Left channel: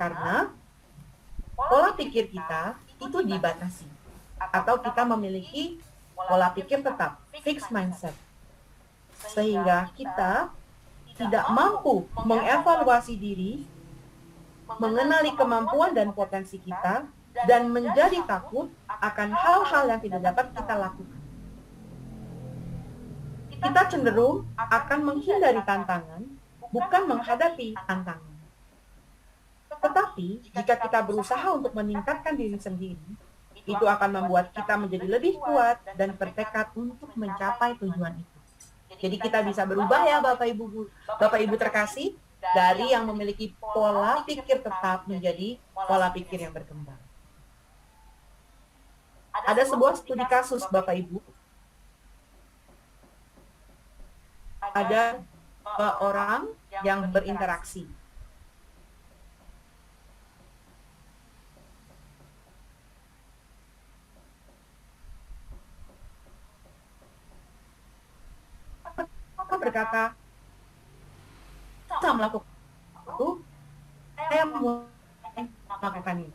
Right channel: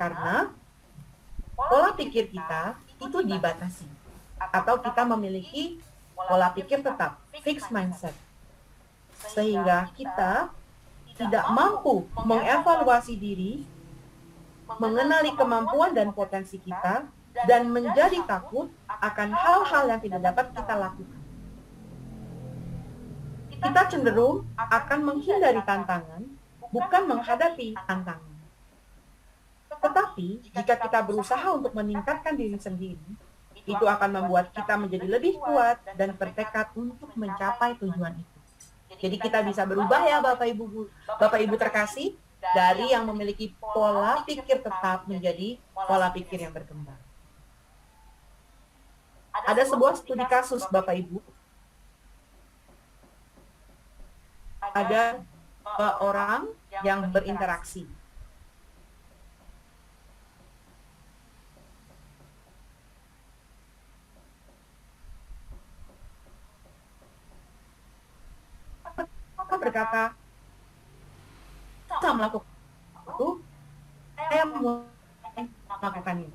Karena pola pikir kita itu dibatasi. Atau kita memiliki pola pikir tetap, fixed mindset. Sehingga kita tidak mampu mengevaluasi diri, mengenali kemampuan dan potensi kita, dan menjadi takut akan hal-hal yang tidak dapat kita lakukan. Kita cenderung akan menghindari tantangan, bukan menghadapi tantangan. Tetapi, jika kita berusaha untuk meningkatkan diri sendiri, itu akan membuat kita menjadi lebih kuat dan bertekad untuk mencapai tujuan itu. Jadi kita bisa berubah ya Bapak Ibu terkasih, dari yang memiliki pola pikir tetap menjadi pola pikir yang berkembang. Ada sebuah studi kasus Bapak Ibu. Ada 2 orang yang berinteraksi. Berkata, saya melakukan sesuatu, saya mulai melakukannya.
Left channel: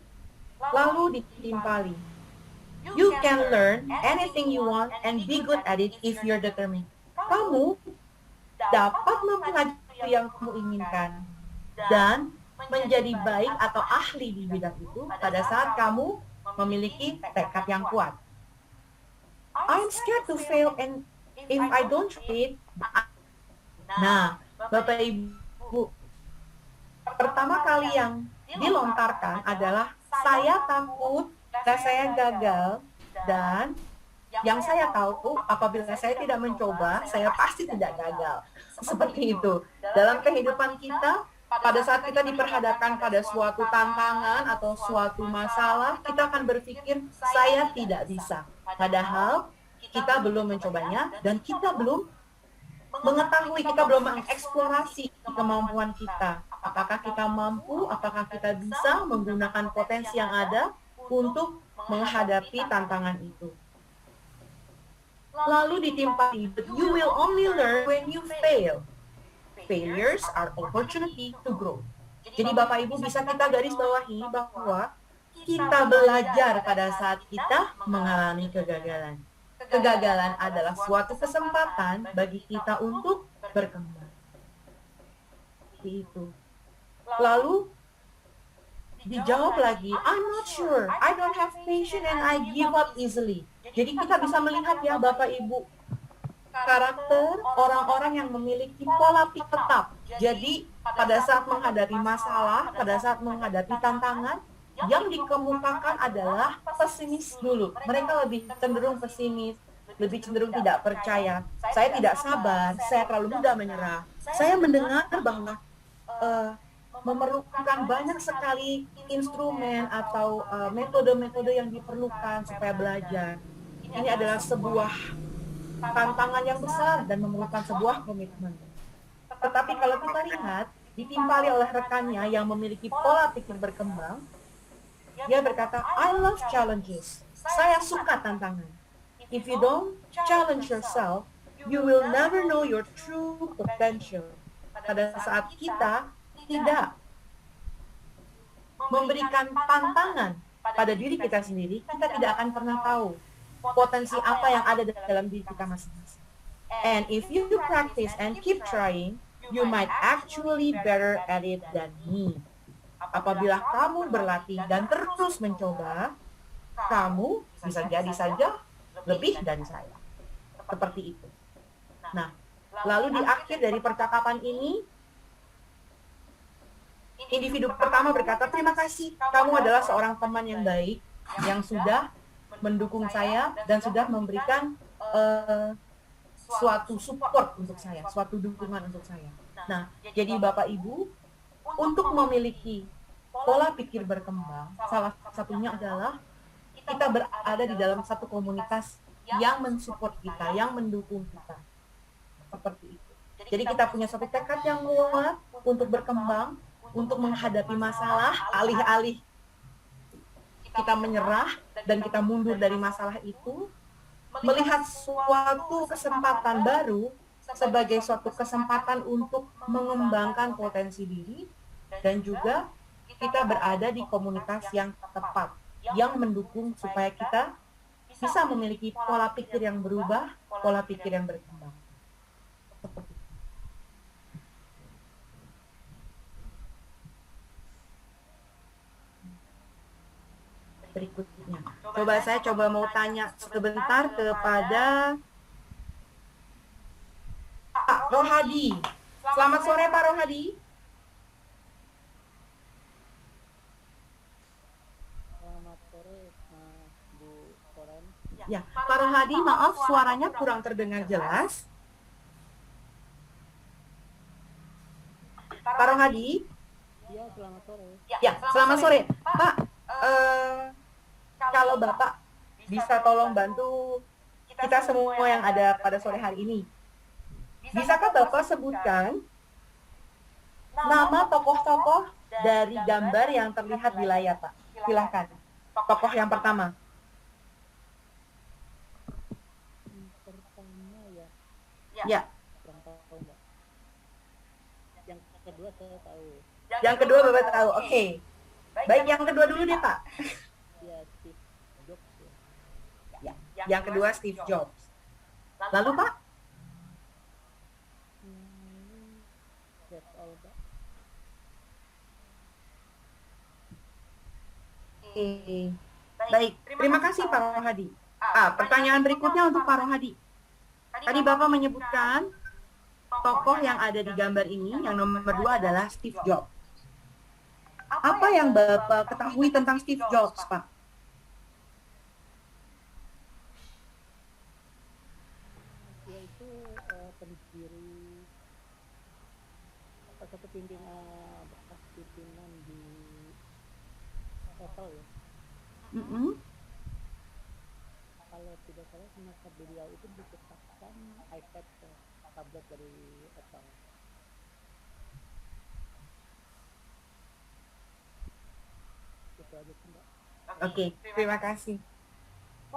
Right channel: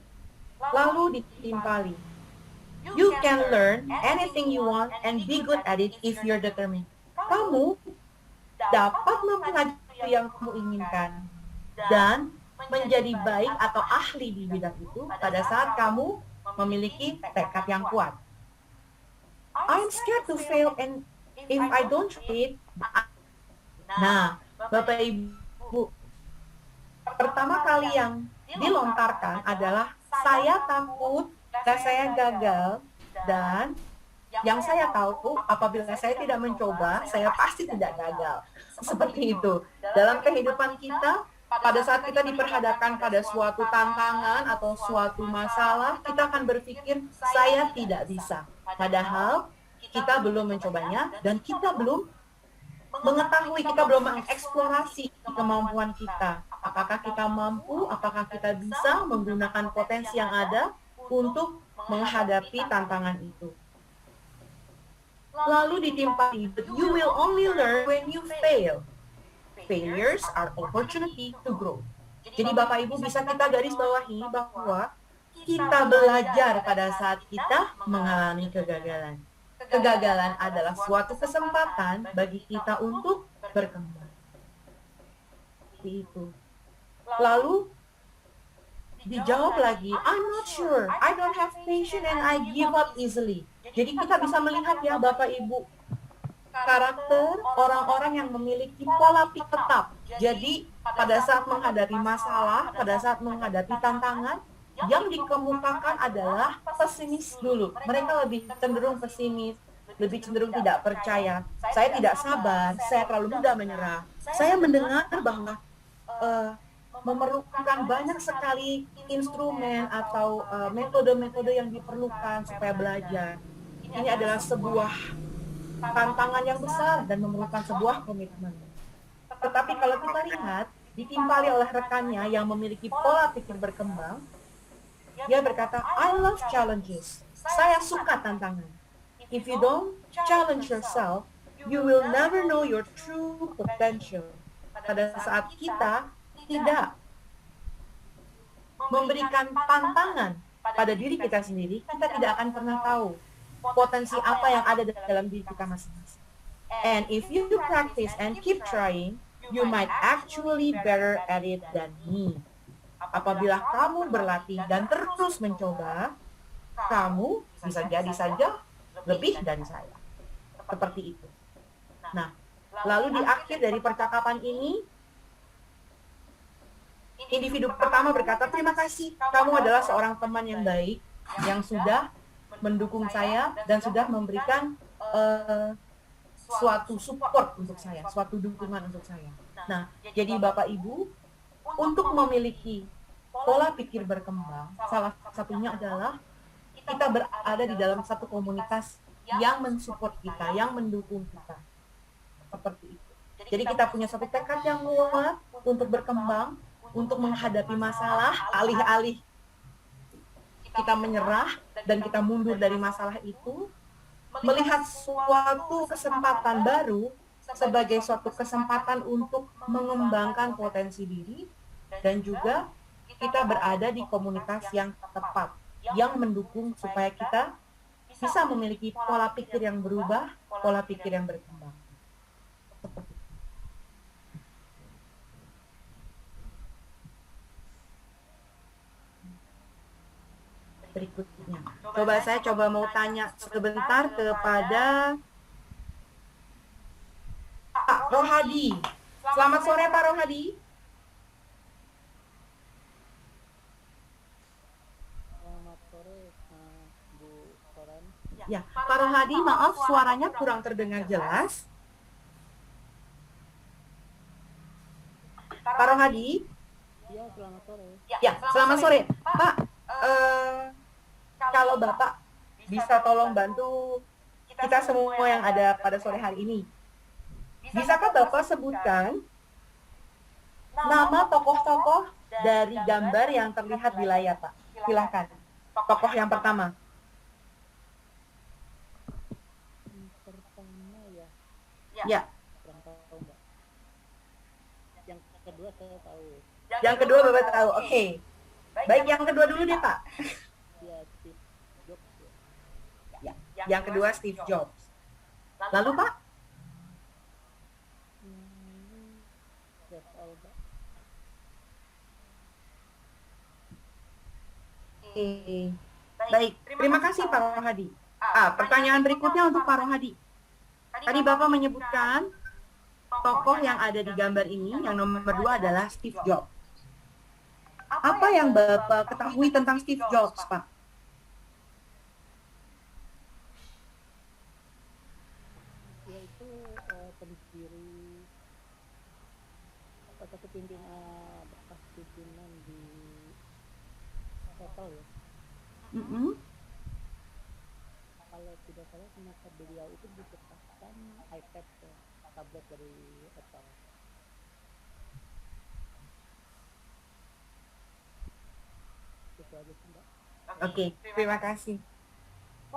Lalu ditimpali. You can learn anything you want and be good at it if you're determined. Kamu dapat mempelajari yang kamu inginkan dan menjadi baik atau ahli di bidang itu pada saat kamu memiliki tekad yang kuat. I'm scared to fail and if I don't try it. Nah, Bapak Ibu, pertama kali yang dilontarkan adalah saya takut saya gagal, dan yang saya tahu apabila saya tidak mencoba, saya pasti tidak gagal. Seperti itu. Dalam kehidupan kita, pada saat kita diperhadapkan pada suatu tantangan atau suatu masalah, kita akan berpikir, saya tidak bisa. Padahal kita belum mencobanya dan kita belum mengetahui, kita belum mengeksplorasi kemampuan kita. Apakah kita mampu, apakah kita bisa menggunakan potensi yang ada untuk menghadapi tantangan itu. Lalu ditimpali, but you will only learn when you fail. Failures are opportunity to grow. Jadi Bapak Ibu bisa kita garis bawahi bahwa kita belajar pada saat kita mengalami kegagalan. Kegagalan adalah suatu kesempatan bagi kita untuk berkembang. Seperti itu. Lalu dijawab lagi, I'm not sure, I don't have patience and I give up easily. Jadi kita bisa melihat ya Bapak Ibu, karakter orang-orang yang memiliki pola pikir tetap. Jadi pada saat menghadapi masalah, pada saat menghadapi tantangan, yang dikemukakan adalah pesimis dulu. Mereka lebih cenderung pesimis, lebih cenderung tidak percaya. Saya tidak sabar, saya terlalu mudah menyerah. Saya mendengar bahwa memerlukan banyak sekali instrumen atau metode-metode yang diperlukan supaya belajar. Ini adalah sebuah tantangan yang besar dan memerlukan sebuah komitmen. Tetapi kalau kita lihat, ditimpali oleh rekannya yang memiliki pola pikir berkembang, dia berkata, I love challenges. Saya suka tantangan. If you don't challenge yourself, you will never know your true potential. Pada saat kita tidak memberikan tantangan pada diri kita sendiri, kita tidak akan pernah tahu potensi apa yang ada dalam diri kita masing-masing. And if you practice and keep trying, you might actually better at it than me. Apabila kamu berlatih dan terus mencoba, kamu bisa jadi saja lebih dari saya. Seperti itu. Nah, lalu di akhir dari percakapan ini, individu pertama berkata, terima kasih, kamu adalah seorang teman yang baik, yang sudah mendukung saya dan sudah memberikan suatu support untuk saya, suatu dukungan untuk saya. Nah, jadi Bapak Ibu, untuk memiliki pola pikir berkembang, salah satunya adalah kita berada di dalam satu komunitas yang mensupport kita, yang mendukung kita. Seperti itu. Jadi kita punya satu tekad yang kuat untuk berkembang, untuk menghadapi masalah, alih-alih kita menyerah dan kita mundur dari masalah itu, melihat suatu kesempatan baru sebagai suatu kesempatan untuk mengembangkan potensi diri dan juga kita berada di komunitas yang tepat, yang mendukung supaya kita bisa memiliki pola pikir yang berubah, pola pikir yang berkembang. Seperti itu. Berikutnya. Saya coba mau tanya sebentar kepada Pak Rohadi. Selamat sore Pak Rohadi. Selamat sore, Bu Florence. Ya, Pak Rohadi, maaf suaranya kurang terdengar jelas. Pak Rohadi? Iya, selamat sore. Ya, selamat sore. Pak, kalau Bapak bisa tolong bantu kita semua yang ada pada sore hari ini. Bisakah Bapak sebutkan nama tokoh-tokoh dari gambar yang terlihat di layar, Pak? Silahkan. Tokoh yang pertama. Pertama ya. Ya. Kurang tahu, Mbak. Yang kedua saya tahu. Yang kedua Bapak tahu. Oke. Baik, yang kedua dulu deh, Pak. Ya, Steve Jobs ya. Ya, yang kedua Steve Jobs. Lalu, Pak? Lalu, that's all, Pak. Oke. Baik, terima kasih Pak Rohadi. Pertanyaan berikutnya untuk Pak Rohadi. Tadi Bapak menyebutkan tokoh yang ada di gambar ini, yang nomor 2 adalah Steve Jobs. Apa yang Bapak ketahui tentang Steve Jobs, Pak? Dia itu pendiri, salah satu pimpinan, bekas pimpinan di Apple ya. Kalau tidak salah semasa beliau itu diciptakan iPad, tablet dari Apple. Itu aja sih, Mbak. Oke, terima kasih.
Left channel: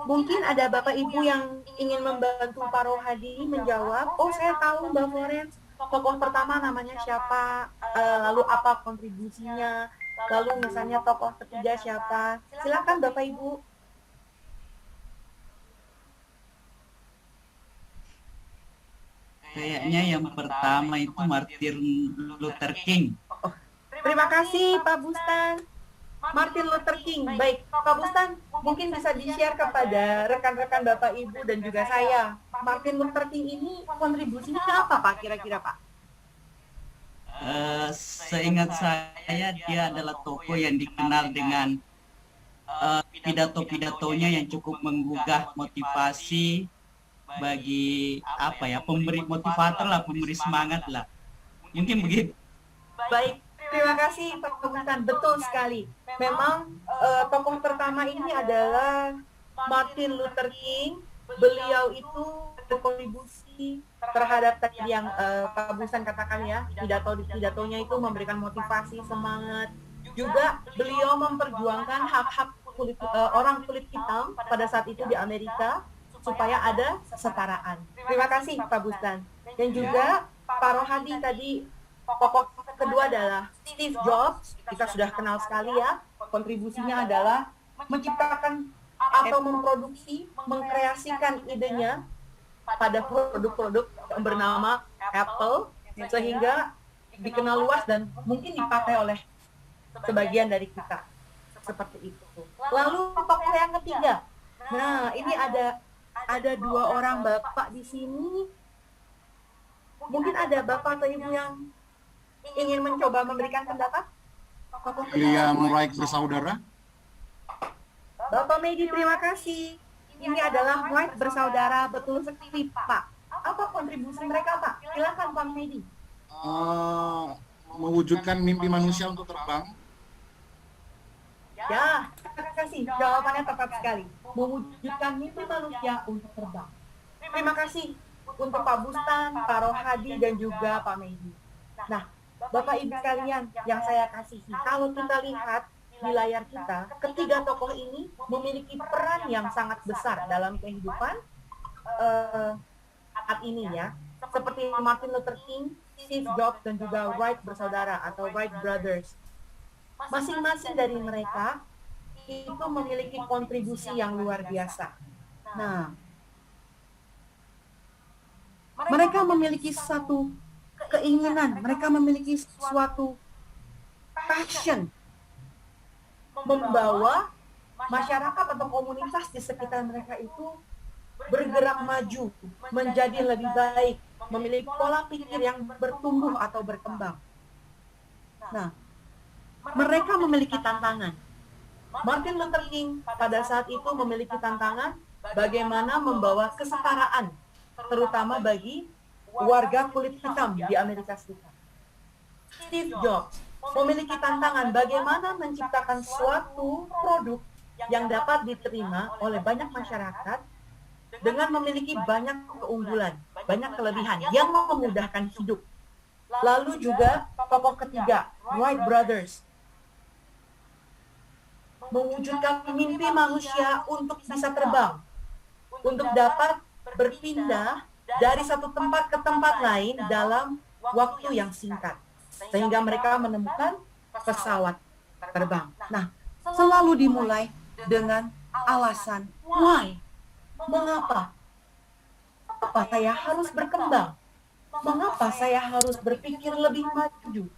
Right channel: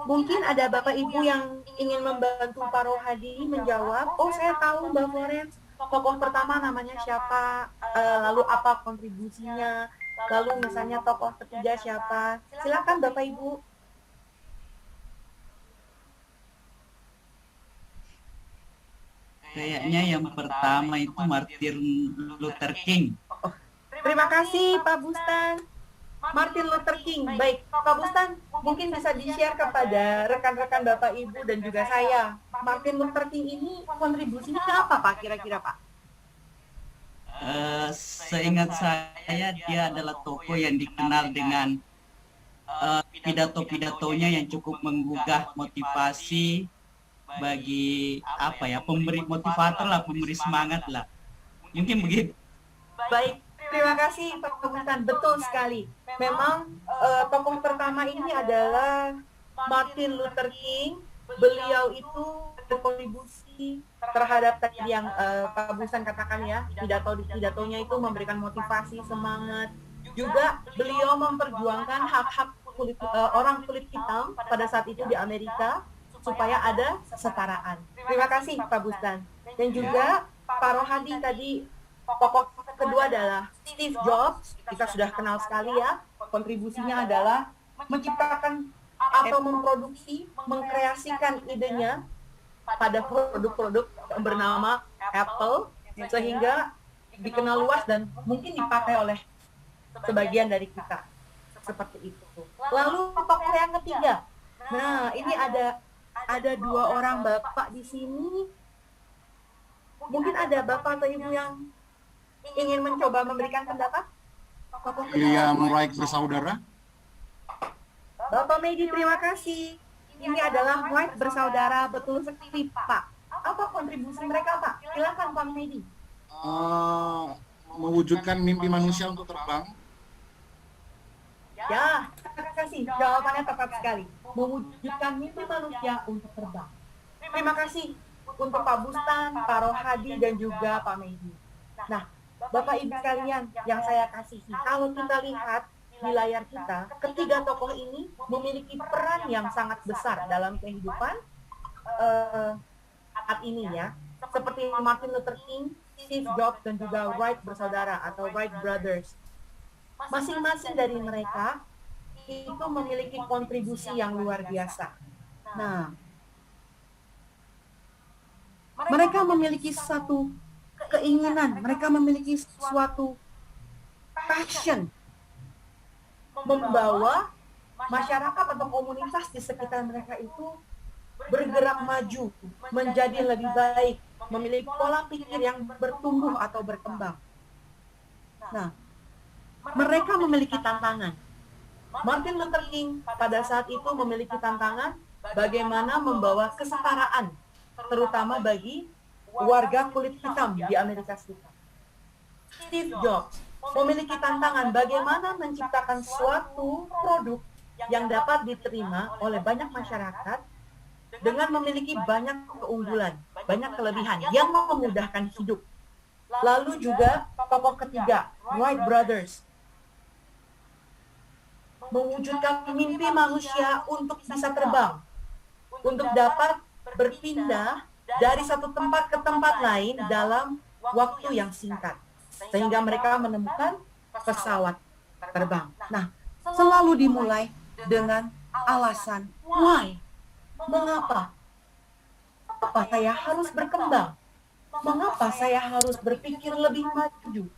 Mungkin ada Bapak Ibu yang ingin membantu Pak Rohadi menjawab. Oh, saya tahu Mbak Florence, tokoh pertama namanya siapa, lalu apa kontribusinya, lalu misalnya tokoh ketiga siapa. Silakan Bapak Ibu. Kayaknya yang pertama itu Martin Luther King. Oh, terima kasih Pak Bustan. Martin Luther King. Baik, Pak Bustan, mungkin bisa di-share kepada rekan-rekan Bapak Ibu dan juga saya. Martin Luther King ini kontribusinya apa Pak kira-kira Pak? Seingat saya dia adalah tokoh yang dikenal dengan pidato-pidatonya yang cukup menggugah motivasi bagi pemberi motivator lah, pemberi semangat lah. Mungkin begitu. Baik, terima kasih Pak Bustan. Betul sekali. Memang tokoh pertama ini adalah Martin Luther King. Beliau itu berkontribusi terhadap tadi yang Pak Bustan katakan ya, pidatonya itu memberikan motivasi, semangat. Juga beliau memperjuangkan hak-hak orang kulit hitam pada saat itu di Amerika supaya ada kesetaraan. Terima kasih Pak Bustan. Dan juga Pak Rohadi tadi, tokoh kedua adalah Steve Jobs. Kita sudah kenal sekali ya. Kontribusinya adalah menciptakan atau memproduksi, mengkreasikan idenya pada produk-produk yang bernama Apple, sehingga dikenal luas dan mungkin dipakai oleh sebagian dari kita. Seperti itu. Lalu tokoh yang ketiga. Nah, ini ada 2 orang Bapak di sini. Mungkin ada Bapak atau Ibu yang ingin mencoba memberikan pendapat? William Wright bersaudara. Bapak Medi, terima kasih. Ini adalah Wright bersaudara, betul sekali Pak. Apa kontribusi mereka Pak? Silakan Pak Medi. Mewujudkan mimpi manusia untuk terbang. Ya, terima kasih. Jawabannya tepat sekali. Mewujudkan mimpi manusia untuk terbang. Terima kasih untuk Pak Bustan, Pak Rohadi, dan juga Pak Medi. Nah, Bapak Ibu sekalian yang saya kasihi, kalau kita lihat di layar kita, ketiga tokoh ini memiliki peran yang sangat besar dalam kehidupan saat ini ya. Seperti Martin Luther King, Steve Jobs, dan juga Wright bersaudara atau Wright Brothers. Masing-masing dari mereka itu memiliki kontribusi yang luar biasa. Nah, mereka memiliki satu keinginan, mereka memiliki suatu passion membawa masyarakat atau komunitas di sekitar mereka itu bergerak maju, menjadi lebih baik, memiliki pola pikir yang bertumbuh atau berkembang. Nah, mereka memiliki tantangan. Martin Luther King pada saat itu memiliki tantangan bagaimana membawa kesetaraan, terutama bagi warga kulit hitam di Amerika Serikat. Steve Jobs memiliki tantangan bagaimana menciptakan suatu produk yang dapat diterima oleh banyak masyarakat dengan memiliki banyak keunggulan, banyak kelebihan yang memudahkan hidup. Lalu juga tokoh ketiga, Wright Brothers, mewujudkan mimpi manusia untuk bisa terbang, untuk dapat berpindah dari satu tempat ke tempat lain dalam waktu yang singkat. Sehingga mereka menemukan pesawat terbang. Nah, selalu dimulai dengan alasan why. Mengapa? Mengapa saya harus berkembang? Mengapa saya harus berpikir lebih maju?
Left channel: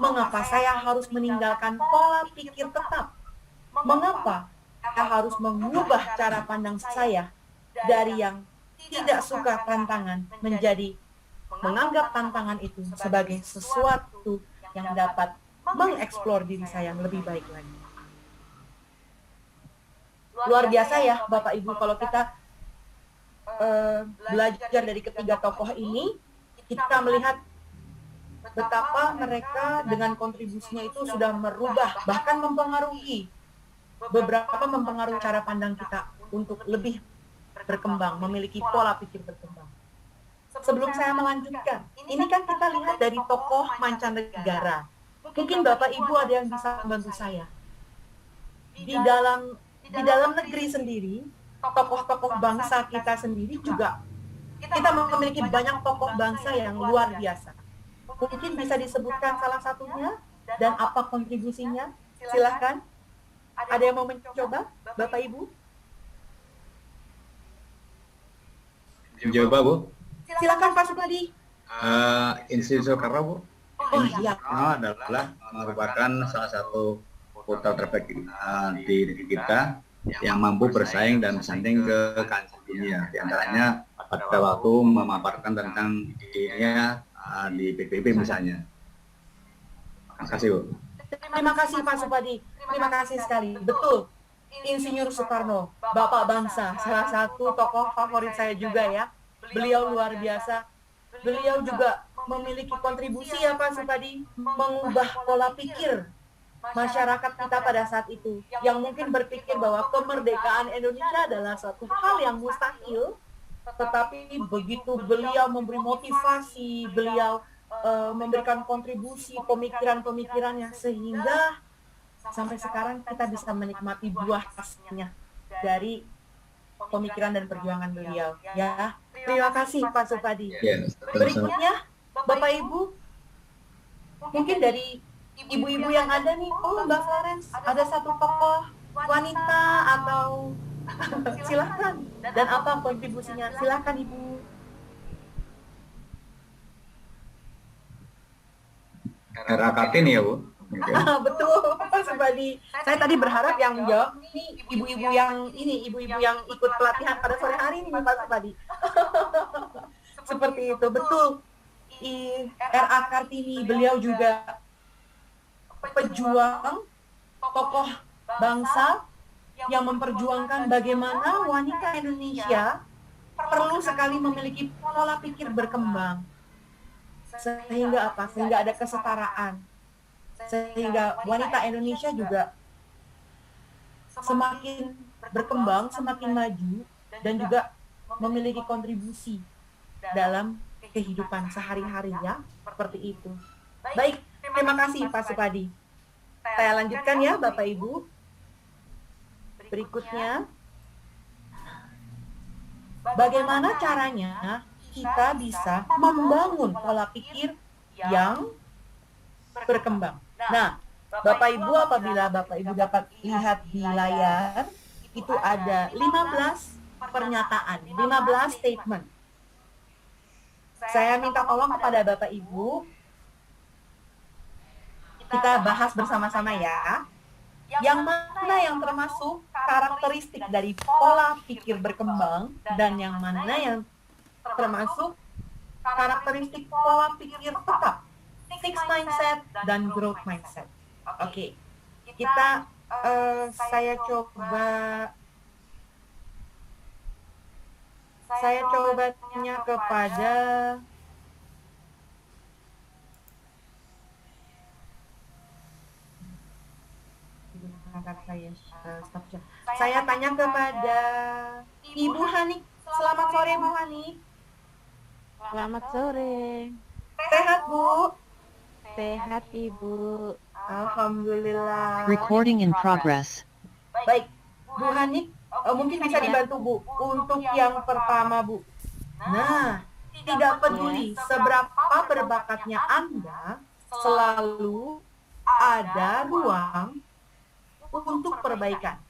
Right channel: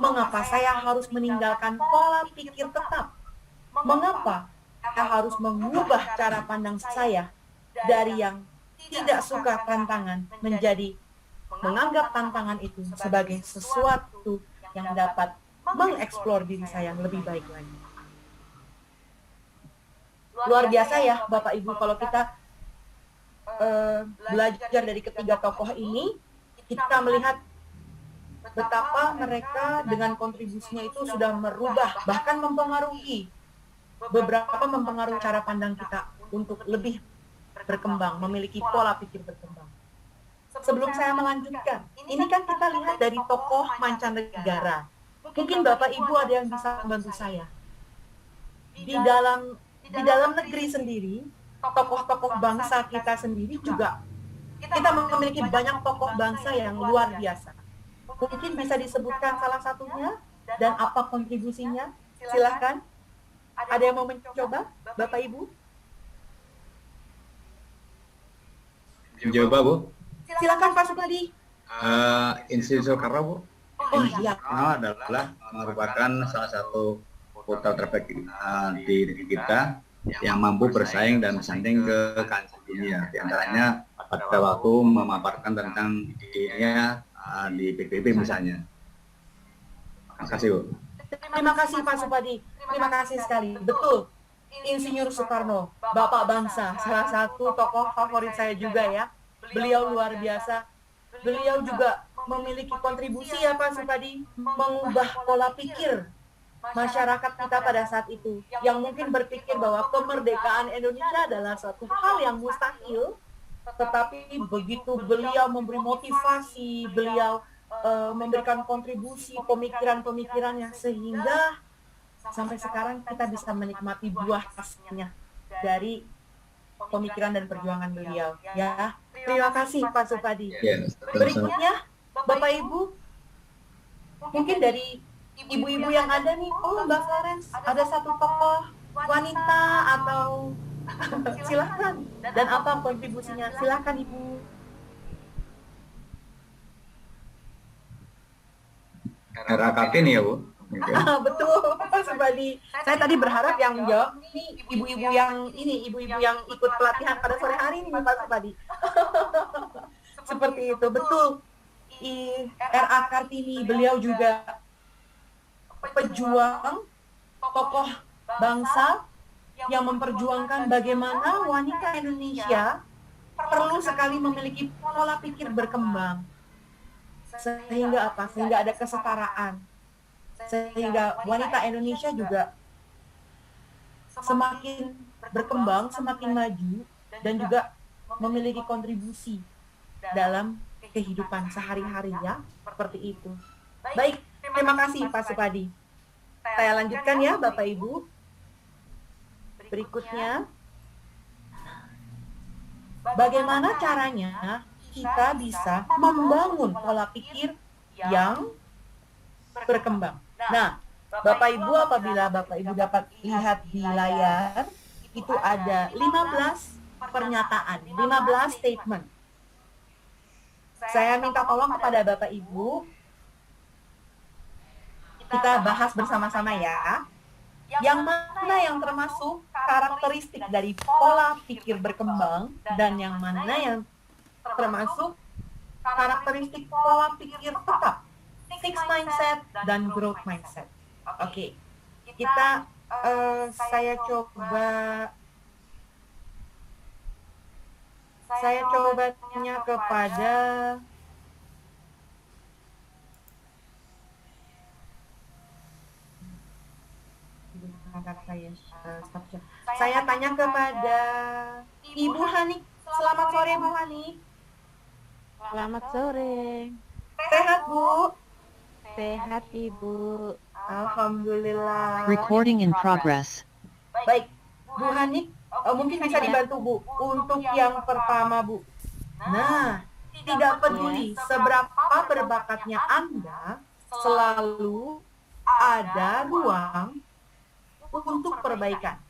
Mengapa saya harus meninggalkan pola pikir tetap? Mengapa saya harus mengubah cara pandang saya dari yang tidak suka tantangan menjadi menganggap tantangan itu sebagai sesuatu yang dapat mengeksplor diri saya lebih baik lagi. Luar biasa ya Bapak Ibu, kalau kita belajar dari ketiga tokoh ini, kita melihat betapa mereka dengan kontribusinya itu sudah merubah, bahkan mempengaruhi cara pandang kita untuk lebih berkembang, memiliki pola pikir berkembang. Sebelum saya melanjutkan, ini kan kita lihat dari tokoh mancanegara. Mungkin Bapak Ibu ada yang bisa membantu saya. Di dalam negeri sendiri, tokoh-tokoh bangsa kita sendiri juga, kita memiliki banyak tokoh bangsa yang luar biasa. Mungkin bisa disebutkan salah satunya dan apa kontribusinya? Silahkan. Ada yang mau mencoba, Bapak Ibu? Coba, Bu. Silakan Pak Supadi. Institut Soekarno, Bu. Oh Institut iya. Soekarno adalah merupakan salah satu kota terbaik di negeri kita yang mampu bersaing dan bersanding ke kancah dunia. Di antaranya pada waktu memaparkan tentang ide-idenya di PBB misalnya. Makasih, Bu. Terima kasih Pak Supadi. Terima kasih sekali. Betul. Insinyur Soekarno, Bapak Bangsa, salah satu tokoh favorit saya juga ya. Beliau luar biasa. Beliau juga memiliki kontribusi ya Pak Supadi, mengubah pola pikir masyarakat kita pada saat itu, yang mungkin berpikir bahwa kemerdekaan Indonesia adalah suatu hal yang mustahil, tetapi begitu beliau memberi motivasi, beliau memberikan kontribusi pemikiran-pemikirannya, sehingga sampai sekarang kita bisa menikmati buah hasilnya dari pemikiran dan perjuangan beliau. Ya, terima kasih Pak Supadi. Ya, Berikutnya, Bapak Ibu, mungkin dari ibu-ibu yang ada nih, oh Mbak Florence, ada satu tokoh wanita atau silahkan. Dan apa kontribusinya? Silahkan Ibu. RA Kartini ya, Bu. Mungkin. Betul, Pak Supadi. Saya tadi berharap yang menjawab nih ibu-ibu yang ikut pelatihan pada sore hari ini nih Pak Supadi. Seperti itu, betul. RA Kartini, beliau juga pejuang, tokoh bangsa yang memperjuangkan bagaimana wanita Indonesia perlu sekali memiliki pola pikir berkembang. Sehingga apa? Sehingga ada kesetaraan. Sehingga wanita Indonesia juga semakin berkembang, semakin maju, dan juga memiliki kontribusi dalam kehidupan sehari-hari ya. Seperti itu. Baik, terima kasih Pak Supadi. Saya lanjutkan ya Bapak Ibu. Berikutnya, bagaimana caranya kita bisa membangun pola pikir yang berkembang. Nah, Bapak Ibu, apabila Bapak Ibu dapat lihat di layar, itu ada 15 pernyataan, 15 statement. Saya minta tolong kepada Bapak Ibu, kita bahas bersama-sama ya. Yang mana yang termasuk karakteristik dari pola pikir berkembang dan yang mana yang termasuk karakteristik pola pikir tetap, fixed mindset dan growth mindset. Oke, kita saya coba tanya kepada sebentar, stop. Saya tanya kepada Ibu Hanik. Selamat sore, Bu Hanik. Selamat sore. Sehat, Bu? Sehat, Ibu. Alhamdulillah. Recording in progress. Baik, Bu Hanik, mungkin bisa Ya. dibantu, Bu, untuk yang pertama, Bu. Nah, tidak peduli seberapa berbakatnya Anda, selalu ada ruang untuk perbaikan.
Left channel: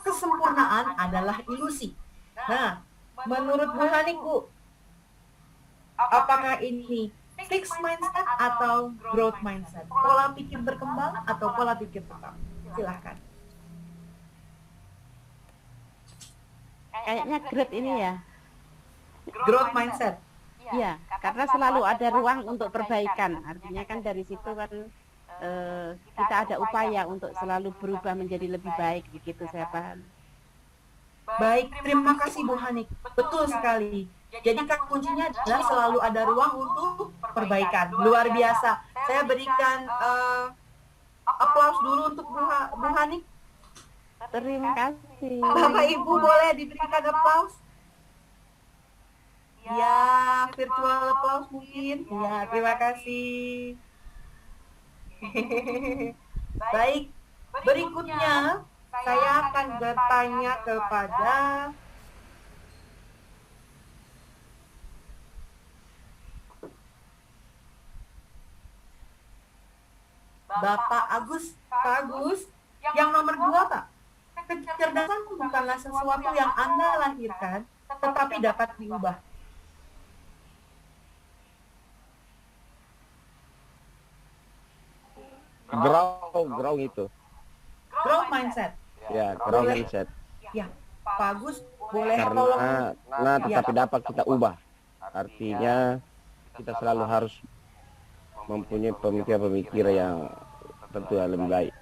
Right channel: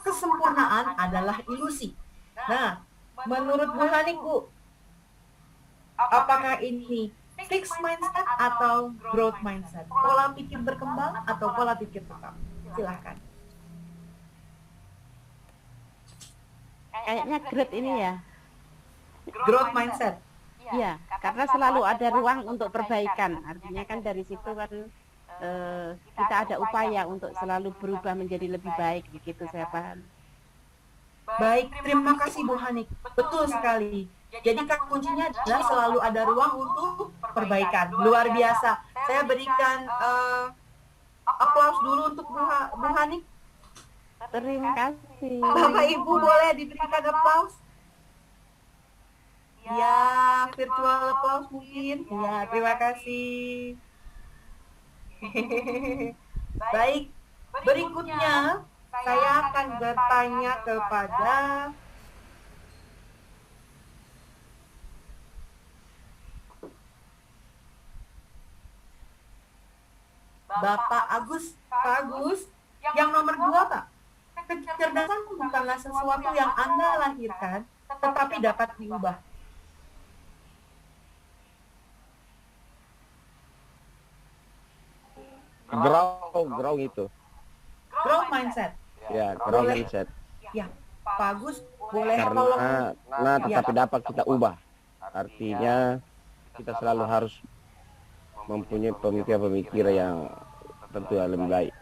Kesempurnaan adalah ilusi. Nah, menurut Bu Hanik, Bu, apakah ini fixed mindset atau growth mindset? Pola pikir berkembang atau pola pikir tetap? Silahkan. Kayaknya growth ini ya. Growth mindset. Iya, karena selalu ada ruang untuk perbaikan. Artinya kan dari situ kan kita ada upaya untuk selalu berubah menjadi lebih baik. Begitu saya paham. Baik, terima kasih Bu Hanik. Betul sekali. Jadi kata kuncinya adalah selalu ada ruang untuk perbaikan. Luar biasa. Saya berikan aplaus dulu untuk Bu Hanik. Terima kasih. Bapak Ibu boleh diberikan aplaus? Ya, virtual aplaus mungkin. Ya, terima kasih. Baik, berikutnya saya akan bertanya kepada Bapak Agus. Kak Agus, yang nomor 2, Pak. Kecerdasan bukanlah sesuatu yang Anda lahirkan, tetapi dapat diubah. Grow itu. Growth mindset. Ya, grow Boleh. mindset. Pak Agus, boleh tolong? Karena tetapi dapat kita ubah. Artinya kita selalu harus mempunyai pemikiran-pemikiran yang tentu yang lebih baik.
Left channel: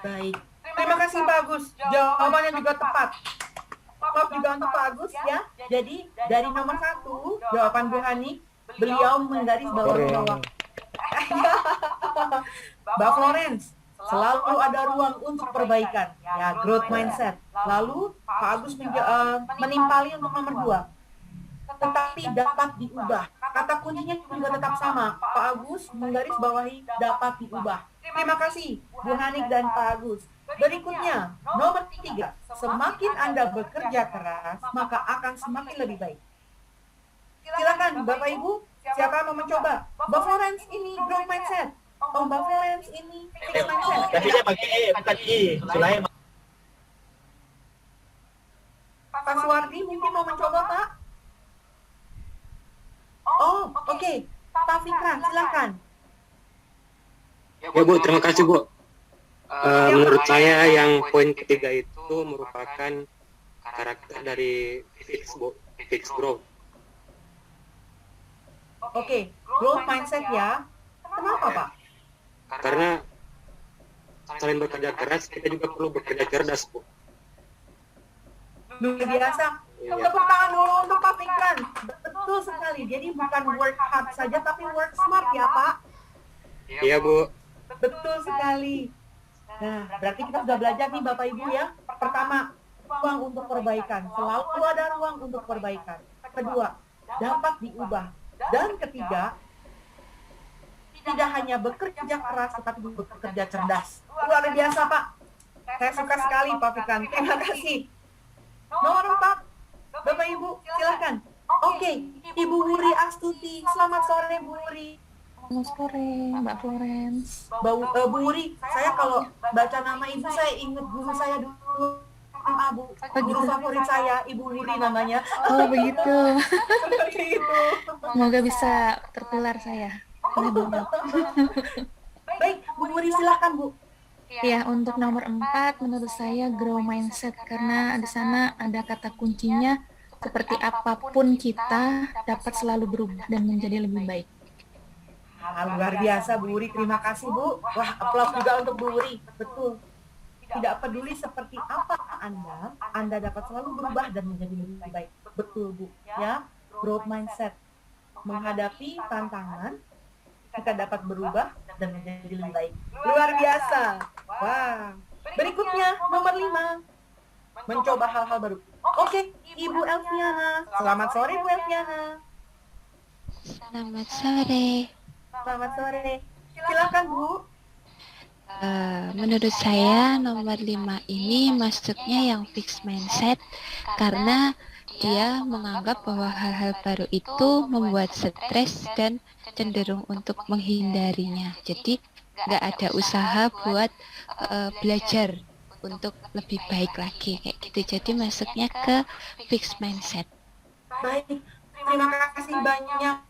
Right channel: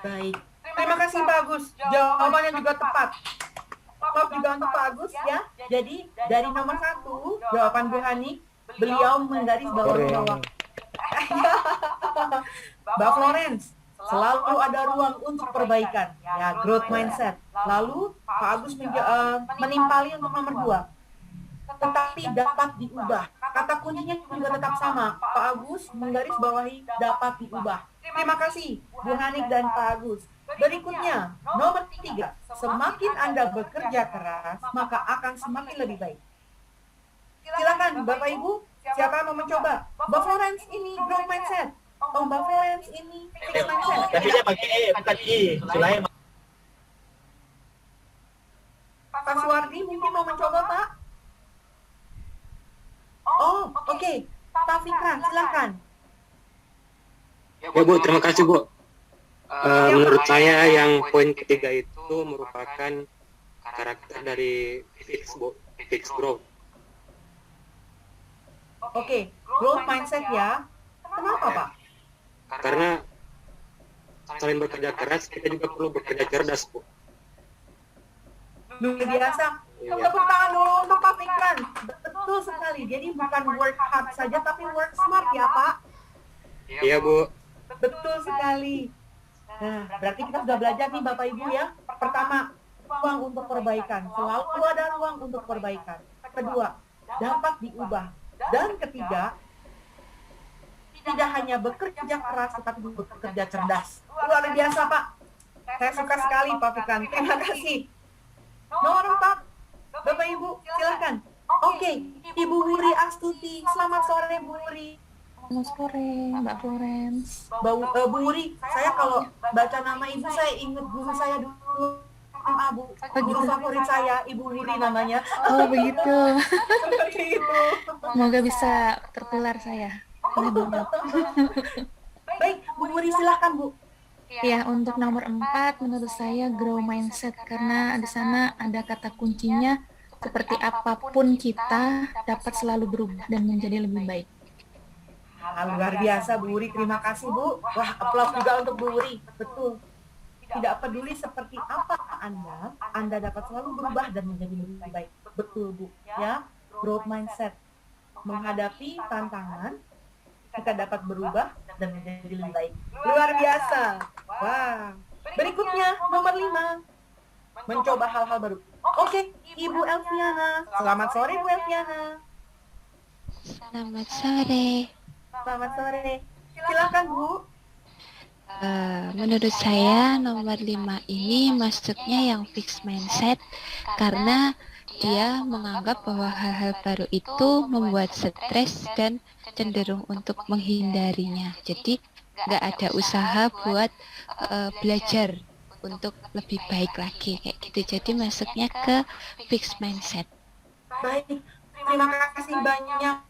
Baik. Terima kasih Pak Agus. Jawabannya juga tepat. Aplaus juga untuk Pak Agus ya. Jadi dari nomor 1, jawaban Bu Hani, beliau menggarisbawahi bahwa ya, Mbak Florence, selalu ada ruang untuk perbaikan. Ya, growth mindset. Lalu Pak Agus menimpali untuk nomor 2. Tetapi dapat diubah. Kata kuncinya juga tetap sama. Pak Agus menggarisbawahi dapat diubah. Terima kasih Bu Hanik dan Pak Agus. Berikutnya, nomor 3. Semakin Anda bekerja keras, maka akan semakin lebih baik. Silakan Bapak Ibu, siapa yang mau mencoba? Mbak Florence ini growth mindset. Oh, Mbak Florence ini fixed mindset. Tapi dia pakai E, bukan I. Sulaiman. Pak Suwardi mungkin mau mencoba, Pak? Oh, oke. Pak Fikran, silakan. Ya Bu, terima kasih Bu. Menurut saya yang poin ketiga itu merupakan karakter dari fixed growth. Oke, growth mindset ya. Kenapa, Pak? Karena selain bekerja keras, kita juga perlu bekerja cerdas, Bu. Luar biasa. Iya. Tepuk tangan dulu untuk Pak Fikran. Betul sekali. Jadi bukan work hard saja, tapi work smart ya, Pak? Iya, Bu. Betul sekali. Nah, berarti kita sudah belajar nih Bapak Ibu ya. Pertama, ruang untuk perbaikan. Selalu ada ruang untuk perbaikan. Kedua, dapat diubah. Dan ketiga, tidak hanya bekerja keras, tetapi juga bekerja cerdas. Luar biasa, Pak. Saya suka sekali, Pak Fikran. Terima kasih. Nomor 4, Bapak Ibu, silakan. Oke, Ibu Wuri Astuti. Selamat sore, Bu Wuri. Selamat sore, Mbak Florence. Bu Wuri, saya kalau baca nama ibu saya ingat guru saya dulu SMA, Bu. Oh Guru gitu. favorit saya, Ibu Wuri namanya. Oh begitu. Seperti itu. Semoga bisa tertular saya oleh beliau. Baik, Bu Wuri silahkan, Bu. Ya, untuk nomor 4 menurut saya grow mindset karena di sana ada kata kuncinya seperti apapun kita dapat selalu berubah dan menjadi lebih baik. Luar biasa, Bu Wuri. Terima kasih, Bu. Wah, aplaus juga untuk Bu Wuri. Betul. Tidak peduli seperti apa Anda dapat selalu berubah dan menjadi lebih baik. Betul, Bu. Ya, growth mindset. Menghadapi tantangan, kita dapat berubah dan menjadi lebih baik. Luar biasa. Wah. Berikutnya, nomor 5. Mencoba hal-hal baru. Oke, Ibu Elviana. Selamat sore, Bu Elviana. Selamat sore. Selamat sore. Silakan, Bu. Menurut saya nomor 5 ini masuknya yang fixed mindset karena dia menganggap bahwa hal-hal baru itu membuat stres dan cenderung untuk menghindarinya. Jadi nggak ada usaha buat belajar untuk lebih baik lagi kayak gitu. Jadi masuknya ke fixed mindset. Baik, terima kasih banyak.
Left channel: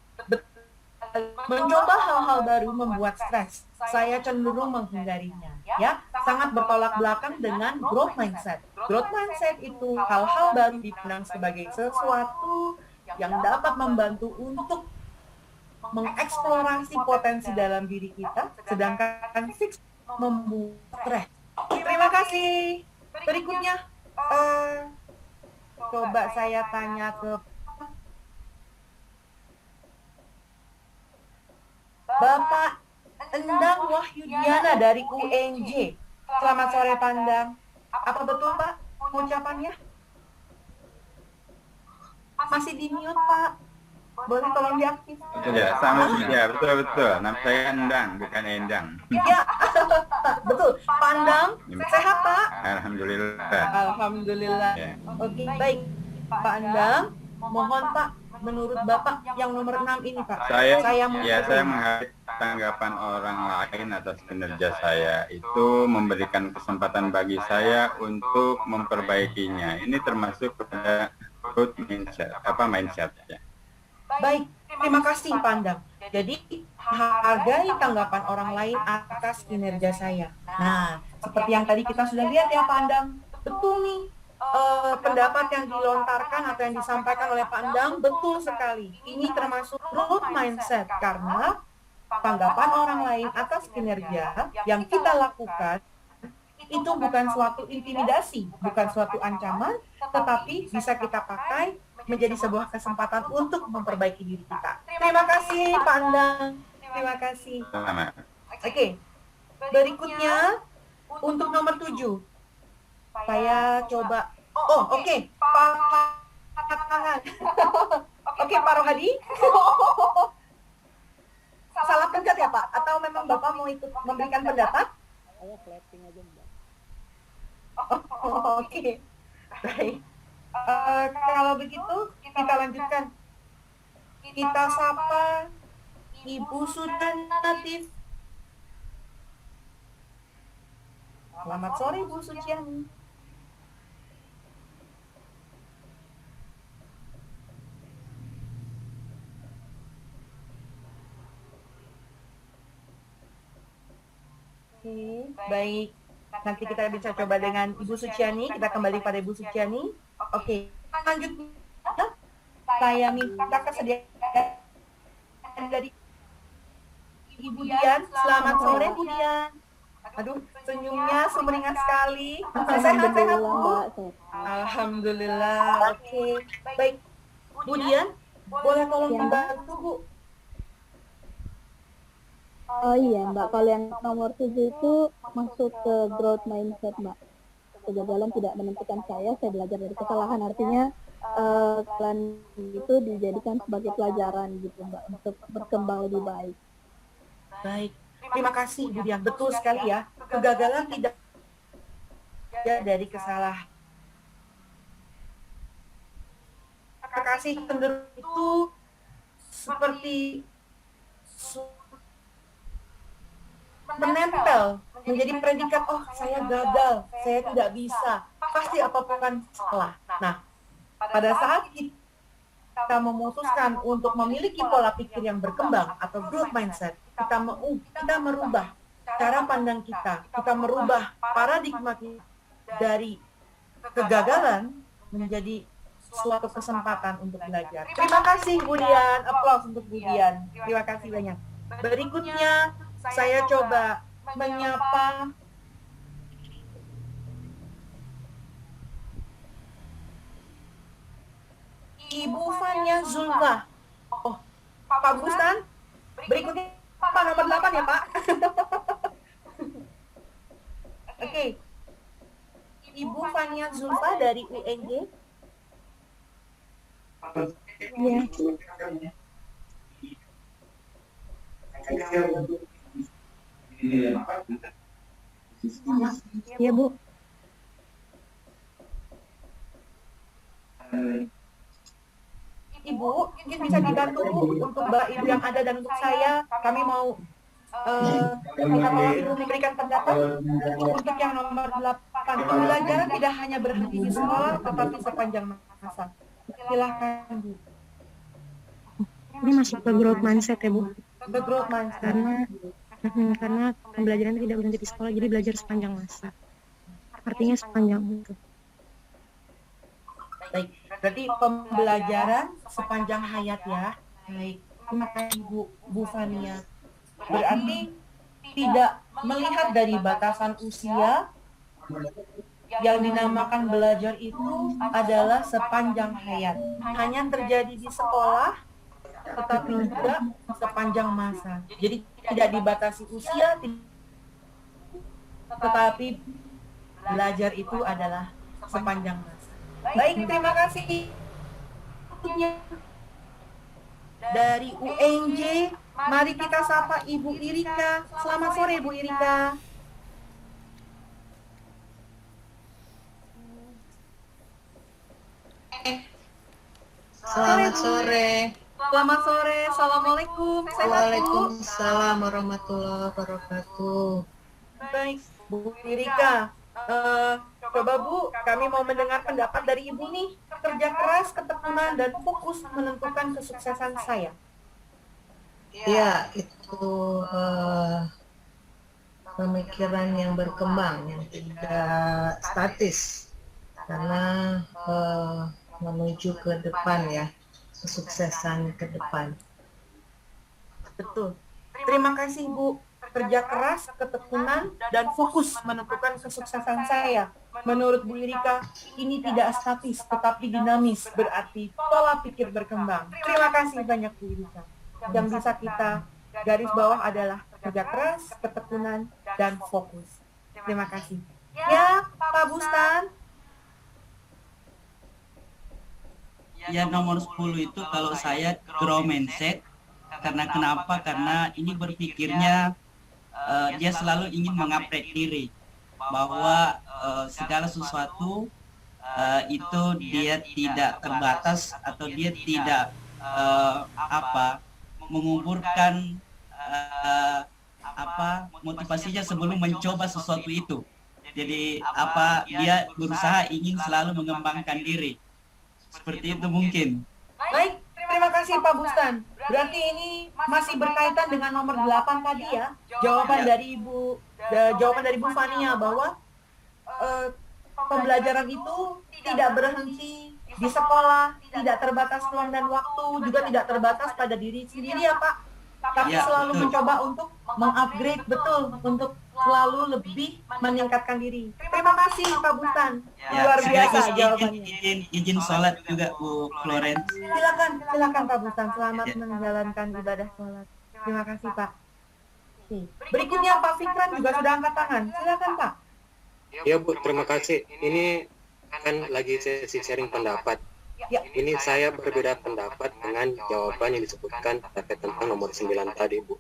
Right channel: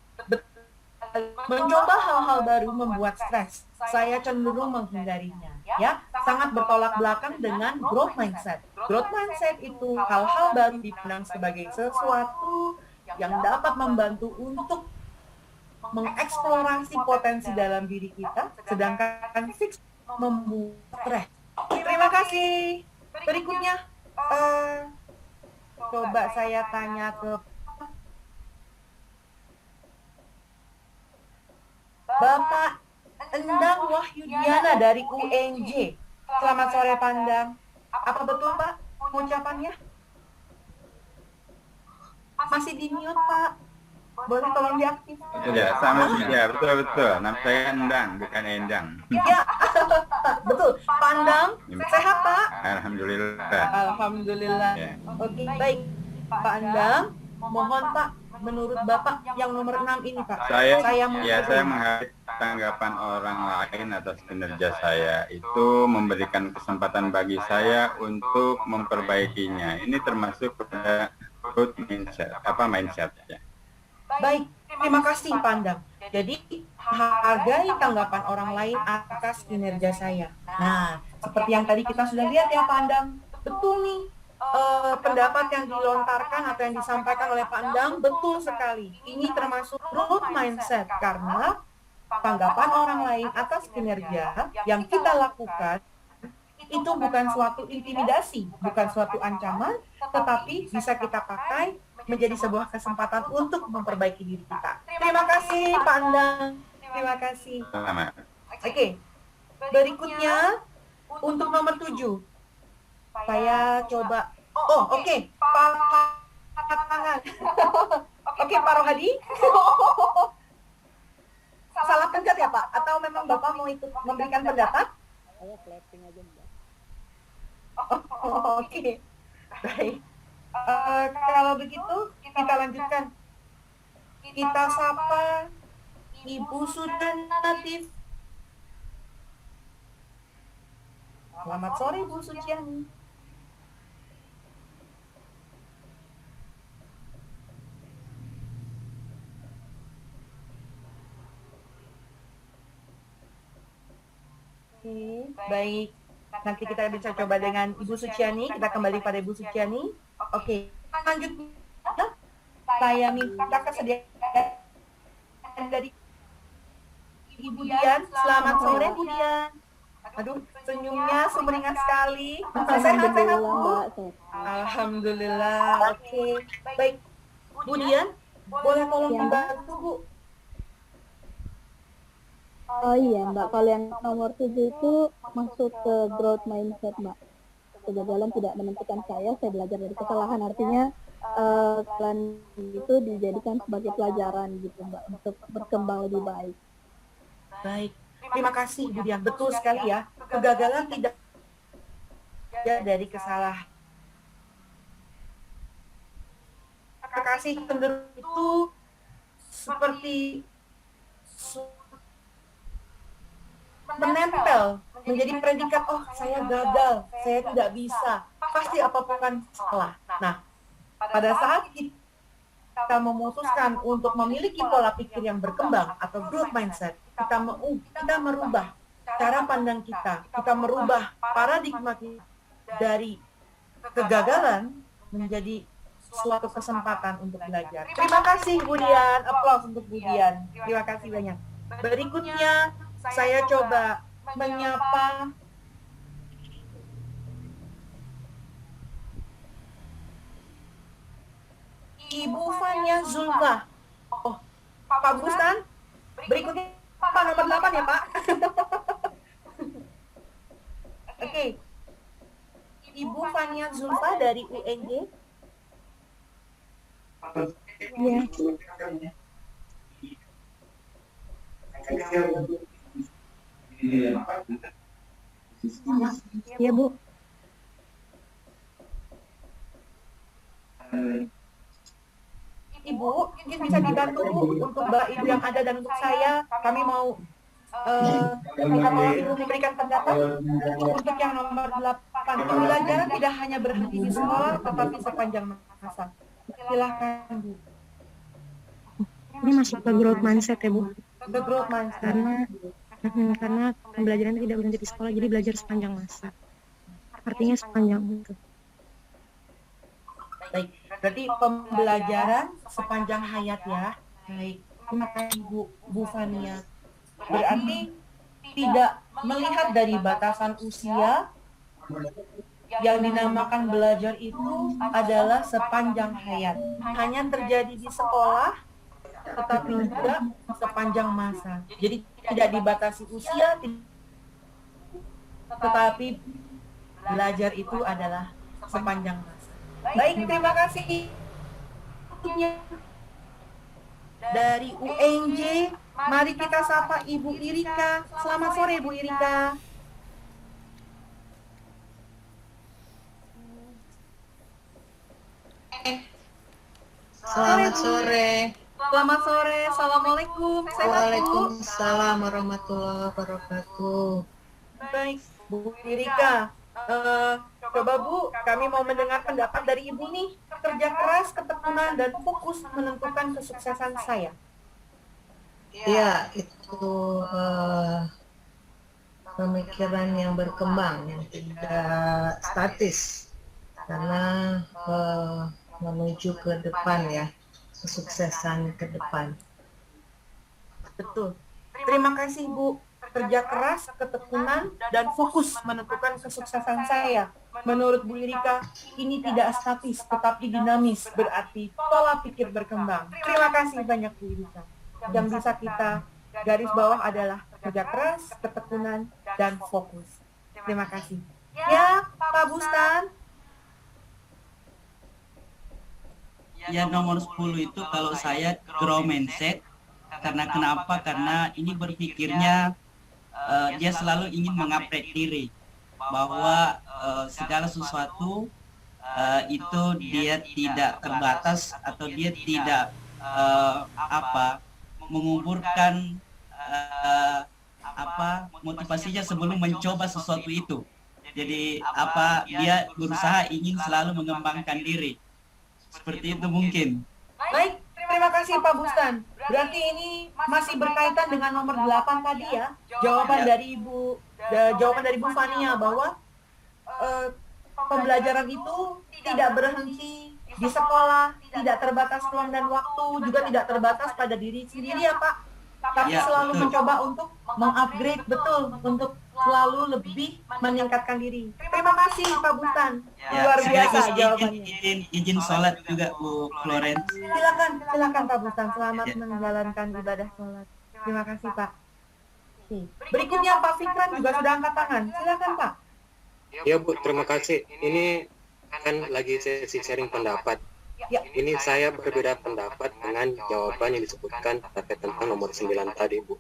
Mencoba hal-hal baru membuat stres. Saya cenderung menghindarinya. Ya, sangat bertolak belakang dengan growth mindset. Growth mindset itu hal-hal baru dipandang sebagai sesuatu yang dapat membantu untuk mengeksplorasi potensi dalam diri kita, sedangkan fix membuat stres. Terima kasih. Berikutnya, coba saya tanya ke Bapak Endang Wahyudiana dari UNJ. Selamat sore, Pandang. Apa betul, Pak, ucapannya? Masih di mute, Pak. Boleh tolong diaktifkan? Ya, betul. Nama saya Endang, bukan Endang. Ya, betul. Pandang, sehat, Pak? Alhamdulillah. Alhamdulillah. Ya. Oke, baik. Pak Endang, mohon Pak, menurut Bapak yang nomor 6 ini, Pak. Saya menghargai. menghargai tanggapan orang lain atas kinerja saya itu memberikan kesempatan bagi saya untuk memperbaikinya. Ini termasuk kepada growth mindset, ya. Baik, terima kasih Pandang. Jadi, hargai tanggapan orang lain atas kinerja saya. Nah, seperti yang tadi kita sudah lihat ya Pandang, betul nih pendapat yang dilontarkan atau yang disampaikan oleh Pandang, betul sekali. Ini termasuk growth mindset karena tanggapan orang lain atas kinerja yang kita lakukan itu bukan suatu intimidasi, bukan suatu ancaman, tetapi bisa kita pakai menjadi sebuah kesempatan untuk memperbaiki diri kita. Terima kasih, Pak Endang. Terima kasih. Sama. Oke, berikutnya untuk nomor 7. Saya coba, oke. Pak tangan. Oke, Pak Rohadi. Salah pencet ya, Pak? Atau memang Bapak mau ikut memberikan pendapat? Saya clapping aja, Mbak. Oke. Baik. Kalau begitu, kita lanjutkan. Kita sapa Ibu Suciani. Selamat sore, Ibu Suciani. Oke, baik. Nanti kita bisa coba dengan Ibu Suciani. Kita kembali pada Ibu Suciani. Oke, selanjutnya saya minta kesediaan dari Ibu Dian. Selamat sore, Bu Dian. Aduh, senyumnya sumringah sekali. Sehat-sehat, Bu? Mbak, sehat. Alhamdulillah. Oke, baik. Bu Dian, boleh tolong Ya, Mbak. dibantu, Bu? Oh iya Mbak, kalau yang nomor 7 itu masuk ke growth mindset Mbak. Kegagalan tidak menentukan saya belajar dari kesalahan. Artinya kesalahan itu dijadikan sebagai pelajaran gitu Mbak, untuk berkembang lebih baik. Baik, terima kasih Bu Dian. Betul sekali ya, kegagalan tidak dari kesalahan. Terima kasih cenderung itu seperti menempel, menjadi predikat, oh saya gagal, saya tidak bisa, pasti apapun kan salah. Nah, pada saat kita memutuskan untuk memiliki pola pikir yang berkembang atau growth mindset, kita merubah cara pandang kita merubah paradigma kita dari kegagalan menjadi suatu kesempatan untuk belajar. Terima kasih Budian, applause untuk Budian. Terima kasih banyak. Berikutnya saya coba menyapa Ibu Fania Zulfa. Oh, Pak Bustan, berikutnya Pak nomor 8 ya Pak. Oke. Ibu Fania Zulfa dari UNJ. Ya. Iya, Bu. Ibu, mungkin bisa dibantu Bu untuk Mbak Ibu yang ada dan untuk saya. Kami mau minta tolong Ibu memberikan pendapat untuk yang nomor 8. Pembelajaran tidak hanya berhenti di sekolah, tetapi sepanjang masa. Silahkan Bu. Ini masuk ke growth mindset ya Bu. The growth mindset. Karena pembelajaran tidak berhenti di sekolah, jadi belajar sepanjang masa. Artinya sepanjang itu. Baik, berarti pembelajaran sepanjang hayat ya. Baik, terima kasih Bu Fania. Berarti tidak melihat dari batasan usia, yang dinamakan belajar itu adalah sepanjang hayat. Hanya terjadi di sekolah, tetapi juga sepanjang masa. Jadi tidak dibatasi usia, tetapi belajar itu adalah sepanjang masa. Baik, terima kasih. Dari UNJ, mari kita sapa Ibu Irika. Selamat sore, Bu Irika. Selamat sore. Selamat sore. Assalamualaikum. Sehat, Bu? Waalaikumsalam warahmatullahi wabarakatuh. Baik, Bu Irika. Coba Bu, kami mau mendengar pendapat dari Ibu nih. Kerja keras, ketekunan, dan fokus menentukan kesuksesan saya. Ya, itu pemikiran yang berkembang, yang tidak statis. Karena menuju ke depan ya, kesuksesan ke depan. Betul. Terima kasih Bu. Kerja keras, ketekunan, dan fokus menentukan kesuksesan saya. Menurut Bu Irika, ini tidak statis, tetapi dinamis, berarti pola pikir berkembang. Terima kasih banyak Bu Irika. Yang bisa kita garis bawah adalah kerja keras, ketekunan, dan fokus. Terima kasih. Ya, Pak Bustan. Ya, nomor 10 itu kalau saya grow mindset. Karena kenapa? Karena ini berpikirnya dia selalu ingin mengupgrade diri. Bahwa segala sesuatu itu dia tidak terbatas atau dia tidak mengumpulkan motivasinya sebelum mencoba sesuatu itu. Jadi dia berusaha ingin selalu mengembangkan diri. Seperti itu mungkin. Baik, terima kasih Pak Bustan. Berarti ini masih berkaitan dengan nomor 8 tadi ya. Jawaban dari Bu Fania bahwa pembelajaran itu tidak berhenti di sekolah, tidak terbatas ruang dan waktu, juga tidak terbatas pada diri sendiri ya Pak. Tapi selalu mencoba untuk mengupgrade, betul, untuk selalu lebih meningkatkan diri. Terima kasih Pak Bustan. Ya, luar biasa jawabannya. Izin sholat juga Bu Florence. Silakan Pak Bustan, selamat menjalankan ibadah sholat. Terima kasih Pak. Oke. Berikutnya Pak Fikran juga sudah angkat tangan. Silakan Pak. Ya Bu, terima kasih. Ini kan lagi sesi sharing pendapat. Ya. Ini saya berbeda pendapat dengan jawaban yang disebutkan terkait tentang nomor 9 tadi Bu.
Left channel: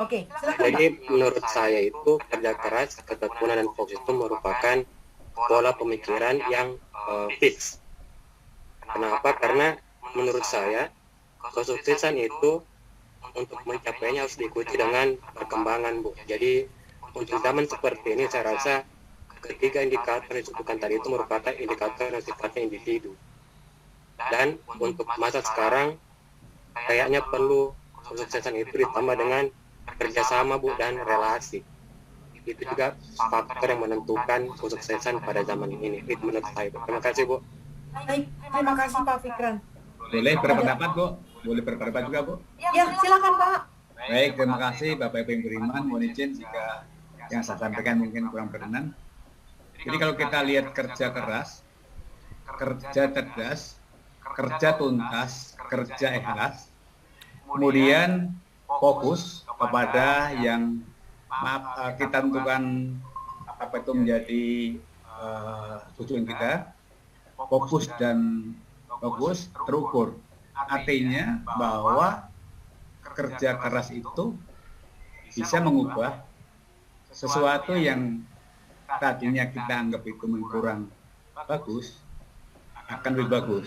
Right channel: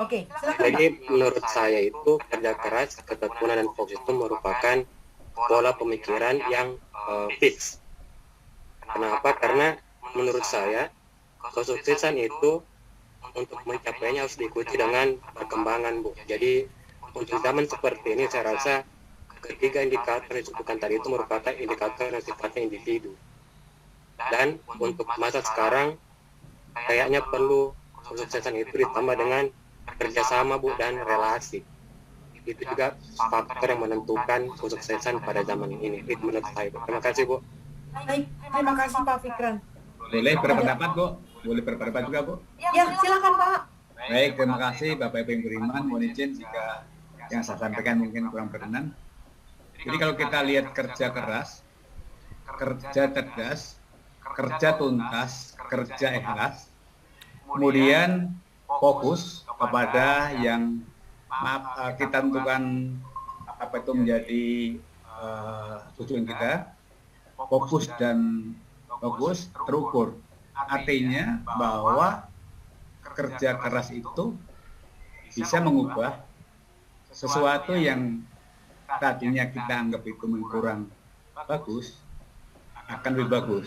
Oke, silakan Jadi Pak. menurut saya itu kerja keras, ketekunan, dan fokus itu merupakan pola pemikiran yang fix. Kenapa? Karena menurut saya kesuksesan itu untuk mencapainya harus diikuti dengan perkembangan Bu. Jadi untuk zaman seperti ini saya rasa ketiga indikator yang disebutkan tadi itu merupakan indikator yang sifatnya individu. Dan untuk masa sekarang kayaknya perlu kesuksesan itu ditambah dengan kerjasama Bu dan relasi. Itu juga faktor yang menentukan kesuksesan pada zaman ini. Itu menurut saya Bu. Terima kasih Bu. Baik, terima kasih Pak Fikran. Boleh berpendapat, Bu? Boleh berpendapat juga, Bu? Ya, silakan Pak. Baik, terima kasih Bapak Ibu yang beriman. Mohon izin jika yang saya sampaikan mungkin kurang berkenan. Jadi kalau kita lihat kerja keras, kerja cerdas, kerja tuntas, kerja ikhlas, kemudian fokus kepada yang kita tentukan apa itu menjadi tujuan kita, fokus terukur. Artinya bahwa kerja keras itu bisa mengubah sesuatu yang tadinya kita anggap itu kurang bagus akan lebih bagus.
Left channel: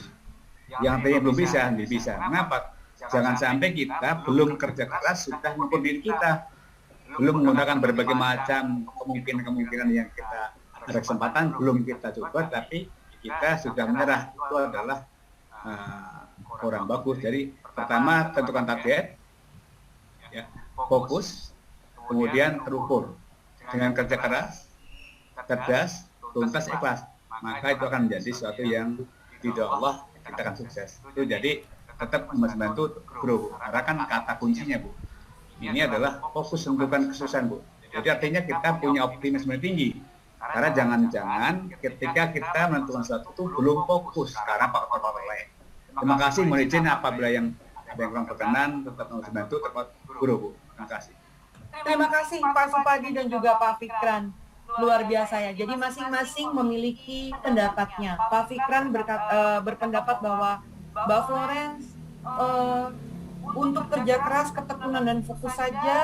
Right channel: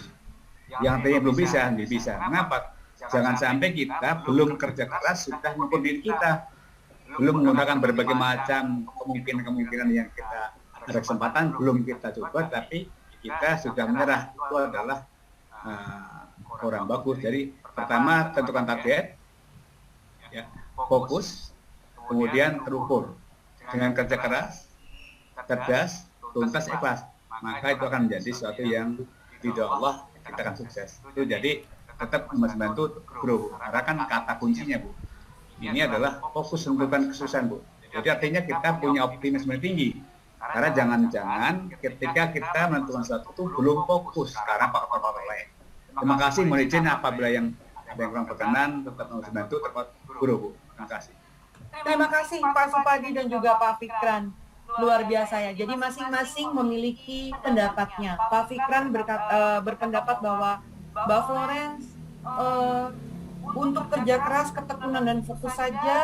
Yang artinya belum bisa, jadi bisa. Mengapa? Jangan sampai kita belum kerja keras sudah mengukur diri kita, belum menggunakan berbagai macam kemungkinan yang kita ada kesempatan belum kita coba, tapi kita sudah menyerah. Itu adalah kurang bagus. Jadi pertama tentukan target, ya, fokus, kemudian terukur dengan kerja keras, cerdas, tuntas, ikhlas, maka itu akan menjadi sesuatu yang tidak Allah kita akan sukses. Itu jadi tetap nomor 9 itu grow, karena kan kata kuncinya Bu. Ini adalah fokus tentukan kesuksesan Bu. Jadi artinya kita punya optimisme tinggi, karena jangan-jangan ketika kita menentukan sesuatu itu belum fokus karena faktor-faktor lain. Terima kasih, mohon izin apabila yang ada yang kurang berkenan, tetap nomor 9 itu tetap grow Bu. Terima kasih. Terima kasih Pak Supadi dan juga Pak Fikran. Luar biasa ya. Jadi masing-masing memiliki pendapatnya. Pak Fikran berpendapat bahwa Mbak Florence untuk kerja keras, ketekunan dan fokus saja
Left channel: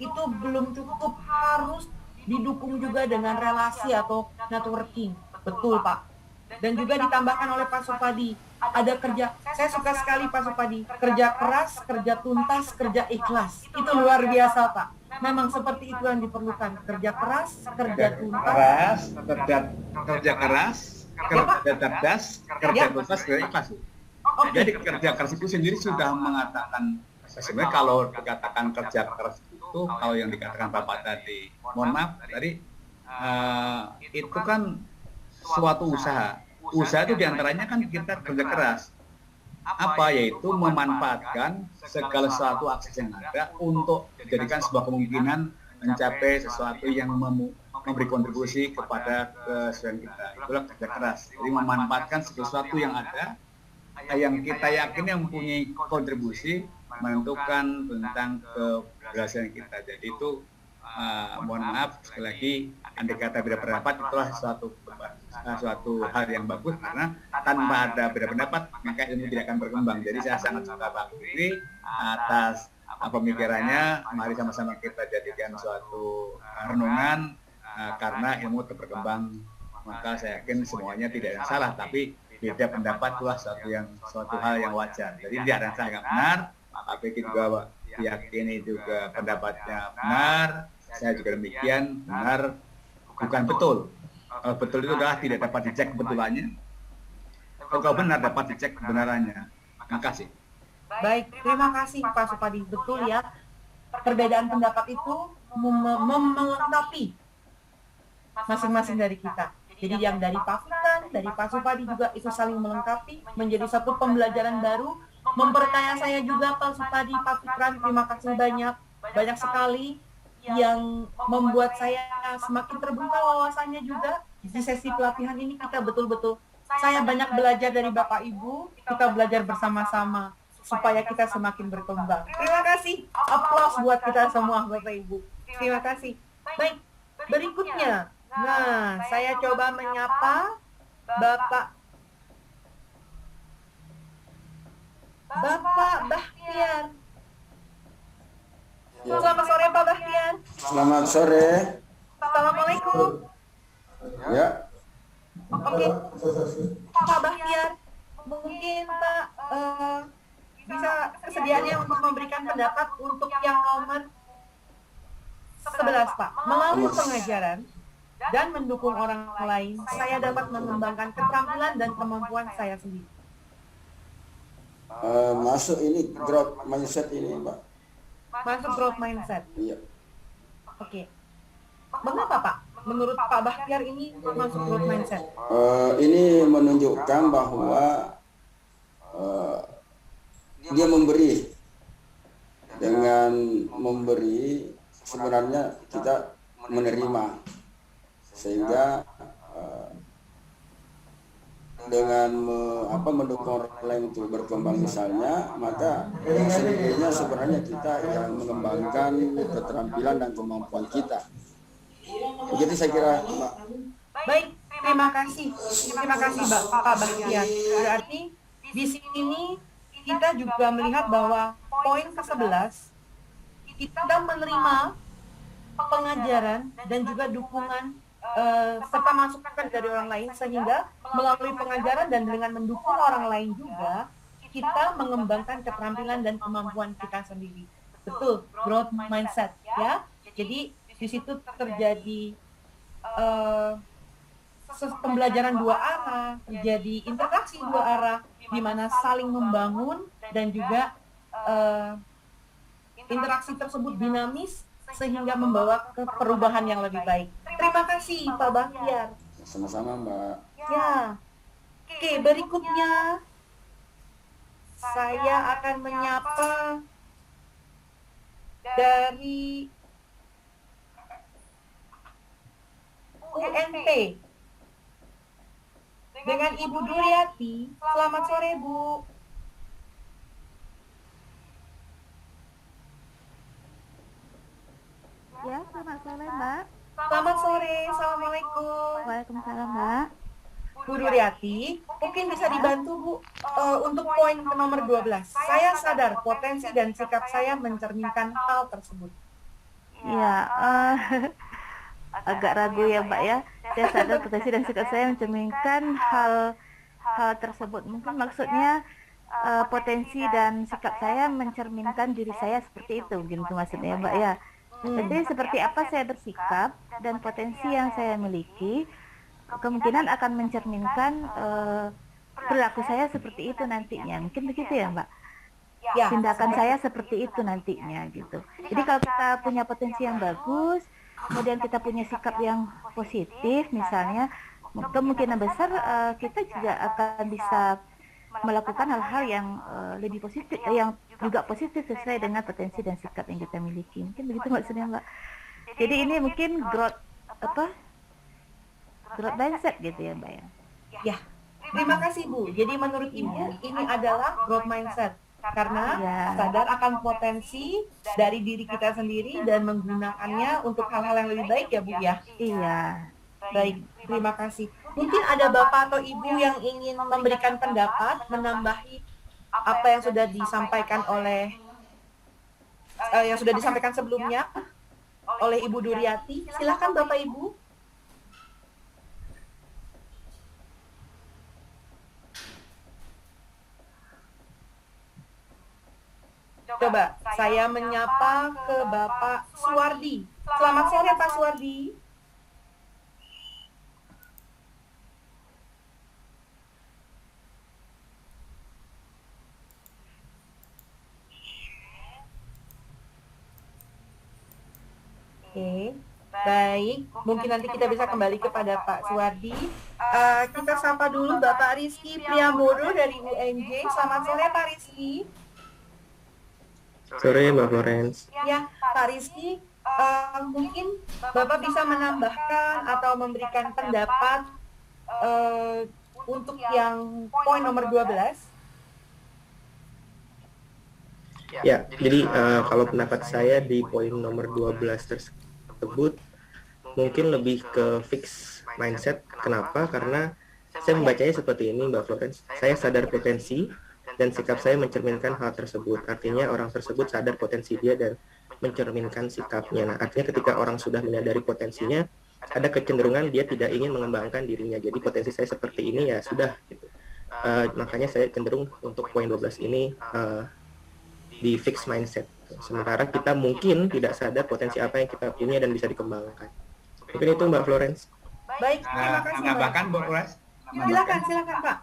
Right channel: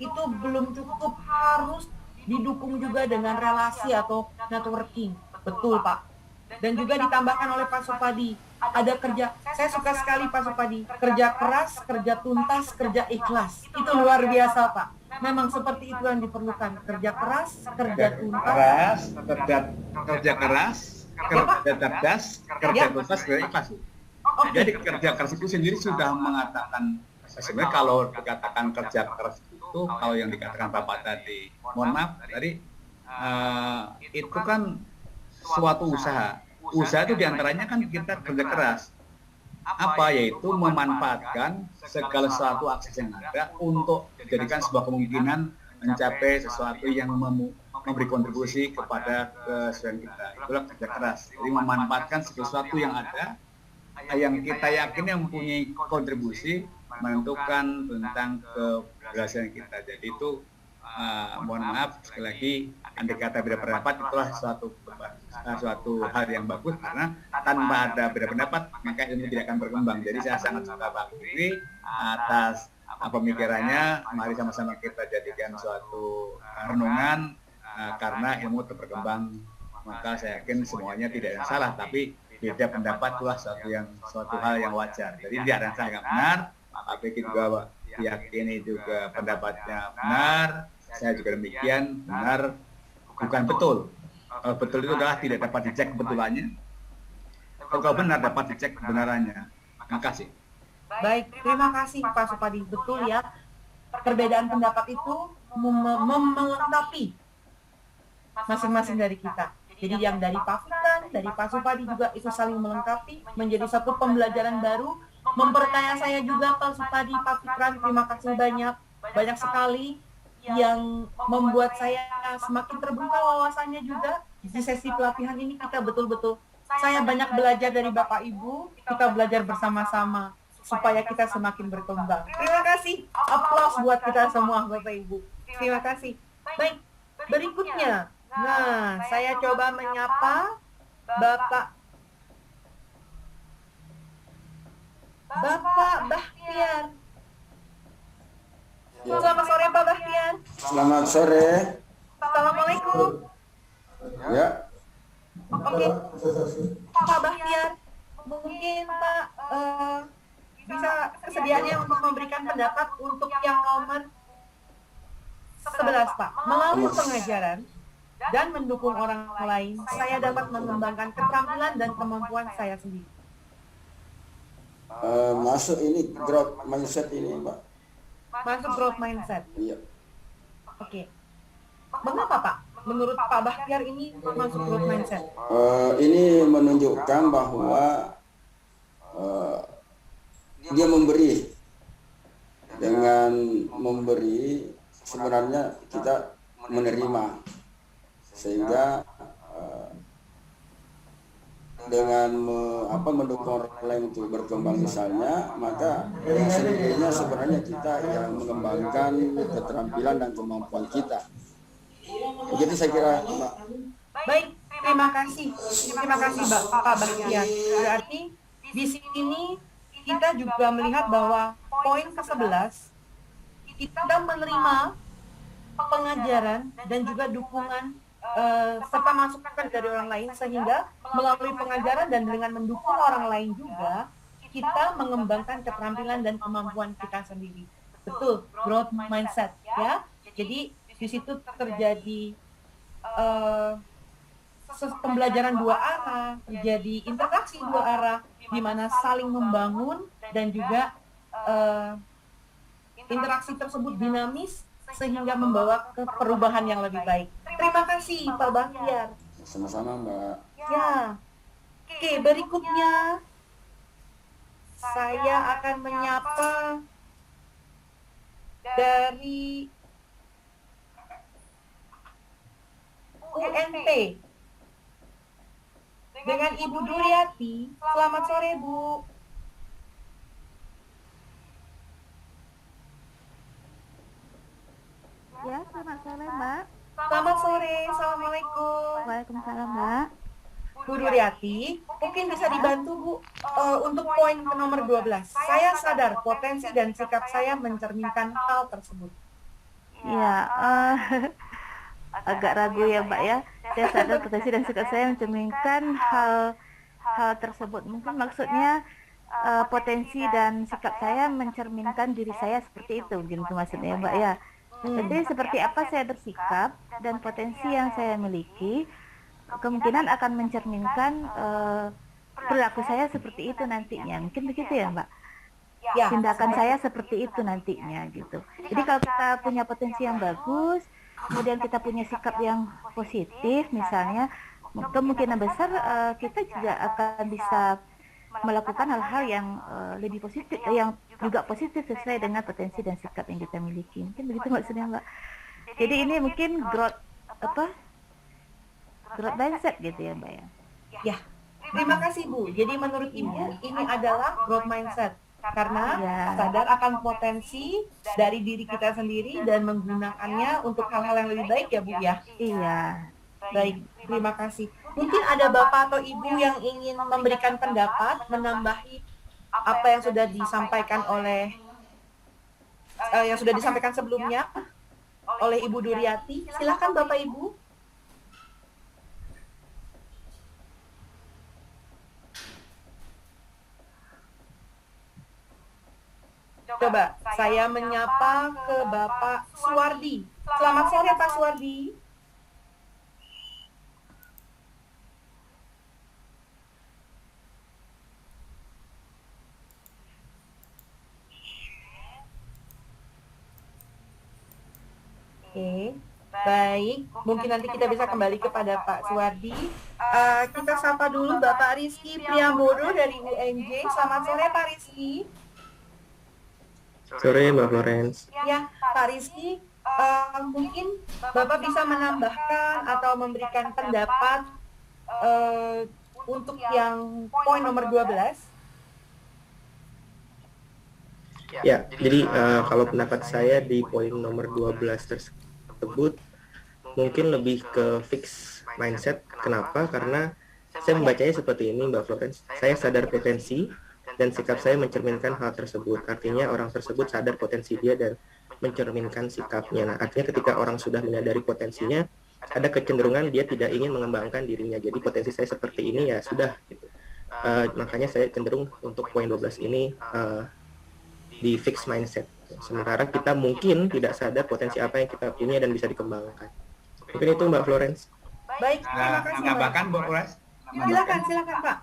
itu belum cukup, harus didukung juga dengan relasi atau networking. Betul Pak. Dan juga ditambahkan oleh Pak Supadi, ada kerja, saya suka sekali Pak Supadi, kerja keras, kerja tuntas, kerja ikhlas. Itu luar biasa Pak. Memang seperti itu yang diperlukan, kerja keras, kerja tuntas, kerja keras, kerja cerdas, kerja tuntas, kerja ikhlas. Okay. Jadi kerja keras itu sendiri sudah mengatakan, sebenarnya kalau dikatakan kerja keras itu, kalau yang dikatakan Bapak tadi, mohon maaf, tadi itu kan suatu usaha. Usaha itu diantaranya kan kita kerja keras. Apa? Yaitu memanfaatkan segala sesuatu akses yang ada untuk dijadikan sebuah kemungkinan mencapai sesuatu yang memberi kontribusi kepada kesesuaian kita. Itulah kerja keras. Jadi memanfaatkan segala sesuatu yang ada, yang kita yakin yang mempunyai kontribusi menentukan tentang keberhasilan kita. Jadi itu mohon maaf sekali lagi, andai kata beda pendapat itulah suatu hal yang bagus, karena tanpa ada beda pendapat maka ilmu tidak akan berkembang. Jadi saya sangat suka Pak Fikri atas pemikirannya. Mari sama-sama kita jadikan suatu renungan, karena ilmu terus berkembang. Maka saya yakin semuanya tidak ada yang salah, tapi beda pendapat itulah suatu hal yang wajar. Jadi tidak ada yang salah yang benar. Pak Fikri juga diyakini juga pendapatnya benar. Saya juga demikian, benar bukan betul. Kalau betul itu adalah tidak dapat dicek kebetulannya. Tapi kalau benar dapat dicek kebenarannya. Makasih. Baik, terima kasih Pak Supadi. Betul ya, perbedaan pendapat itu melengkapi masing-masing dari kita. Jadi yang dari Pak Fikran, dari Pak Supadi juga itu saling melengkapi, menjadi satu pembelajaran baru, memperkaya saya juga Pak Supadi, Pak Fikran, terima kasih banyak. Banyak sekali yang membuat saya semakin terbuka wawasannya juga. Di sesi pelatihan ini kita betul-betul, saya banyak belajar dari Bapak Ibu, kita belajar bersama-sama supaya kita semakin berkembang. Terima kasih. Aplaus buat kita semua Bapak Ibu. Terima kasih. Baik, berikutnya. Nah, saya coba menyapa Bapak Bahtiar. Ya. Selamat sore Pak Bahtiar. Selamat sore. Assalamualaikum. Ya. Oke, Pak Bahtiar, mungkin Pak bisa kesediaannya untuk memberikan pendapat untuk yang nomor 11, Pak. Melalui 11. pengajaran dan mendukung orang lain, saya dapat mengembangkan keterampilan dan kemampuan saya sendiri. Masuk ini growth mindset ini, Mbak. Masuk growth mindset. Iya. Oke. Mengapa, Pak? Menurut Pak Bahtiar ini masuk growth mindset? Ini menunjukkan bahwa dia memberi. Dengan memberi, sebenarnya kita menerima. Sehingga dengan mendukung orang lain untuk berkembang misalnya, maka dengan sendirinya sebenarnya kita yang mengembangkan keterampilan dan kemampuan kita. Begitu saya kira, Mbak. Baik, terima kasih. Terima kasih, Pak Bahtiar. Berarti di sini kita juga melihat bahwa poin ke-11, kita menerima pengajaran dan juga dukungan serta masukan dari orang lain, sehingga melalui pengajaran dan dengan mendukung orang lain juga, kita mengembangkan keterampilan dan kemampuan kita sendiri. Betul, growth mindset, ya. Jadi di situ terjadi pembelajaran dua arah, terjadi interaksi dua arah, di mana saling membangun dan juga interaksi tersebut dinamis sehingga membawa ke perubahan yang lebih baik. Terima kasih, Pak Bahtiar. Sama-sama, Mbak. Ya. Oke, berikutnya saya akan menyapa dari UNT dengan Ibu Duryati. Selamat sore, Bu. Ya, selamat sore, Mbak. Selamat sore. Assalamualaikum. Waalaikumsalam, Mbak. Bu Duryati, mungkin bisa dibantu, Bu, untuk poin ke nomor 12. Saya sadar potensi dan sikap saya mencerminkan hal tersebut. Iya, agak ragu ya, Mbak ya. Saya sadar potensi dan sikap saya mencerminkan hal tersebut. Mungkin maksudnya potensi dan sikap saya mencerminkan diri saya seperti itu, gitu maksudnya, Mbak ya. Jadi seperti apa saya bersikap dan potensi yang saya miliki, kemungkinan akan mencerminkan perilaku saya seperti itu nantinya. Mungkin begitu ya, Mbak? Ya, tindakan saya seperti itu nantinya gitu. Jadi kalau kita punya potensi yang bagus, kemudian kita punya sikap yang positif misalnya, kemungkinan besar kita juga akan bisa melakukan hal-hal yang lebih positif, yang juga positif sesuai dengan potensi dan sikap yang kita miliki. Mungkin begitu maksudnya, Mbak. Jadi ini mungkin growth mindset gitu ya, Mbak ya. Ya, terima kasih, Bu. Jadi menurut Ibu ini adalah growth mindset. Karena sadar akan potensi dari diri kita sendiri dan menggunakannya untuk hal-hal yang lebih baik ya, Bu ya? Iya. Baik, terima kasih. Mungkin ada Bapak atau Ibu yang ingin memberikan pendapat, menambahi apa yang sudah disampaikan sebelumnya oleh Ibu Duryati. Silakan Bapak Ibu. Coba saya menyapa ke Bapak Suwardi. Selamat sore Pak Suwardi. Oke, baik. Mungkin nanti kita bisa kembali kepada Pak Suwardi. Kita sapa dulu Bapak Rizky Priambodo dari UNJ. Selamat sore Pak Rizky. Sore Mbak Florence. Ya, Pak Rizky, mungkin Bapak bisa menambahkan atau memberikan pendapat untuk yang poin nomor 12. Ya, jadi kalau pendapat saya di poin nomor 12 tersebut mungkin lebih ke fix mindset. Kenapa? Karena saya membacanya seperti ini, Mbak Florence. Saya sadar potensi dan sikap saya mencerminkan hal tersebut. Artinya orang tersebut sadar potensi dia dan mencerminkan sikapnya. Nah, artinya ketika orang sudah menyadari potensinya, ada kecenderungan dia tidak ingin mengembangkan dirinya. Jadi potensi saya seperti ini ya sudah gitu. Makanya saya cenderung untuk poin 12 ini di fixed mindset. Gitu. Sementara kita mungkin tidak sadar potensi apa yang kita punya dan bisa dikembangkan. Mungkin itu Mbak Florence. Baik, terima kasih. Menambahkan, Bu Florence? Silakan Pak.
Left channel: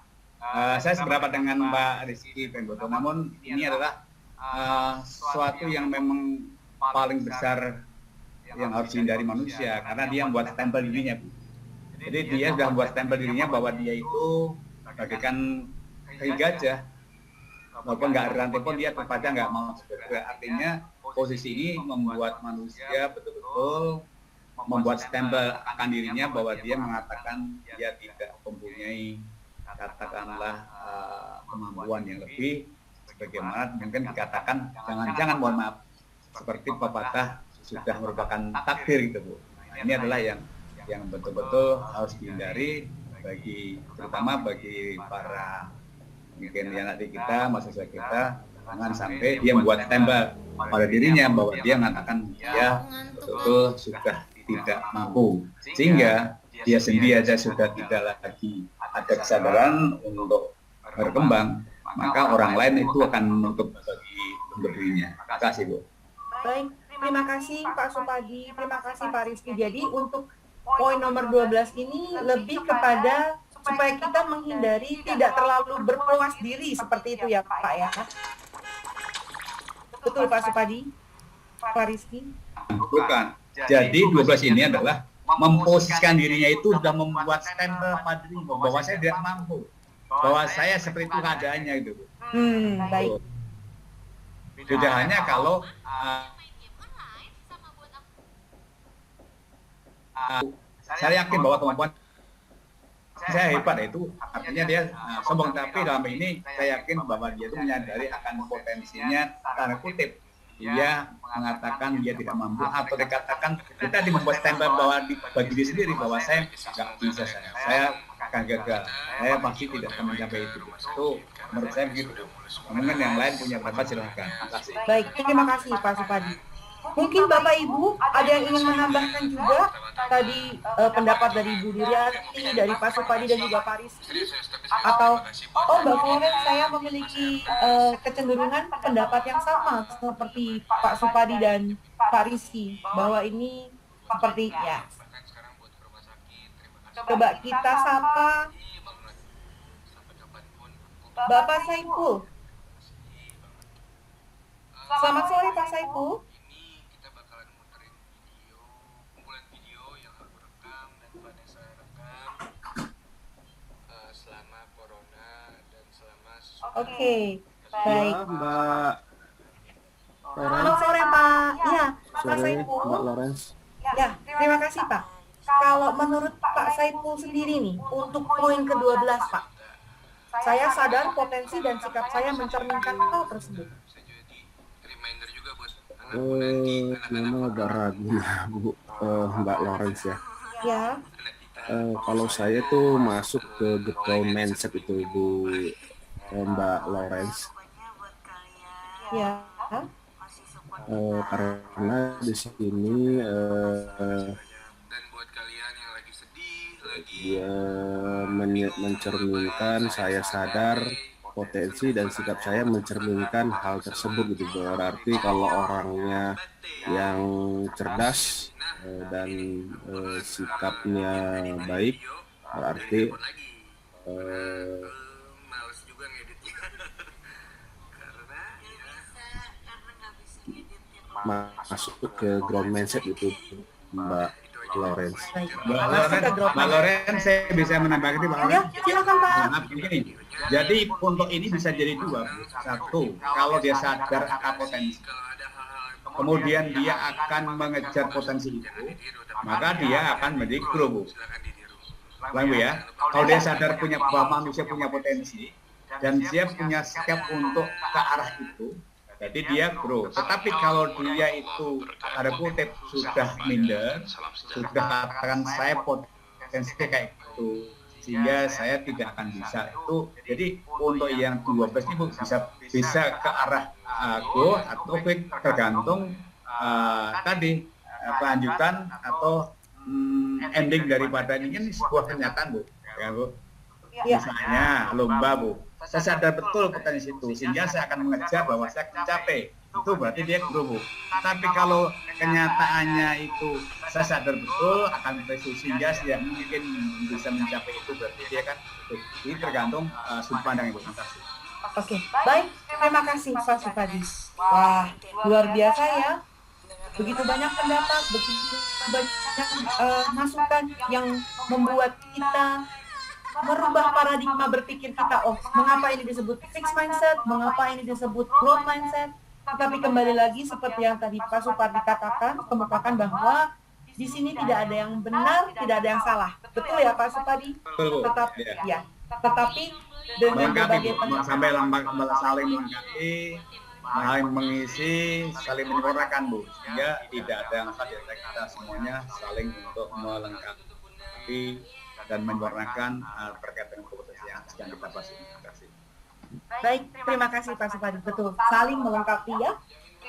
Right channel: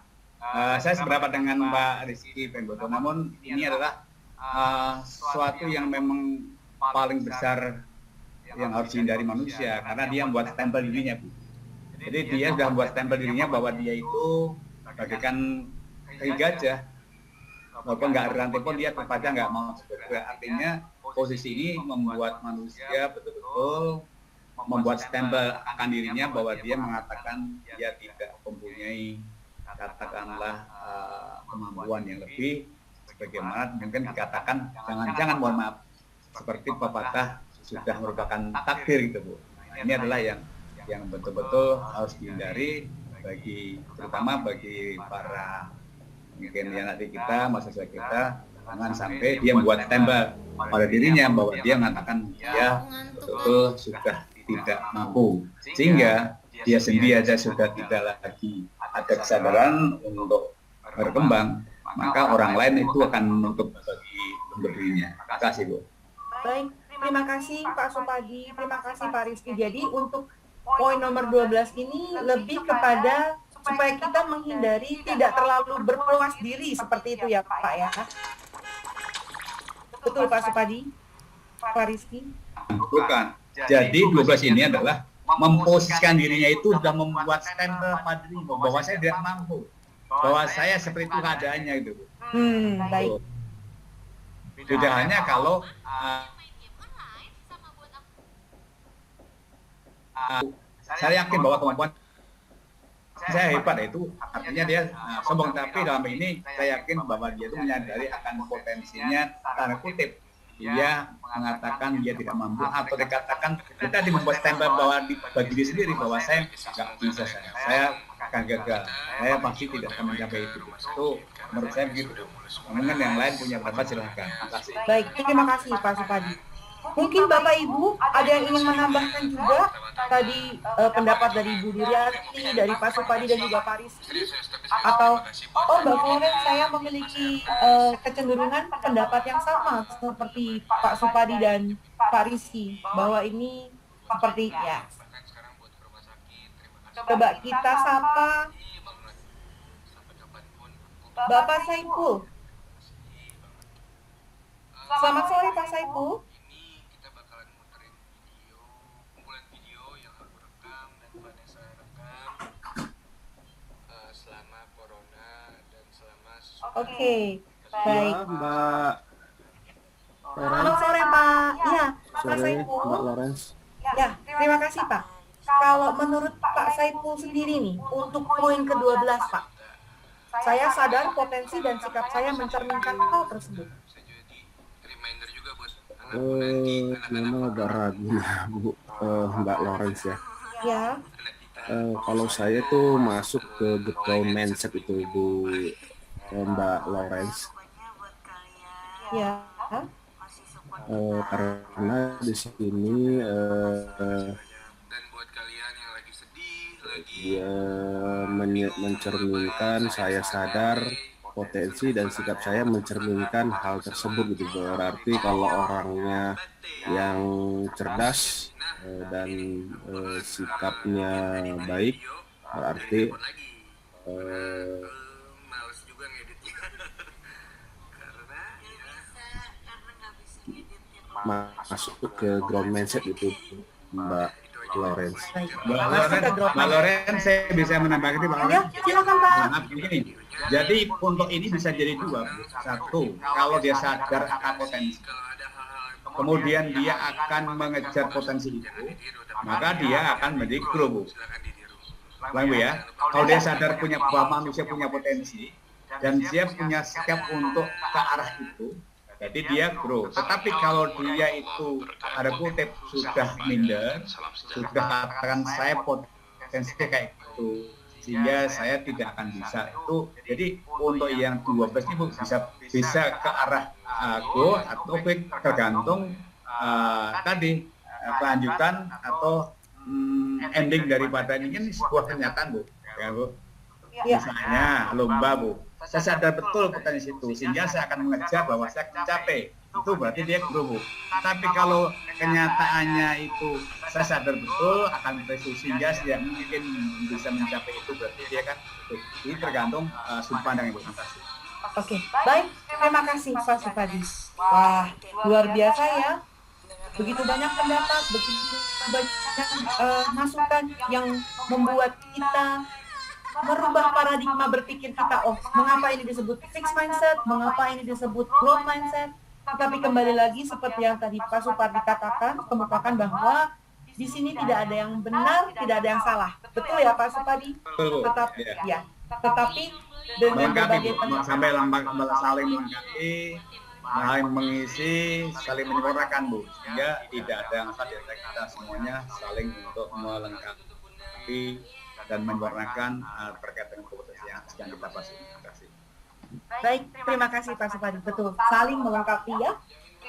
Saya seberapa dengan Pak Rizky Penggoto, namun ini adalah sesuatu yang memang paling besar yang harus dihindari manusia, karena dia membuat stempel dirinya, Bu. Jadi dia sudah membuat stempel dirinya bahwa dia itu bagaikan kaki gajah, walaupun nggak ada rantai pun dia tetap aja nggak mau bergerak. Artinya posisi ini membuat manusia betul-betul membuat stempel akan dirinya bahwa dia mengatakan dia tidak mempunyai katakanlah kemampuan yang lebih, sebagaimana mungkin dikatakan jangan-jangan mohon maaf seperti pepatah sudah merupakan takdir gitu, Bu. Nah, ini adalah yang betul-betul harus dihindari terutama bagi para mungkin ya nanti kita, mahasiswa kita, jangan sampai dia membuat stempel pada dirinya bahwa dia mengatakan dia betul-betul sudah tidak mampu, sehingga dia sendiri aja sudah tidak lagi ada kesadaran untuk berkembang, maka orang lain itu akan menutup untuk dirinya. Terima kasih, Bu. Baik, terima kasih Pak Supadi, terima kasih Pak Rizky. Jadi untuk poin nomor 12 ini lebih kepada supaya kita menghindari tidak terlalu berpuas diri seperti itu ya Pak ya. Betul Pak Supadi? Pak Rizky? Bukan. Jadi 12 ini adalah memposisikan dirinya itu sudah membuat stempel pada diri bahwa saya tidak mampu, bahwa saya seperti itu keadaannya gitu. Baik. Beda hanya kalau saya yakin bahwa kemampuan saya hebat, itu artinya dia sombong, tapi dalam ini saya yakin bahwa dia itu menyadari akan potensinya, tanda kutip dia mengatakan dia tidak mampu, atau dikatakan kita membuat stempel bahwa bagi diri sendiri bahwa saya nggak bisa, saya akan gagal, saya pasti tidak akan mencapai itu, Bu. Itu menurut saya begitu, Bu. Nah, mungkin yang lain punya pendapat, silahkan. Terima kasih. Baik, terima kasih Pak Supadi. Mungkin Bapak Ibu ada yang ingin menambahkan juga tadi pendapat dari Ibu Duryati, dari Pak Supadi dan juga Pak Rizky, atau Mbak Florence, saya memiliki kecenderungan pendapat yang sama seperti Pak Supadi dan Pak Rizky, bahwa ini seperti ya. Coba kita sapa Bapak Saipul. Selamat sore Pak Saipul. Oke, baik. Ya, Mbak Lawrence. Selamat sore Pak. Ya, Pak Sore, Saipul. Mbak Lawrence. Ya, terima kasih Pak. Kalau menurut Pak Saipul sendiri nih, untuk poin ke-12 Pak, saya sadar potensi dan sikap saya mencerminkan hal tersebut. Memang agak ragu ya, Bu, Mbak Lawrence ya. Ya. Kalau saya tuh masuk ke ground mindset itu, Bu, Mbak Lawrence. Ya. Karena di sini dia mencerminkan saya sadar potensi dan sikap saya mencerminkan hal tersebut gitu. Berarti kalau orangnya yang cerdas dan sikapnya baik, berarti masuk ke ground mindset itu, Mbak Lawrence. Mbak Lawrence, saya bisa menambahkan ini, Mbak Lawrence? Ya, silakan Pak. Maaf, begini. Jadi untuk ini bisa jadi dua, Bu. Satu, kalau dia sadar akan potensi, kemudian dia akan mengejar potensi itu, maka dia akan menjadi grow, Bu. Ulang, Bu ya. Kalau dia sadar bahwa manusia punya potensi dan dia punya sikap untuk ke arah itu, berarti dia grow. Tetapi kalau dia itu tanda kutip sudah minder, sudah katakan saya potensi kayak gitu, sehingga saya tidak akan bisa itu. Jadi untuk yang 12 ini bisa ke arah grow atau fake, tergantung tadi kelanjutan atau ending daripada ini sebuah kenyataan, Bu. Ya, Bu. Ya. Misalnya lomba, Bu. saya sadar betul potensi itu, sehingga saya akan mengejar bahwa saya akan mencapai. Itu berarti dia grow, Bu. Tetapi kalau kenyataannya itu saya sadar betul akan potensi sehingga saya mungkin bisa mencapai itu, berarti dia kan ini tergantung sudut pandang, Bu. Terima kasih. Oke, baik. Terima kasih Pak Supadi. Wah, luar biasa ya. Begitu banyak pendapat, begitu banyak masukan yang membuat kita merubah paradigma berpikir kita. Oh, mengapa ini disebut fixed mindset? Mengapa ini disebut growth mindset? Tetapi kembali lagi seperti yang tadi Pak Supardi katakan, kemukakan bahwa di sini tidak ada yang benar, tidak ada yang salah. Betul ya Pak Supardi? Betul, Bu. Tetap Ya. ya. Tetapi dengan Melengkapi, berbagai Bu. Sampai saling melengkapi, saling mengisi, saling menyempurnakan, Bu. Sehingga tidak ada yang salah di antara kita semuanya, saling untuk melengkapi dan menyempurnakan terkait dengan kompetensi yang sedang kita bahas. Terima kasih. Baik, terima kasih Pak Supadi. Betul, saling melengkapi ya.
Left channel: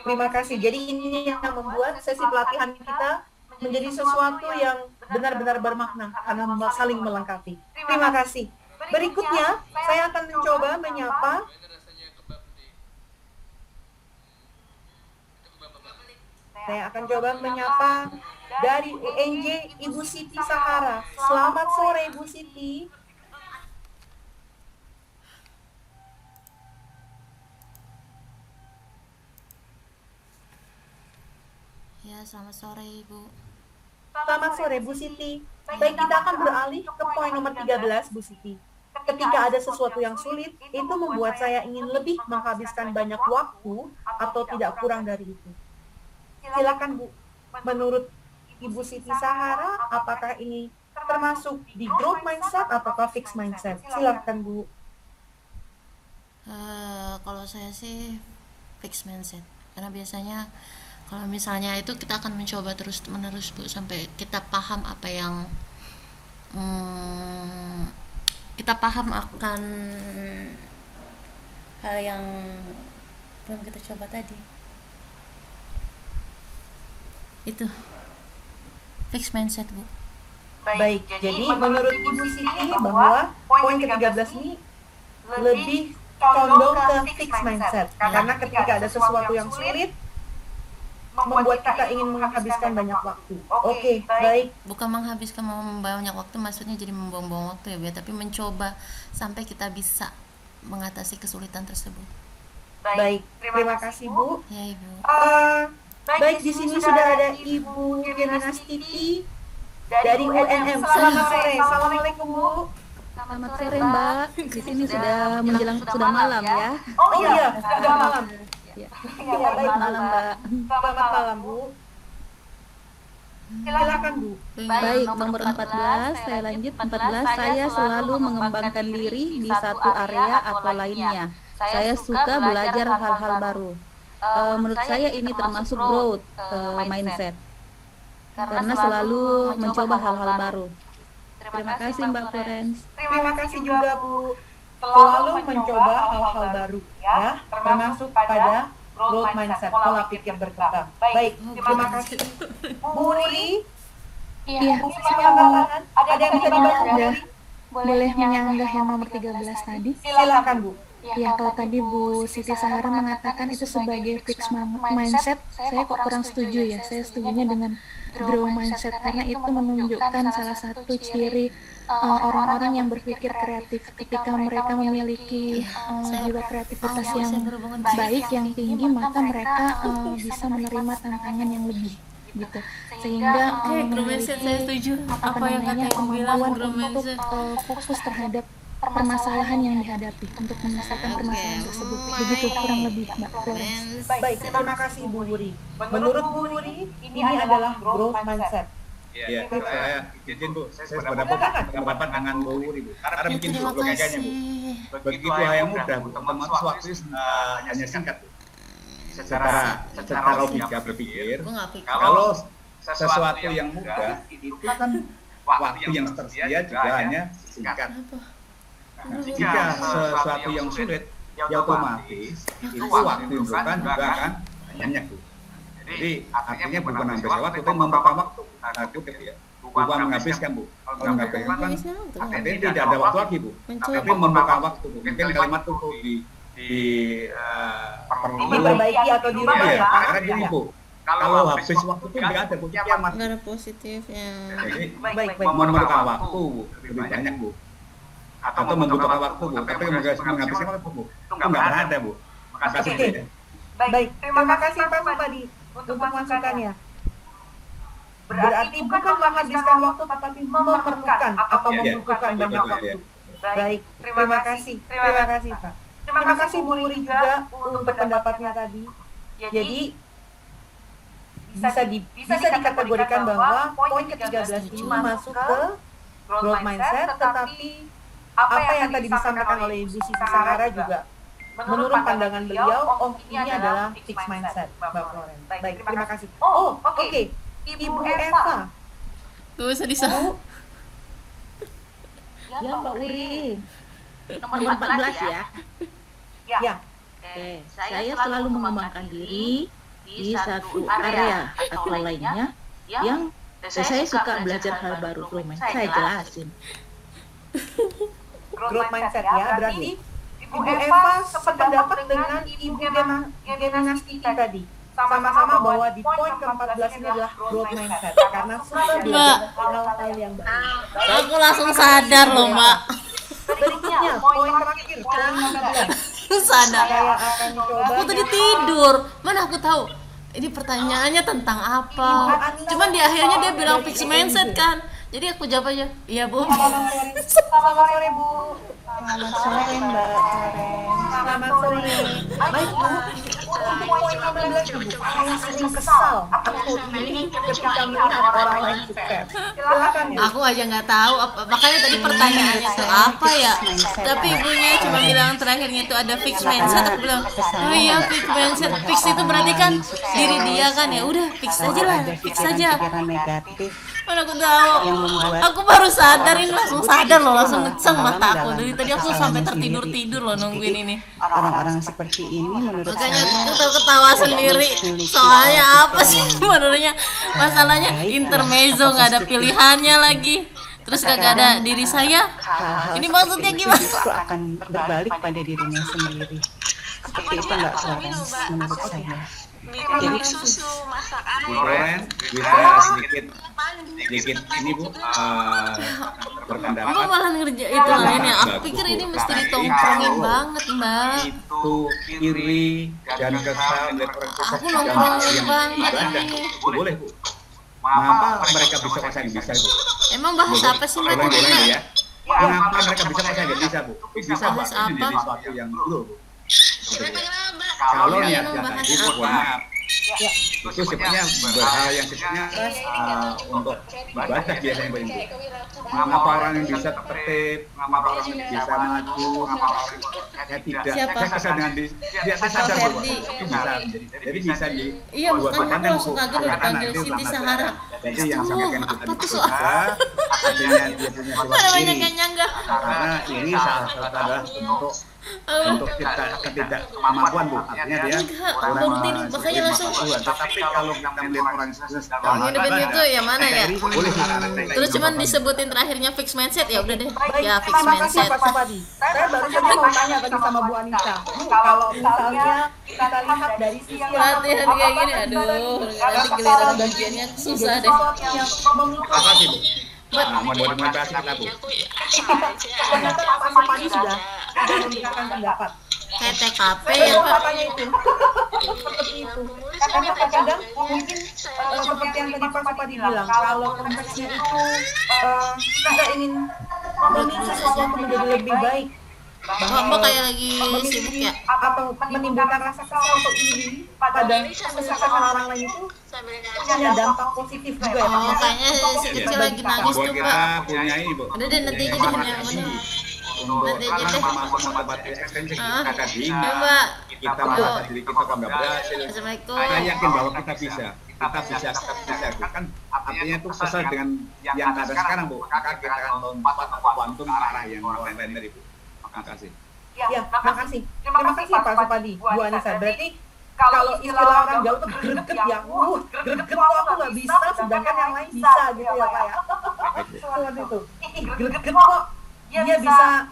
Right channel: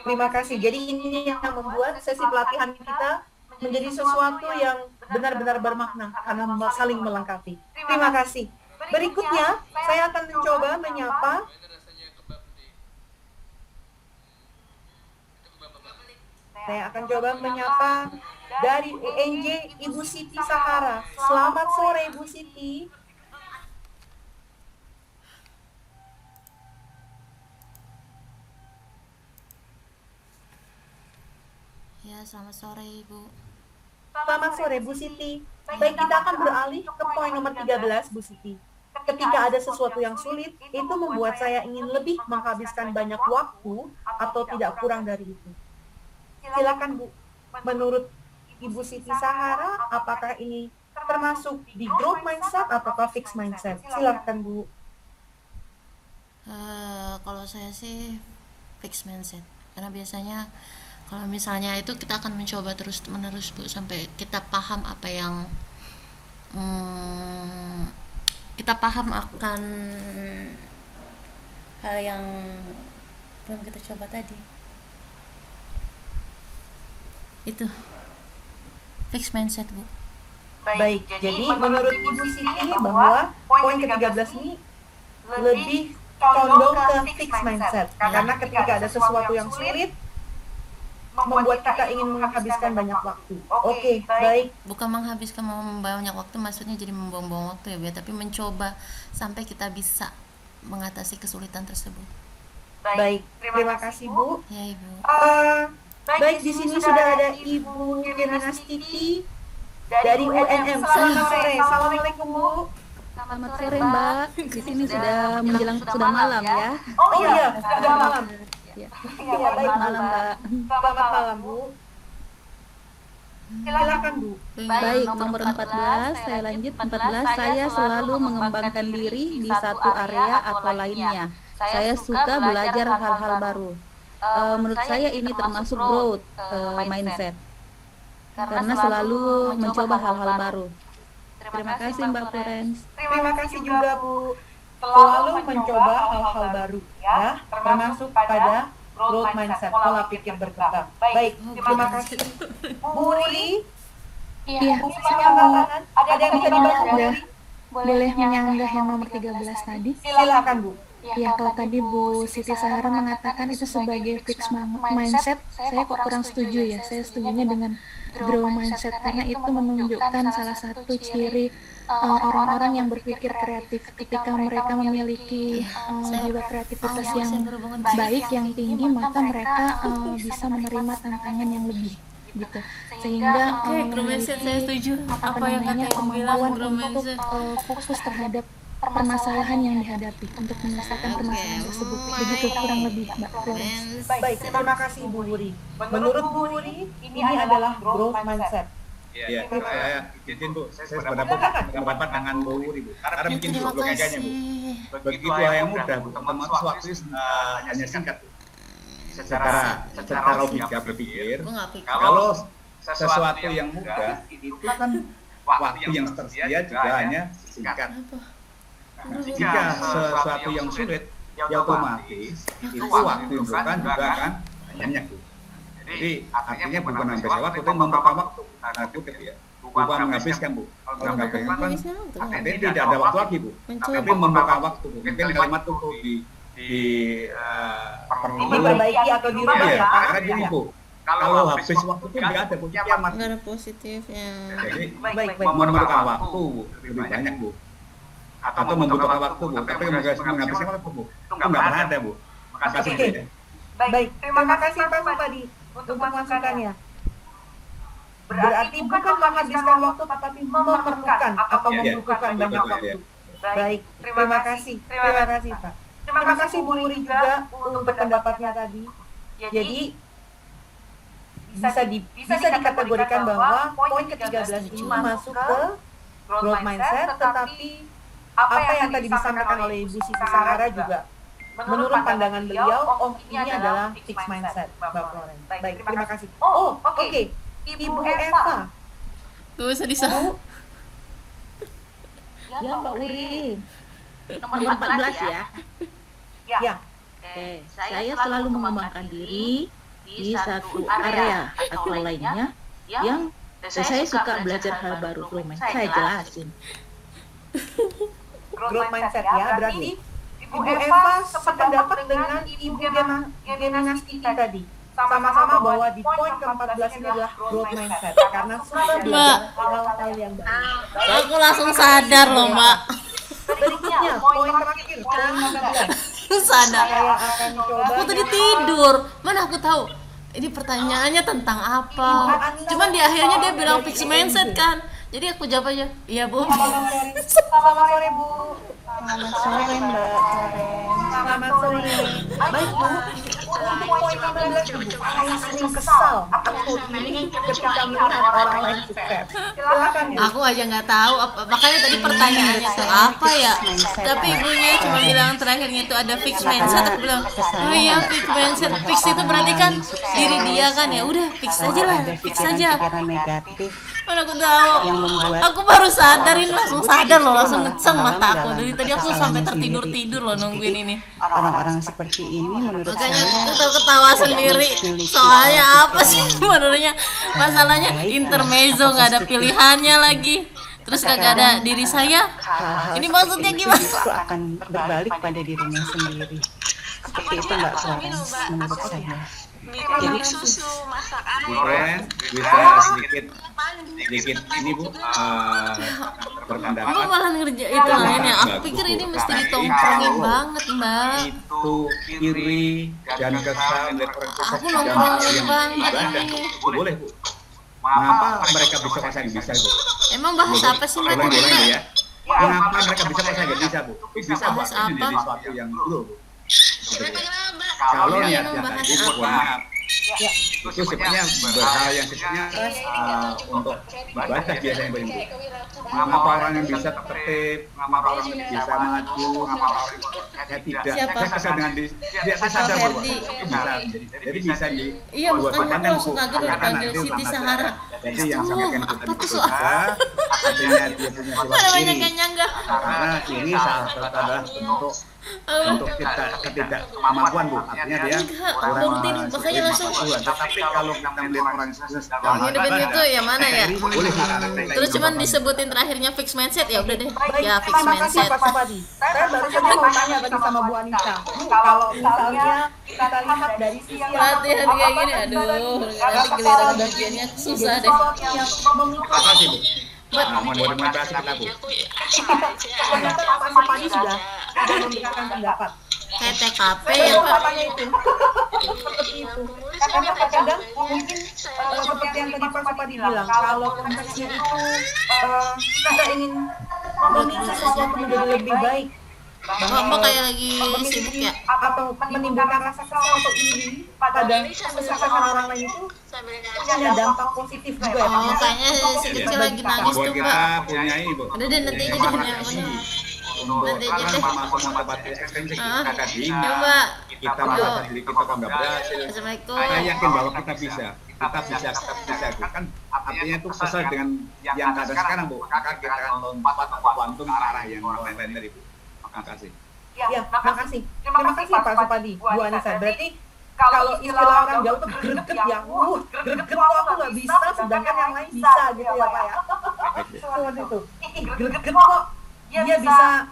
Terima kasih. Jadi ini yang membuat sesi pelatihan kita menjadi sesuatu yang benar-benar bermakna karena saling melengkapi. Terima kasih. Berikutnya, saya akan mencoba menyapa dari UNJ Ibu Siti Sahara. Selamat sore Ibu Siti. Selamat sore Bu Siti. Baik, kita akan beralih ke poin nomor 13 Bu Siti. Ketika ada sesuatu yang sulit, itu membuat saya ingin lebih menghabiskan banyak waktu atau tidak kurang dari itu. Silakan Bu. Menurut Ibu Siti Sahara, apakah ini termasuk di growth mindset ataukah fixed mindset? Silakan Bu. Baik, jadi menurut Ibu Siti bahwa poin ke-13 ini lebih condong ke fixed mindset. Karena ketika ada sesuatu yang sulit, membuat kita ingin menghabiskan banyak waktu. Oke, baik. Baik, terima kasih Bu. Baik, di sini sudah ada Ibu Geminastiti dari UNM. Selamat sore. Assalamualaikum Bu. Selamat sore Mbak. Di sini sudah malam ya. Oh iya, sudah malam. Ya. Ya, baik. Selamat malam Mbak. Selamat malam Bu. Silakan Bu. Baik, nomor 14, saya lanjut. 14, saya selalu mengembangkan diri di satu area atau lainnya. Saya suka belajar hal-hal baru. Menurut saya ini termasuk growth mindset. Karena selalu mencoba hal-hal baru. Terima kasih Mbak Florence. Terima kasih juga Bu. Selalu mencoba hal-hal baru ya, termasuk pada growth mindset, pola pikir berkembang. Baik, terima kasih. Bu Wuri. Iya, Bu Wuri saya angkat tangan. Ada yang bisa dibantu Bu Wuri? Boleh menyanggah yang nomor 13 tadi? Silahkan Bu. Ya, kalau tadi Bu Siti Sahara mengatakan itu sebagai fixed mindset, saya kok kurang setuju ya. Saya setujunya dengan grow mindset karena itu menunjukkan salah satu ciri orang-orang yang berpikir kreatif. Ketika mereka memiliki jiwa kreativitas yang baik, yang tinggi, maka mereka bisa menerima tantangan yang lebih gitu. Sehingga memiliki kemampuan untuk fokus terhadap permasalahan yang dihadapi untuk menyelesaikan permasalahan tersebut. Begitu kurang lebih Mbak Florence. Baik, terima kasih Bu Wuri. Menurut Bu Wuri, ini adalah growth mindset. Iya, Terima saya izin Bu, saya sebenarnya Silakan. pendapat dengan Bu Wuri Bu. Karena begini Bu, logikanya Bu. Begitu hal yang mudah Bu, otomatis waktunya hanya singkat Bu. Secara logika berpikir, kalau sesuatu yang mudah itu kan waktu yang tersedia juga hanya singkat. Nah, jika sesuatu yang sulit, ya otomatis itu waktu yang diperlukan juga akan banyak, Bu. Jadi artinya bukan menghabiskan waktu, tapi memperpanjang waktu. Kutip ya, bukan menghabiskan Bu. Kalau menghabiskan kan artinya tidak ada waktu lagi Bu. tapi memerlukan waktu, Bu. Mungkin kalimat itu perlu perlu Diperbaiki atau dirubah ya, Pak? Karena gini, Ya. Bu, kalau habis waktu itu nggak ada, Bu, itu kiamat, Bu. Jadi baik. memerlukan waktu, Bu, lebih banyak, Bu. Atau membutuhkan waktu, Bu. Tapi menghabiskan waktu, Bu, itu nggak pernah ada, Bu. Makasih, Bu. Oke. Ya. Baik, terima kasih Pak Supadi untuk masukannya. Berarti bukan menghabiskan waktu, tetapi memerlukan atau membutuhkan banyak waktu. Baik, terima kasih. Terima kasih, Pak. Terima kasih Bu Wuri juga untuk pendapatnya tadi. Jadi, bisa dikategorikan bahwa poin ke-13 ini masuk ke growth mindset, tetapi apa yang tadi disampaikan oleh Ibu Siti Sahara juga menurut pandangan beliau, ini adalah fixed mindset, Mbak Florence. Baik, terima kasih. Oke. Ibu Eva. Bu. Ya, Mbak Uri. Nomor 14 ya. Ya. Oke, saya selalu mengembangkan diri di satu area atau lainnya yang saya suka belajar hal baru. Saya jelasin. Growth mindset ya, berarti Ibu Eva sependapat dengan Ibu Geminastiti tadi. Sama-sama bahwa di poin ke-14 ini adalah growth mindset. Karena suka belajar hal-hal yang baru. Baik, terima kasih Ibu Eva. Berikutnya, poin terakhir, poin 15. Saya akan coba menyapa Ibu Anissa Puspa dari UMJ. Ya. Selamat sore. Selamat sore, Bu. Selamat sore, Mbak Florence. Selamat sore. Baik, Bu. Untuk poin 15 nih, Bu. Saya sering kesal atau iri ketika melihat orang lain sukses. Silakan, Bu. Ini menurut saya fixed mindset, Mbak Florence. Ya, karena kesannya ya nggak suka melihat orang lain sukses, ya. Lalu ada pikiran-pikiran negatif yang membuat seseorang tersebut justru malah tenggelam dalam kekesalannya sendiri, gitu. Jadi orang-orang seperti ini menurut saya tidak memiliki pola pikir yang baik ya atau positif gitu. Ya, terkadang hal-hal seperti itu justru akan berbalik pada dirinya sendiri. Seperti itu Mbak Florence menurut saya. Terima kasih. Bu Florence bisa Ya, Pak. sedikit ini, Bu, berpendapat. Silakan, Itu Pak. sangat bagus, Bu. Tetapi kalau itu iri dan kesal melihat orang sukses di dalam hal yang ibadah, Bu, itu boleh, Bu. Mengapa mereka bisa kok saya nggak bisa, Bu? Gitu, Bu. Ulangi, Bu, ya. Mengapa mereka bisa kok saya nggak bisa, Bu? Itu bisa, Bu, artinya menjadi suatu yang buruk, Bu. Gitu, Bu, ya. Kalau niatnya tadi, Bu, mohon maaf, Ya. itu sifatnya berhal yang sifatnya untuk ibadah biasanya, Bu. Mengapa orang yang bisa tertib, mengapa orang yang bisa maju, mengapa orang yang saya tidak, saya kesal dengan tidak sadar tuh, Pak Ibu. Itu bisa menjadi, jadi bisa di dua sudut pandang, Bu. Silahkan nanti untuk menafsirkan. Jadi yang disampaikan Ibu tadi betul juga, artinya dia punya sifat iri. Nah, karena iri salah satu adalah bentuk ketidakkemampuan, Bu. Artinya dia kurang mensyukuri nikmat Tuhan. Tetapi kalau kita melihat orang yang sukses dalam hal ibadah, kita iri, boleh, Bu, karena kita ingin mencontohnya. Oke, baik. Terima kasih Pak Supadi. Saya baru saja mau tanya tadi sama Bu Anissa. Bu, kalau misalnya kita lihat dari sisi yang satu, Bu, apakah bisa nih rasa kesal dan iri ini jadi sesuatu yang memicu hal Motivasi, Bu. positif? Nah, membuat motivasi kita, Bu. Iya, ternyata Pak Supadi sudah memberikan pendapat. Wah, saya baru mau tanya itu. Seperti itu. Karena terkadang mungkin seperti yang tadi Pak Supadi bilang, kalau konteksnya itu kita ingin memicu sesuatu menjadi lebih baik, memiliki atau menimbulkan rasa kesal atau iri pada kesuksesan orang lain itu punya dampak positif juga ya Pak. Maksudnya itu positif bagi kita. Membuat kita mempunyai semangat yang tinggi. Untuk itu kan termasuk motivasi ekstrinsik, Bu. Kita dihina, kita merasa diri kita kok nggak berhasil. Kita yakin bahwa kita bisa. Kita bisa. Itu kan artinya itu kesal dengan yang keadaan sekarang, Bu. Maka kita akan lompat atau kuantum ke arah yang orang lain tadi, Bu. Makasih. Ya, makasih. Terima kasih Pak Supadi, Bu Anissa. Berarti kalau istilah orang Jawa tuh greget ya. Greget kok aku nggak bisa, sedangkan yang lain bisa gitu ya Pak ya. Seperti itu. Greget kok dia bisa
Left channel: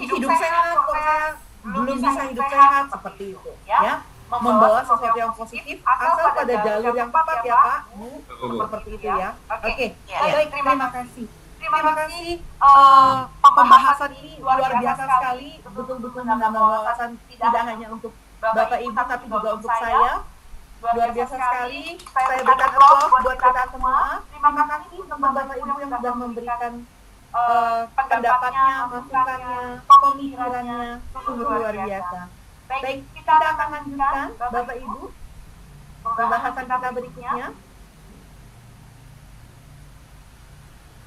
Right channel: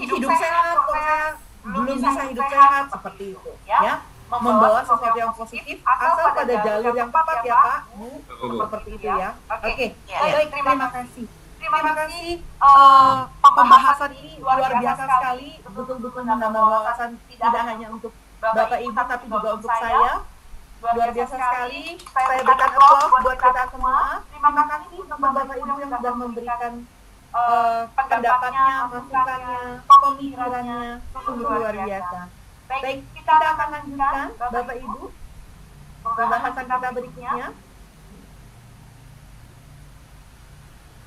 hidup sehat kok saya belum bisa hidup sehat, seperti itu ya. Membawa sesuatu yang positif asal pada jalur yang tepat ya Pak, Bu. Seperti itu ya. Oke, baik, terima kasih. Terima kasih, pembahasan ini luar biasa sekali, betul-betul menambah wawasan tidak hanya untuk Bapak Ibu tapi juga untuk saya. Luar biasa sekali. Saya berikan applause buat kita semua. Terima kasih untuk Bapak Ibu yang sudah memberikan pendapatnya, masukannya, pemikirannya. Sungguh luar biasa. Baik, kita akan lanjutkan Bapak Ibu pembahasan kita berikutnya.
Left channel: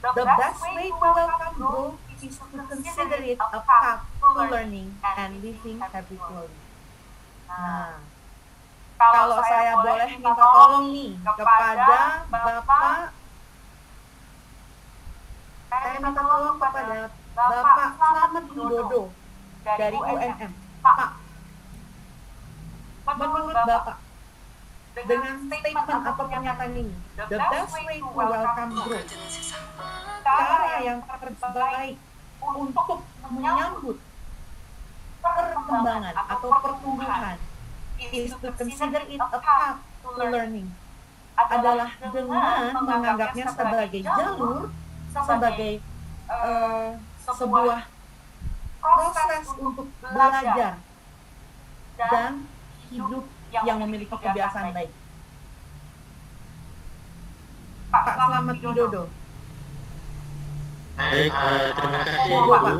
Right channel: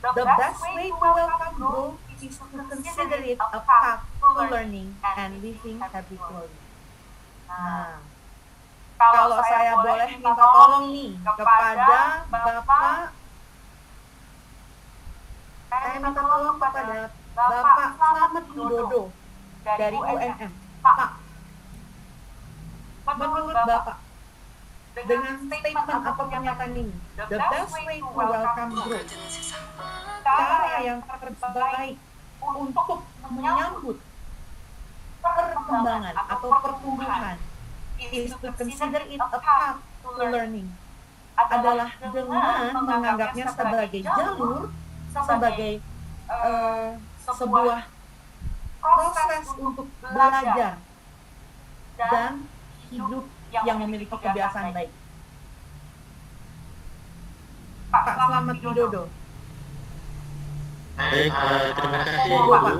The best way to welcome growth is to consider it a path to learning and living habitually. Nah, kalau saya boleh minta tolong nih kepada Bapak, saya minta tolong kepada Bapak Slamet Widodo dari UNM. Pak, menurut Bapak, dengan statement atau pernyataan ini, the best way to welcome growth, cara yang terbaik untuk menyambut perkembangan atau pertumbuhan is to consider it a path to learning, adalah dengan menganggapnya sebagai jalur, sebagai sebuah proses untuk belajar dan hidup yang memiliki kebiasaan baik. Pak Slamet Widodo. Baik, terima kasih Monggo, Ibu. Pak.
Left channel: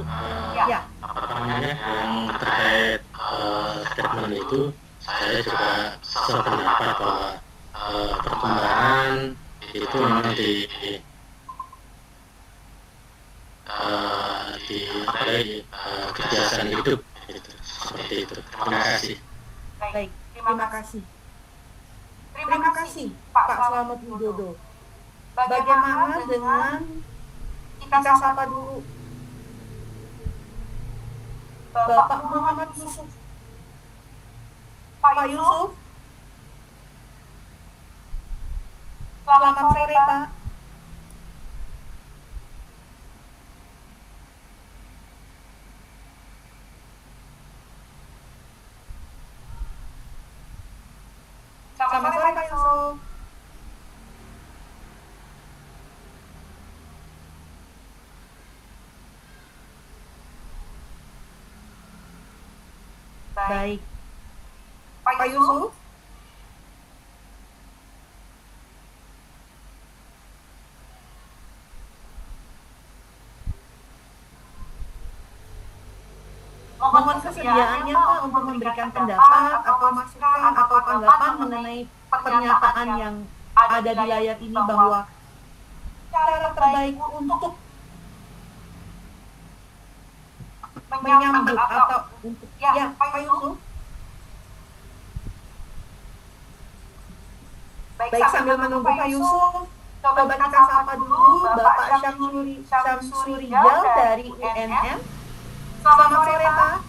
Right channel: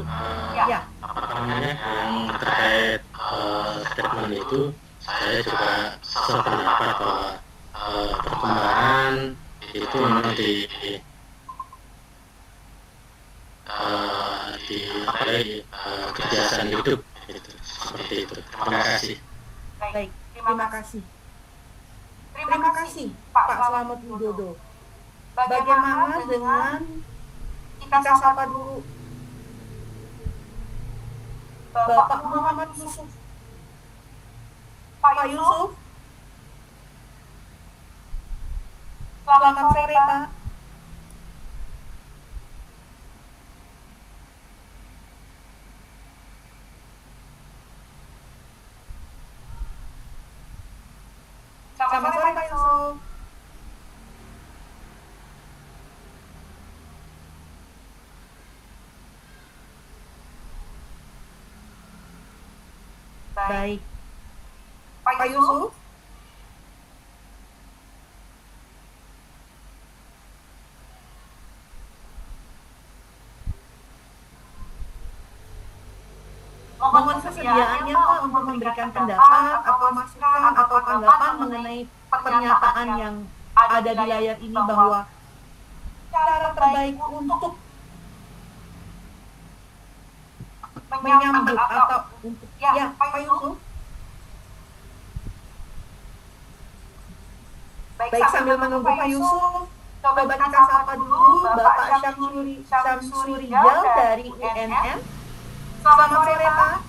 Ya. Apa namanya yang terkait statement itu, saya juga sependapat bahwa perkembangan itu memang di kebiasaan hidup, gitu. Seperti itu. Terima kasih. Baik, terima kasih. Terima kasih Pak Slamet Widodo. Bagaimana dengan kita sapa dulu Bapak Muhammad Yusuf. Pak Yusuf. Selamat sore, Pak. Selamat sore, Pak Yusuf. Baik. Pak Yusuf? Mohon kesediaannya Pak untuk memberikan pendapat atau masukan atau tanggapan mengenai pernyataan yang ada di layar ini bahwa cara terbaik untuk menyambut atau untuk ya Pak Yusuf. Baik, sambil menunggu Pak Yusuf, coba kita sapa dulu Bapak Syamsurijal dari UNM. Selamat sore, Pak.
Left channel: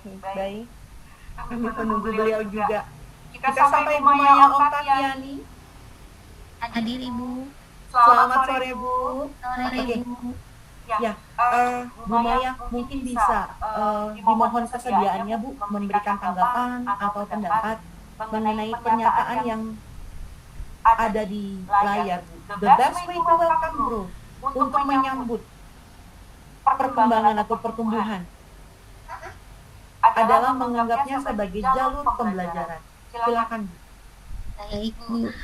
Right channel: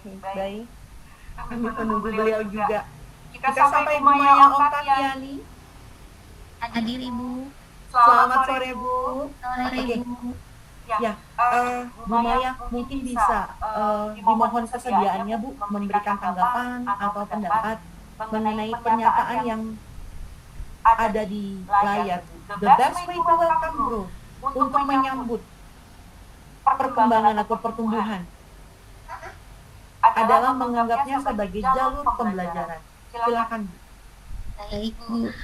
Oke, baik. Kami menunggu beliau juga. Kita sapa Ibu Maya Oktaviani. Hadir Ibu. Selamat sore Bu. Sore Oke. Bu. Ya, Bu Maya mungkin bisa dimohon kesediaannya Bu memberikan tanggapan atau pendapat mengenai pernyataan yang ada di layar Bu. The best way to welcome growth, untuk menyambut perkembangan atau pertumbuhan adalah menganggapnya sebagai jalur pembelajaran. Silakan Bu. Baik Bu.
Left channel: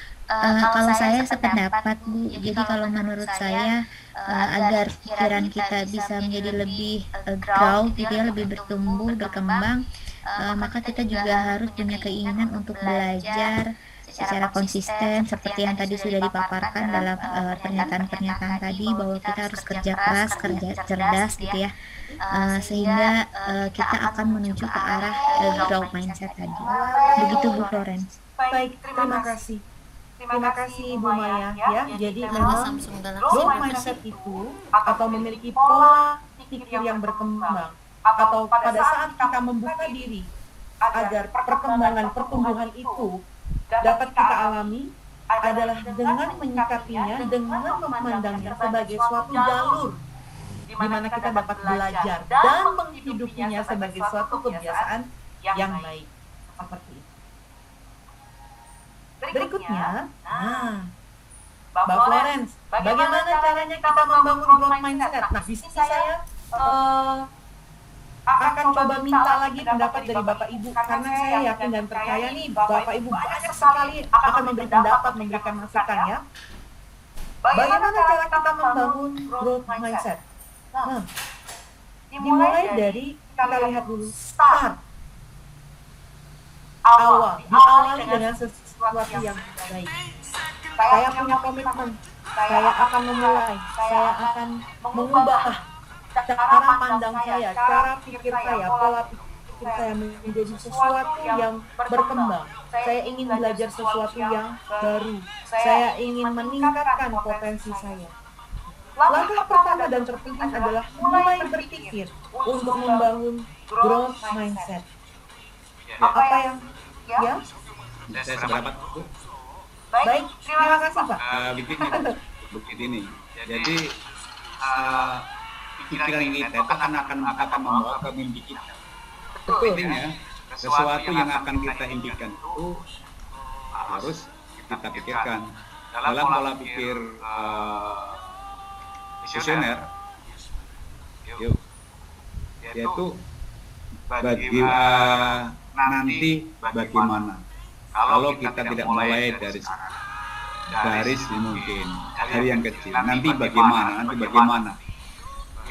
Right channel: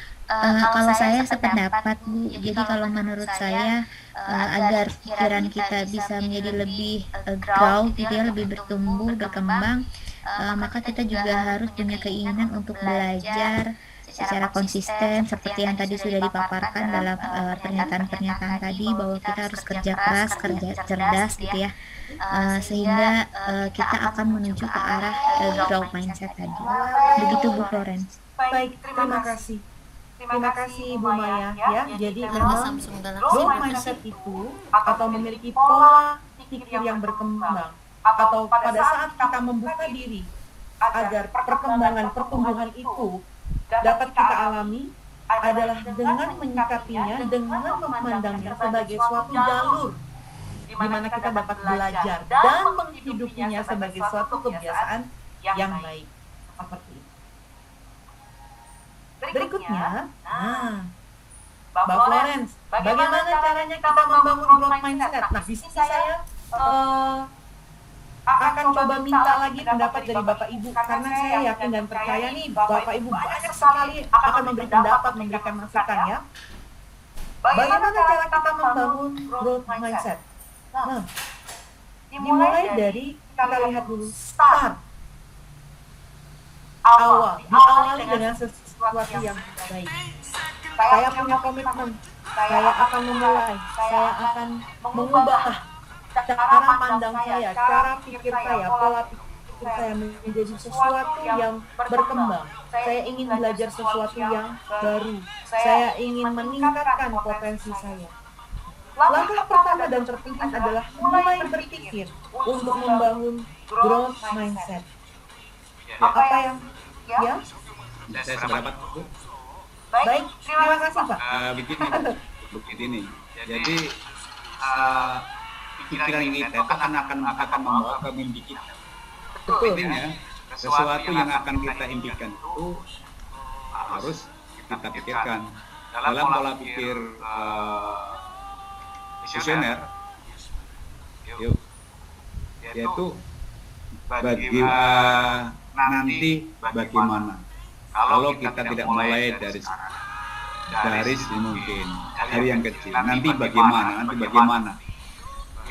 Kalau saya sependapat Bu, jadi kalau menurut saya agar pikiran kita bisa menjadi lebih grow gitu ya, lebih bertumbuh, berkembang, maka kita juga harus punya keinginan untuk belajar secara konsisten seperti yang tadi sudah dipaparkan dalam pernyataan-pernyataan tadi, bahwa kita harus kerja keras, kerja cerdas gitu ya, sehingga kita akan menuju ke arah growth mindset tadi. Begitu Bu Florence. Baik, terima kasih. Terima kasih Bu Maya ya. Jadi memang growth mindset itu atau memiliki pola pikir yang berkembang atau pada saat kita membuka diri agar perkembangan pertumbuhan itu dapat kita alami adalah dengan menyikapinya, dengan memandangnya sebagai suatu jalur di mana kita dapat belajar dan menghidupinya sebagai suatu kebiasaan yang baik. Seperti itu. Berikutnya, Mbak Florence, bagaimana caranya kita membangun growth mindset? Nah, di sini saya akan coba minta lagi pendapat dari Bapak Ibu, karena saya yakin dan percaya nih, Bapak Ibu banyak sekali akan memberi pendapat, memberikan masukan ya. Bagaimana cara kita membangun growth mindset? Nah, dimulai dari, kita lihat dulu, start. Diawali dengan sesuatu yang baik. Saya punya komitmen, saya akan memulai, saya akan mengubah cara pandang saya, cara pikir saya, pola pikir saya menjadi sesuatu yang berkembang. Saya ingin belajar sesuatu yang baru. Saya ingin meningkatkan potensi saya. Langkah pertama dan terpenting adalah mulai berpikir untuk membangun growth mindset. Ya. Apa yang, ya? Saya seberapa, Bu? Baik, terima kasih, Pak. Begini. Jadi pikiran kita itu akan membawa ke mimpi kita. Betul. Artinya sesuatu yang akan kita impikan itu harus kita pikirkan dalam pola pikir visioner, yaitu nanti bagaimana kalau kita tidak mulai dari sekarang, dari mungkin dari yang kecil, nanti bagaimana.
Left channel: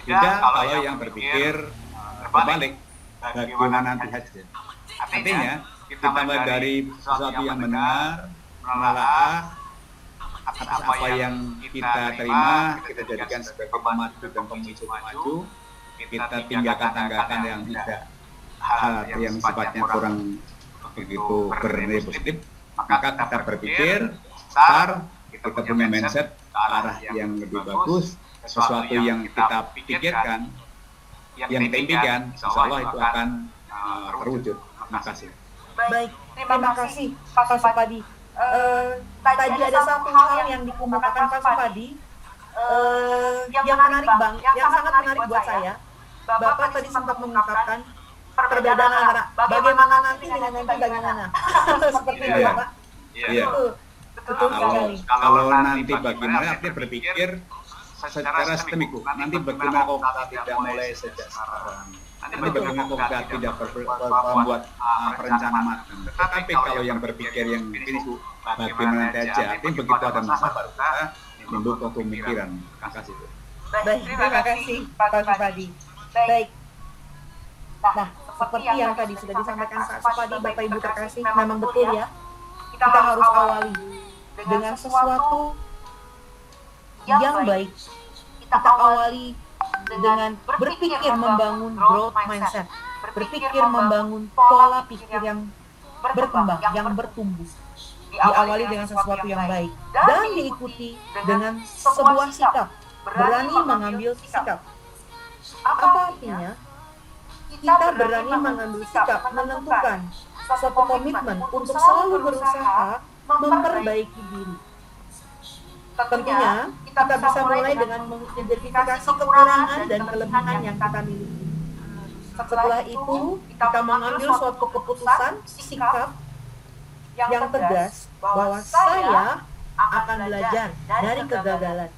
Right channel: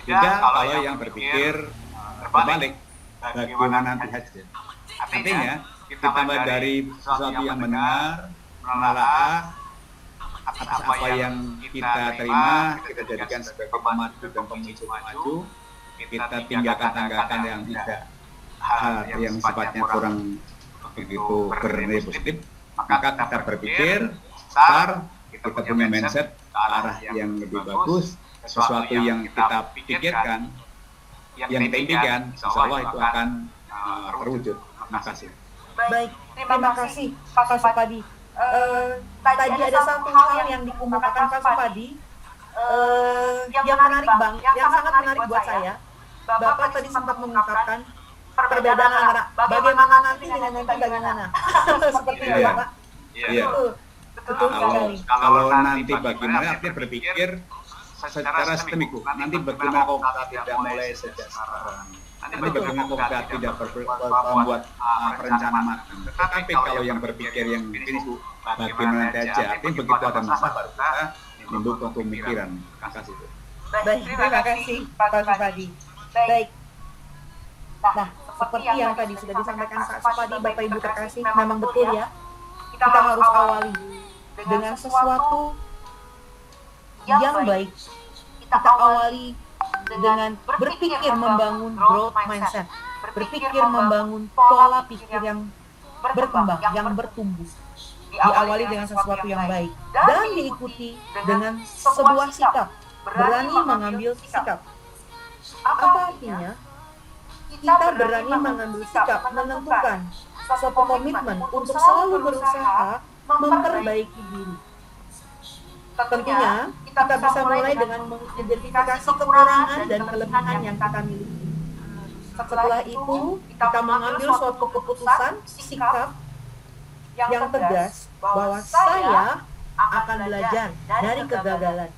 Beda kalau yang berpikir terbalik, bagaimana nanti hasil. Artinya kita mulai dari sesuatu yang mendengar, menelaah atas apa yang kita terima, kita jadikan sebagai pemacu dan pemicu maju. Kita tinggalkan yang tidak, hal yang sifatnya kurang begitu bernilai positif. Maka kita berpikir, start, kita punya mindset ke arah yang lebih bagus, sesuatu yang kita pikirkan, yang kita impikan, insya Allah itu akan terwujud. Terima kasih. Baik, terima kasih Pak Supadi. Tadi ada satu hal yang dikemukakan Pak Supadi yang menarik yang sangat menarik buat saya. Bapak tadi sempat mengungkapkan perbedaan antara bagaimana nanti dengan nanti bagaimana. Seperti itu ya Pak? Iya. Betul sekali. Kalau nanti bagaimana, artinya berpikir secara sistemik, Bu. Nanti bagaimana kalau kita tidak mulai sejak sekarang. Nanti bagaimana kalau kita tidak membuat perencanaan matang. Tetapi kalau yang berpikir yang finish, Bu, bagaimana nanti aja. Artinya begitu ada masalah baru kita nimbul suatu pemikiran. Terima kasih, Bu. Baik, terima kasih Pak Supadi. Baik. Nah, seperti yang tadi sudah disampaikan Pak Supadi, Bapak Ibu terkasih, memang betul ya. Kita harus awali dengan sesuatu yang baik. Kita awali dengan berpikir membangun growth mindset. Berpikir membangun pola pikir yang berkembang, yang bertumbuh. Diawali dengan sesuatu yang baik. Dan diikuti dengan sebuah sikap. Berani mengambil sikap. Apa artinya? Kita berani mengambil sikap, menentukan suatu komitmen untuk selalu berusaha memperbaiki diri. Tentunya, kita bisa mulai dengan mengidentifikasi kekurangan dan kelebihan yang kita miliki. Setelah itu, kita mengambil suatu keputusan, sikap yang tegas bahwa saya akan belajar dari kegagalan.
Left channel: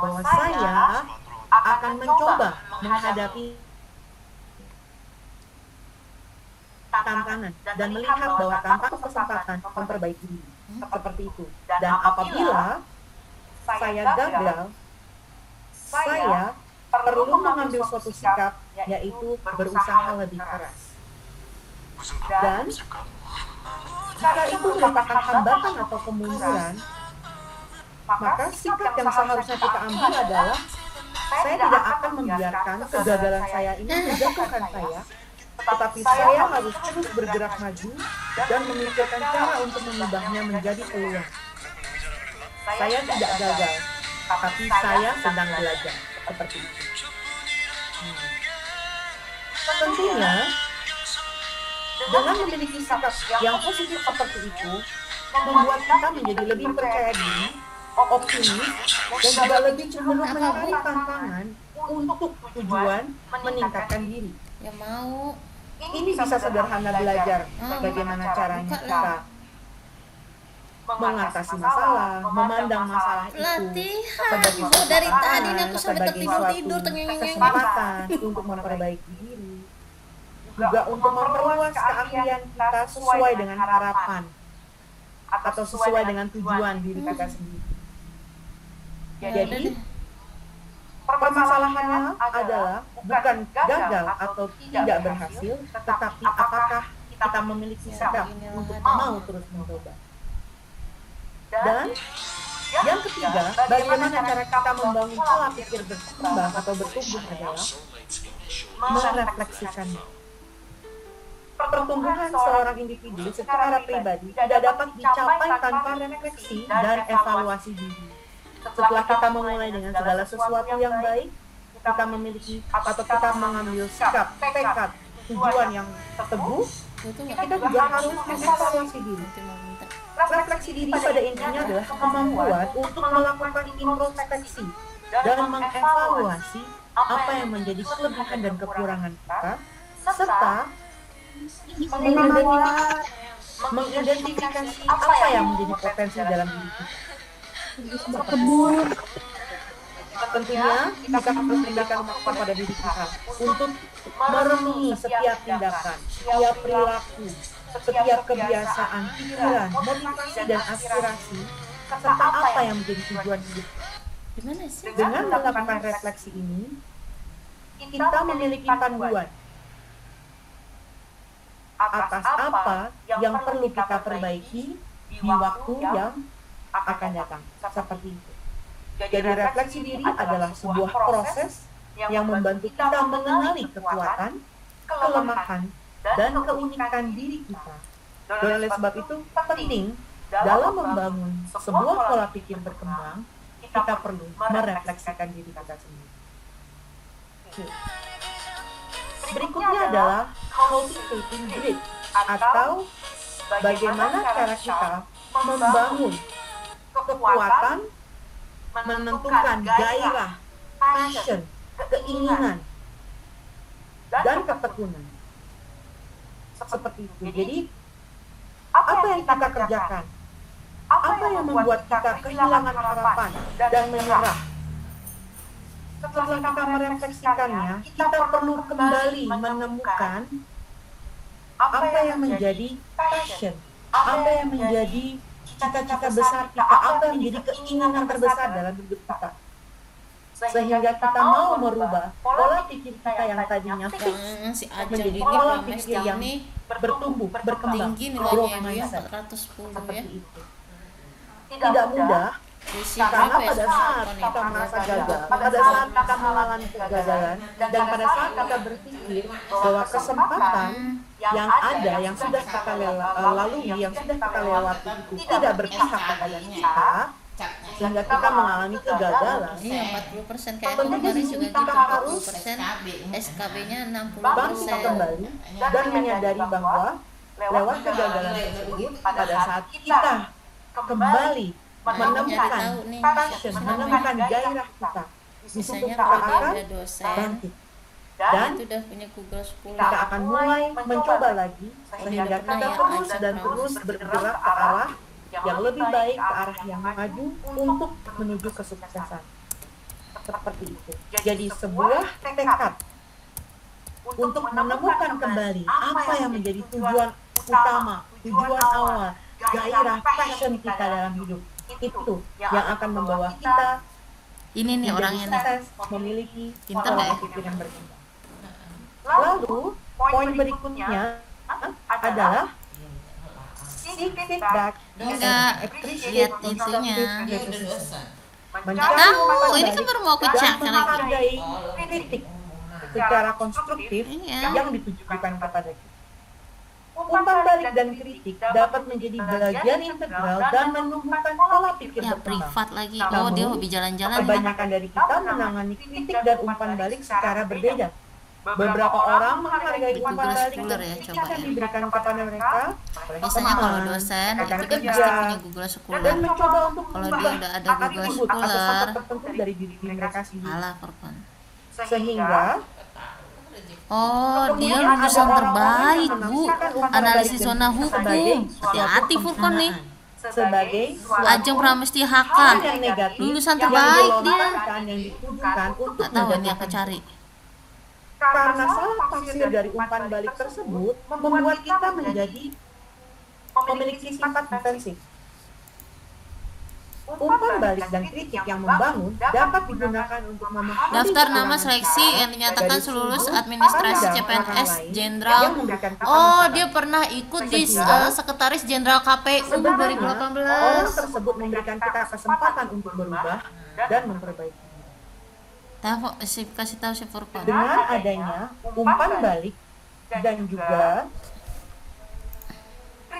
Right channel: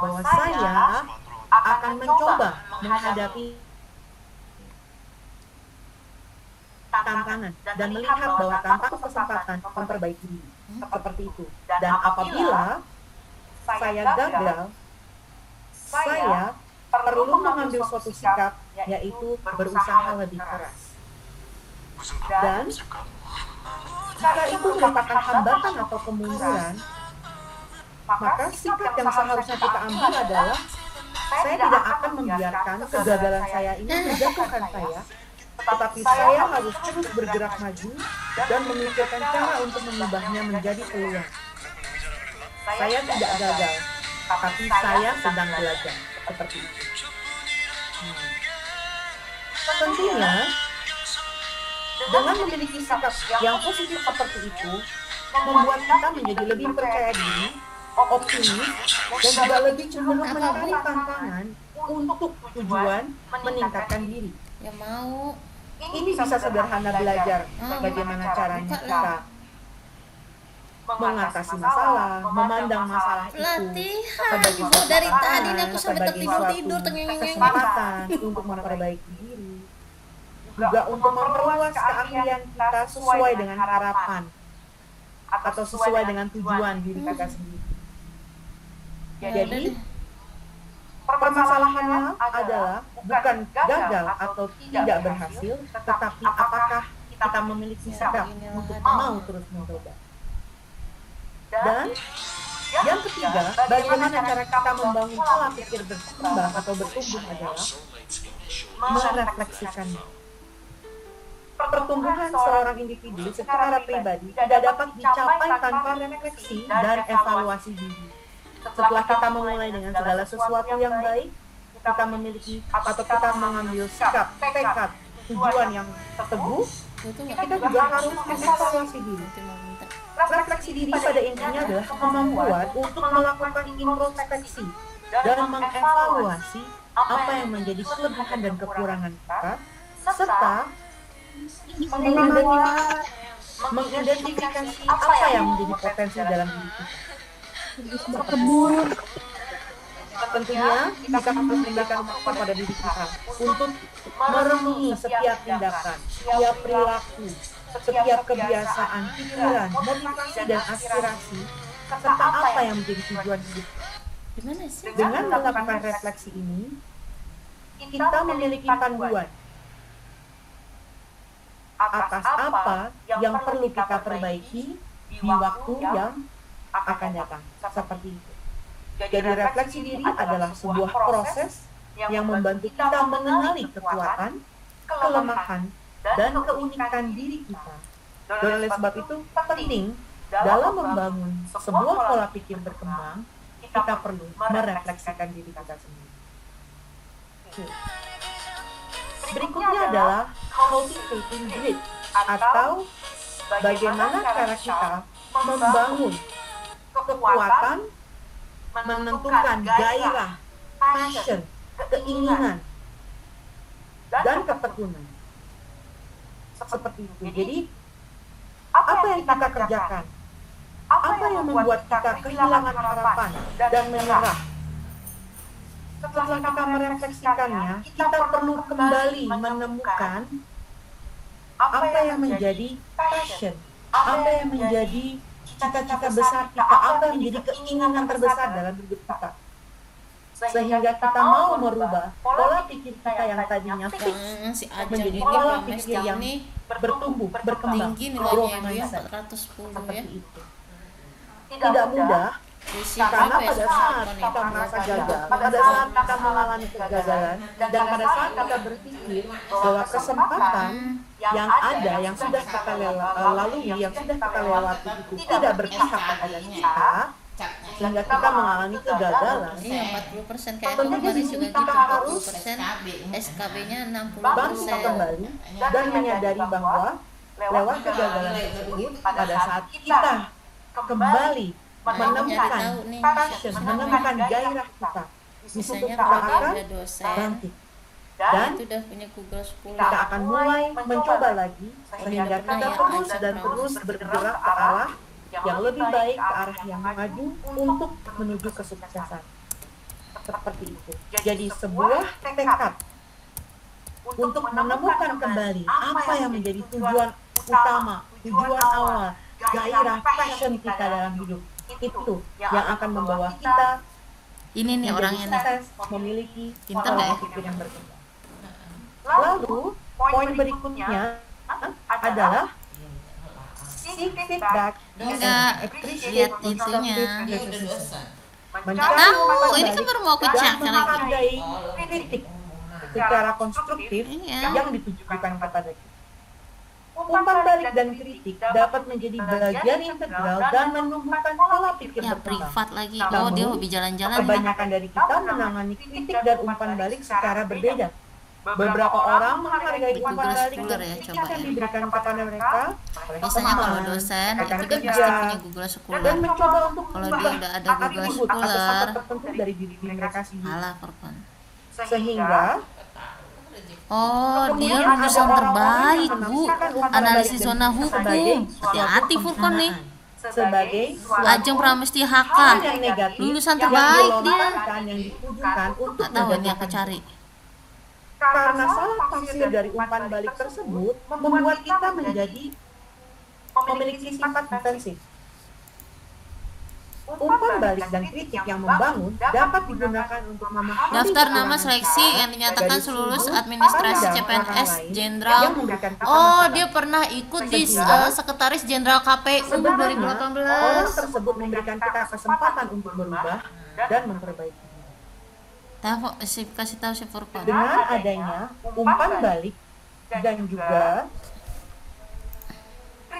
Bahwa saya akan mencoba menghadapi tantangan dan melihat bahwa tantangan itu kesempatan memperbaiki diri. Seperti itu. Dan apabila saya gagal, saya perlu mengambil suatu sikap, yaitu berusaha lebih keras. Dan jika itu merupakan hambatan atau kemunduran, maka sikap yang seharusnya kita ambil adalah saya tidak akan membiarkan kegagalan saya ini menjatuhkan saya, tetapi saya harus terus bergerak maju dan memikirkan cara untuk mengubahnya menjadi peluang. Saya tidak gagal, tapi saya sedang belajar. Seperti itu. Nah, tentunya dengan memiliki sikap yang positif seperti itu, membuat kita menjadi lebih percaya diri, optimis, dan juga lebih cenderung mencari tantangan untuk tujuan meningkatkan diri. Ini bisa sederhana belajar bagaimana caranya kita mengatasi masalah, memandang masalah itu sebagai suatu tantangan, sebagai suatu kesempatan untuk memperbaiki diri, juga untuk memperluas keahlian kita sesuai dengan harapan atau sesuai dengan tujuan diri kita sendiri. Jadi, permasalahannya adalah bukan gagal atau tidak berhasil, tetapi apakah kita memiliki sikap untuk mau terus mencoba. Dan yang ketiga, bagaimana cara kita membangun pola pikir berkembang atau bertumbuh adalah merefleksikannya. Pertumbuhan seorang individu secara pribadi tidak dapat dicapai tanpa refleksi dan evaluasi diri. Setelah kita memulai dengan segala sesuatu yang baik, kita memiliki atau kita mengambil sikap, tekad, tujuan yang teguh, kita juga harus mengevaluasi diri. Refleksi diri pada intinya adalah kemampuan untuk melakukan introspeksi dan mengevaluasi apa yang menjadi kelebihan dan kekurangan kita, serta mengidentifikasi apa yang menjadi potensi dalam diri kita. Berkebun. Tentunya kita harus memberikan waktu pada diri kita untuk merenungi setiap tindakan, setiap perilaku, setiap kebiasaan, pikiran, motivasi, dan aspirasi, serta apa yang menjadi tujuan hidup kita. Dengan melakukan refleksi ini, kita memiliki panduan atas apa yang perlu kita perbaiki di waktu yang akan datang. Seperti itu. Jadi refleksi diri adalah sebuah proses yang membantu kita mengenali kekuatan, kelemahan, dan keunikan diri kita. Dan oleh sebab itu penting dalam membangun sebuah pola pikir berkembang, kita perlu merefleksikan diri kita sendiri. Oke. Berikutnya adalah cultivating grit, atau bagaimana cara kita membangun kekuatan, menentukan gairah, passion, keinginan, dan ketekunan. Seperti itu. Jadi, apa yang kita kerjakan? Apa yang membuat kita kehilangan harapan dan menyerah? Setelah kita merefleksikannya, kita perlu kembali menemukan apa yang menjadi passion, apa yang menjadi cita-cita besar kita, apa yang menjadi keinginan terbesar dalam hidup kita. Sehingga kita mau merubah pola pikir kita yang tadinya fix menjadi pola pikir yang bertumbuh, berkembang, growth mindset. Seperti itu. Tidak mudah, karena pada saat kita merasa gagal, pada saat kita mengalami kegagalan, dan pada saat kita berpikir bahwa kesempatan yang ada, yang sudah kita lalui, yang sudah kita lewati itu tidak berpihak kepada kita, sehingga kita mengalami kegagalan, tentunya di sini kita harus bangkit kembali dan menyadari bahwa lewat kegagalan tersebut, pada saat kita kembali menemukan passion, menemukan gairah kita, di situ kita akan bangkit. Dan kita akan mulai mencoba lagi, sehingga kita terus dan terus bergerak ke arah yang lebih baik, ke arah yang maju, untuk menuju kesuksesan. Seperti itu. Jadi sebuah tekad untuk menemukan kembali apa yang menjadi tujuan utama, tujuan awal, gairah, passion kita dalam hidup. Itu yang akan membawa kita menjadi sukses, memiliki pola pikir yang berkembang. Lalu, poin berikutnya adalah seek feedback and appreciate constructive criticism. Mencari umpan balik dan menghargai kritik secara konstruktif yang ditujukan kepada kita. Umpan balik dan kritik dapat menjadi bagian integral dan menumbuhkan pola pikir berkembang. Namun, kebanyakan dari kita menangani kritik dan umpan balik secara berbeda. Beberapa orang menghargai umpan balik dan kritik yang diberikan kepada mereka oleh teman, rekan kerja, dan mencoba untuk mengubah atribut atau sifat tertentu dari diri mereka sendiri. Sehingga kemudian ada orang-orang yang menafsirkan umpan balik dan kritik sebagai suatu penghinaan, sebagai suatu hal yang negatif yang dilontarkan, yang ditujukan untuk menjatuhkan mereka. Karena salah tafsir dari umpan balik tersebut membuat kita memiliki sifat defensif. Umpan balik dan kritik yang membangun dapat digunakan untuk memahami kekurangan kita dari sudut pandang orang lain yang memberikan kita masukan. Sehingga sebenarnya orang tersebut memberikan kita kesempatan untuk berubah dan memperbaiki diri. Dengan adanya umpan balik dan juga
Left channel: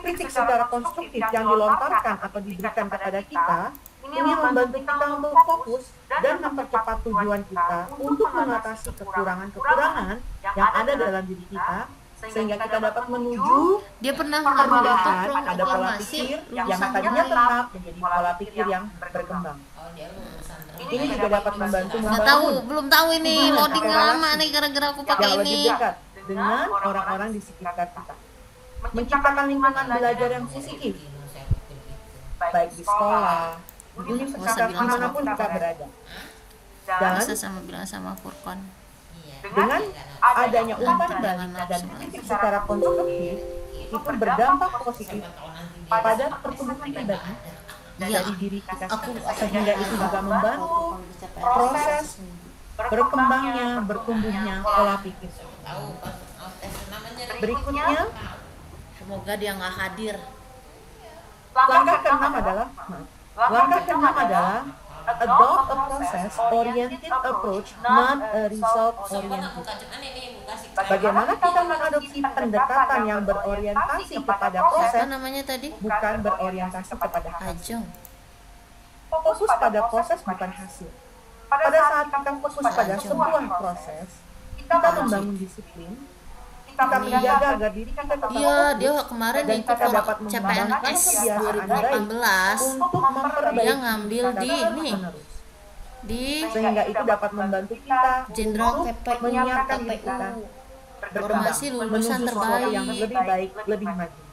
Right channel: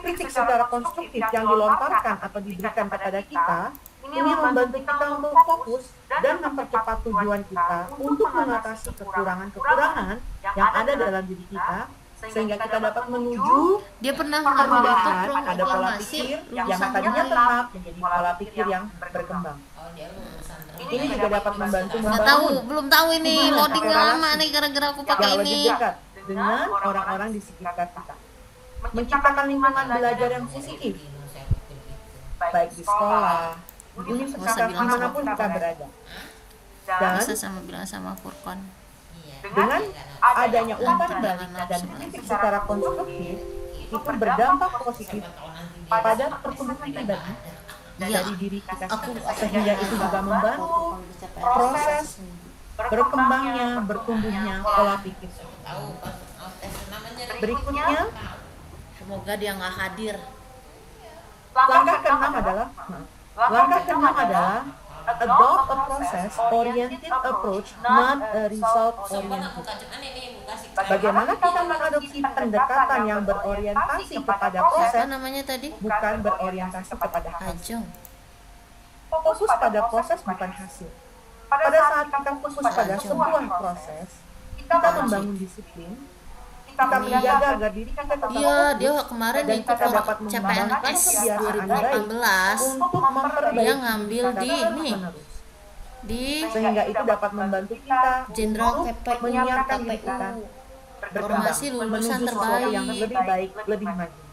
kritik secara konstruktif yang dilontarkan atau diberikan kepada kita, ini membantu kita untuk fokus dan mempercepat tujuan kita untuk mengatasi kekurangan-kekurangan yang ada dalam diri kita, sehingga kita dapat menuju perubahan pada pola pikir yang tadinya tetap menjadi pola pikir yang berkembang. Ini juga dapat membantu membangun hubungan atau relasi yang lebih dekat dengan orang-orang di sekitar kita. Menciptakan lingkungan belajar yang positif, baik di sekolah, di universitas, dimanapun kita berada. Dan dengan adanya umpan balik dan kritik secara konstruktif, itu berdampak positif pada pertumbuhan pribadi dari diri kita sendiri. Sehingga itu juga membantu proses berkembangnya, bertumbuhnya pola pikir kita. Berikutnya, langkah keenam adalah adopt a process-oriented approach, not a result-oriented. Bagaimana kita mengadopsi pendekatan yang berorientasi kepada proses, bukan berorientasi kepada hasil. Fokus pada proses bukan hasil. Pada saat kita fokus pada sebuah proses, kita membangun disiplin, kita menjaga agar diri kita tetap fokus, dan kita dapat mengembangkan kebiasaan baik untuk memperbaiki diri kita terus-menerus. Sehingga itu dapat membantu kita untuk menyiapkan diri kita berkembang, menuju sesuatu yang lebih baik, lebih maju.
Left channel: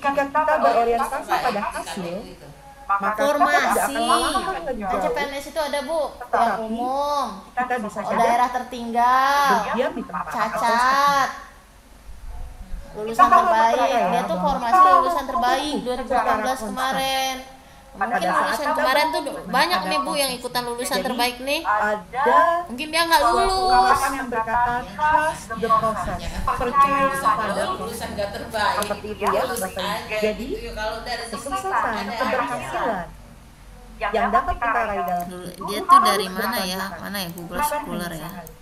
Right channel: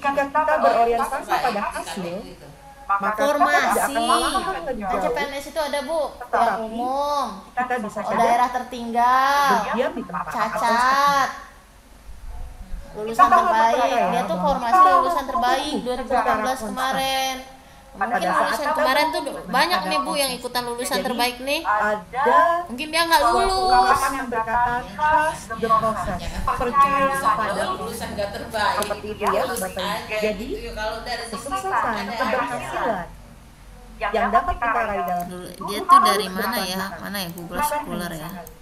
Jika kita berorientasi pada hasil, maka kita tidak akan melangkah lebih jauh, tetapi kita bisa saja berdiam di tempat atau stagnan. Kita harus percaya bahwa kita mampu tumbuh secara konstan pada saat kita berkomitmen pada prosesnya. Jadi ada suatu ungkapan yang berkata trust the process, percaya pada proses. Seperti itu ya Bapak Ibu. Jadi kesuksesan, keberhasilan yang dapat kita raih dalam hidup itu harus berkelanjutan, bukan hanya sekali.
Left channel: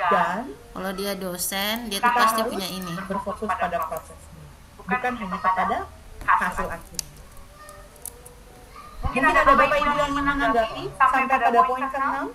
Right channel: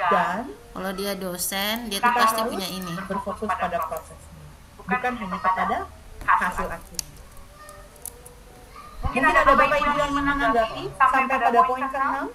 Dan kita harus berfokus pada prosesnya, bukan hanya kepada hasil akhirnya. Mungkin ada Bapak Ibu yang ingin menanggapi sampai pada poin ke-6?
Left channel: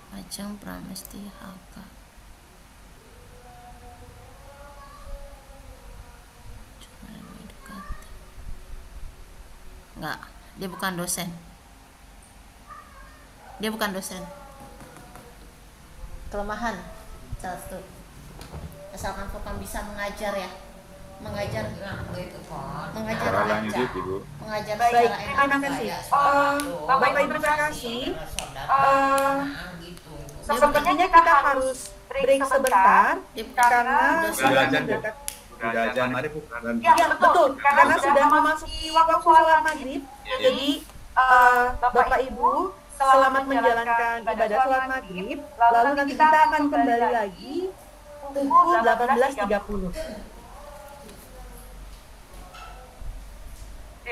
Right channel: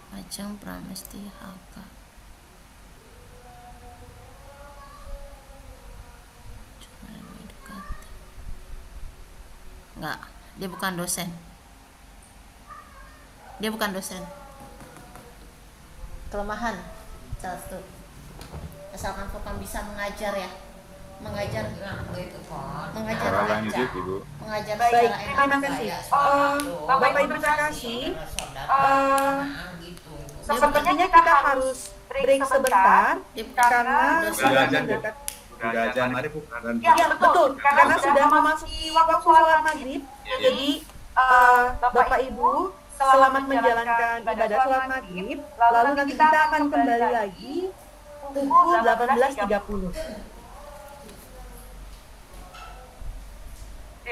Ya, lanjut Ibu. Baik, terima kasih. Bapak Ibu terkasih, sepertinya kita harus break sebentar karena sudah mendekat. Sudah azan maghrib, Bu. Ya, betul. Karena sudah memasuki waktu sholat maghrib. Ya. Jadi, Bapak Ibu, selamat menjalankan ibadah sholat maghrib. Lalu nanti kita akan kembali lagi pukul 18.30.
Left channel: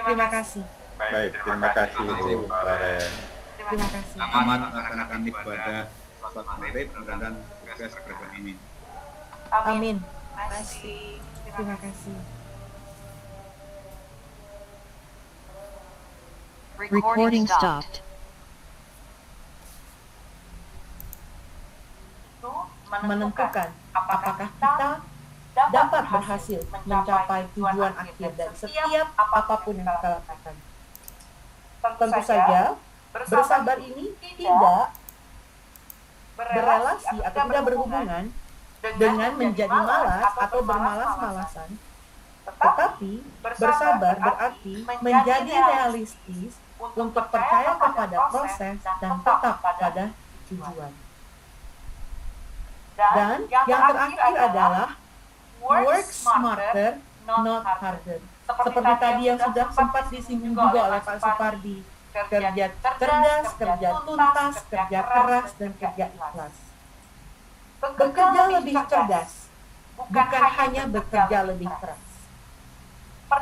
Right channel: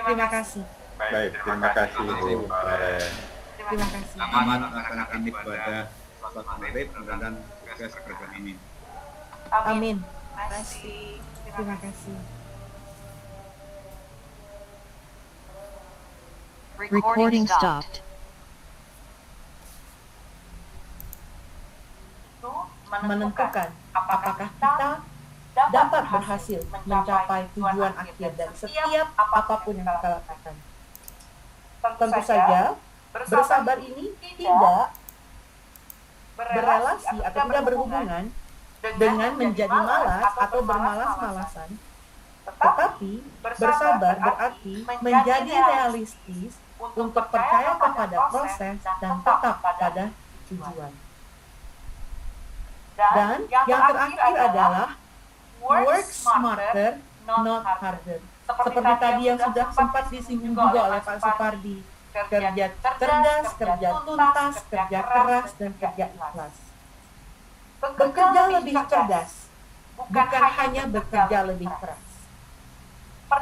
Terima kasih. Baik, terima kasih Bu Kore. Terima kasih. Selamat melaksanakan ibadah sholat maghrib. Mudah-mudahan sukses berkah. Amin. Amin. Terima kasih. Terima kasih. Recording stopped. Menentukan apakah kita dapat berhasil mencapai tujuan akhir dari setiap apapun yang kita lakukan. Tentu saja, bersabar ini tidak berelasi atau tidak berhubungan dengan menjadi malas atau bermalas-malasan, tetapi bersabar berarti menjadi realistis untuk percaya kepada proses dan tetap pada tujuan. Dan yang terakhir adalah work smarter, not harder. Seperti tadi yang sudah sempat disinggung juga oleh Pak Supardi, kerja cerdas, kerja tuntas, kerja keras, dan kerja ikhlas. Bekerja lebih cerdas, bukan hanya bekerja lebih keras.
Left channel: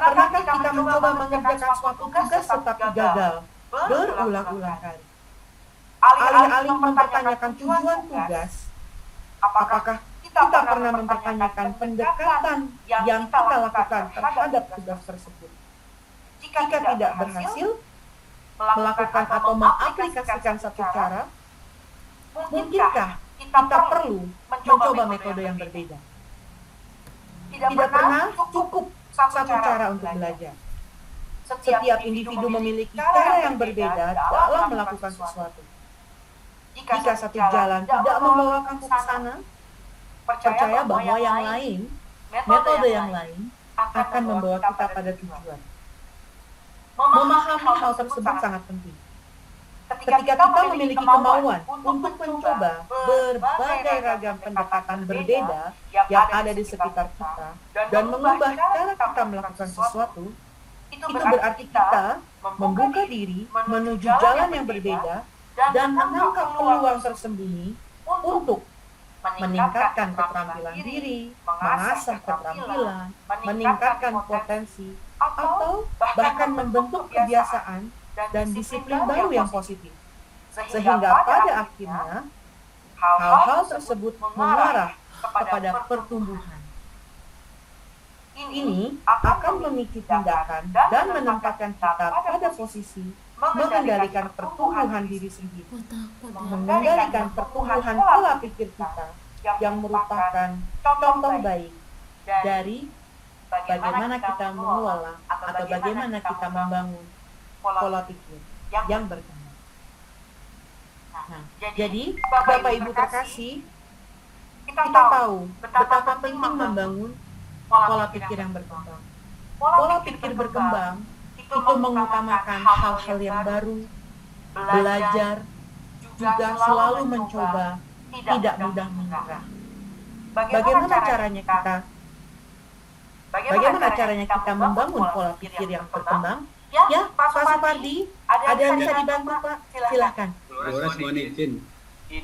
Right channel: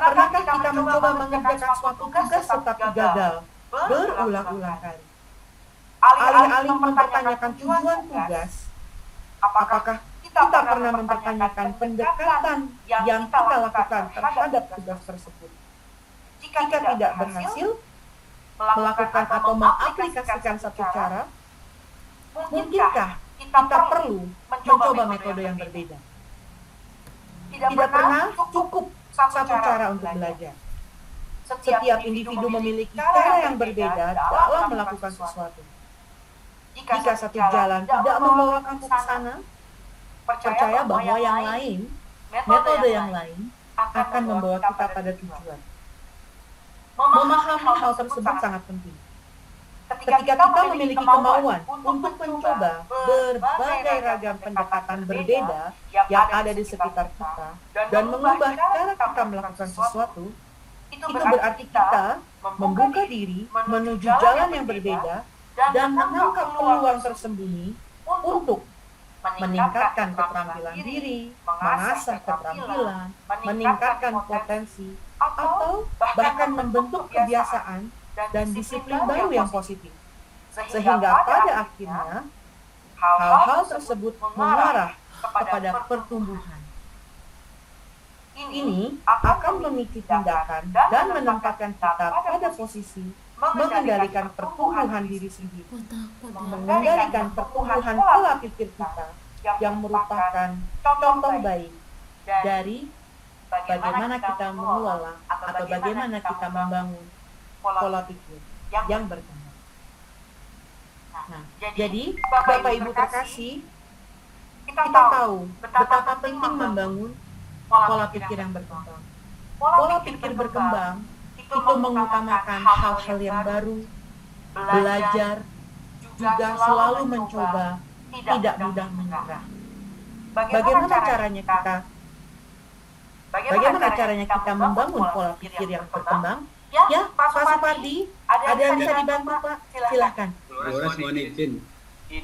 Pernahkah kita mencoba mengerjakan suatu tugas tetapi gagal berulang-ulang kali? Alih-alih mempertanyakan tujuan tugas, apakah kita pernah mempertanyakan pendekatan yang kita lakukan terhadap tugas tersebut? Jika tidak berhasil melakukan atau mengaplikasikan satu cara, mungkinkah kita perlu mencoba metode yang berbeda? Tidak pernah cukup satu cara untuk belajar. Setiap individu memiliki cara yang berbeda dalam melakukan sesuatu. Jika satu jalan tidak membawa kamu ke sana, percaya bahwa yang lain, metode yang lain, akan membawa kita pada tujuan. Memahami hal tersebut sangat penting. Ketika kita memiliki kemauan untuk mencoba berbagai ragam pendekatan berbeda yang ada di sekitar kita dan mengubah cara kita melakukan sesuatu, itu berarti kita membuka diri menuju jalan yang berbeda dan menangkap peluang tersembunyi untuk meningkatkan keterampilan diri, mengasah keterampilan, meningkatkan potensi, atau bahkan membentuk kebiasaan dan disiplin baru yang positif. Sehingga pada akhirnya, hal-hal tersebut mengarah kepada pertumbuhan. Ini akan memicu tindakan dan menempatkan kita pada posisi mengendalikan pertumbuhan diri sendiri, mengendalikan pertumbuhan pola pikir kita yang merupakan contoh baik dari bagaimana kita mengelola atau bagaimana kita membangun pola pikir yang berkembang. Nah, jadi Bapak Ibu terkasih, kita tahu betapa penting membangun pola pikir yang berkembang. Pola pikir berkembang itu mengutamakan hal-hal yang baru, belajar, juga selalu mencoba, tidak mudah menyerah. Bagaimana caranya kita membangun pola pikir yang berkembang? Ya, Pak Supardi, ada yang bisa dibantu, Pak? Silahkan. Dolores, mohon izin.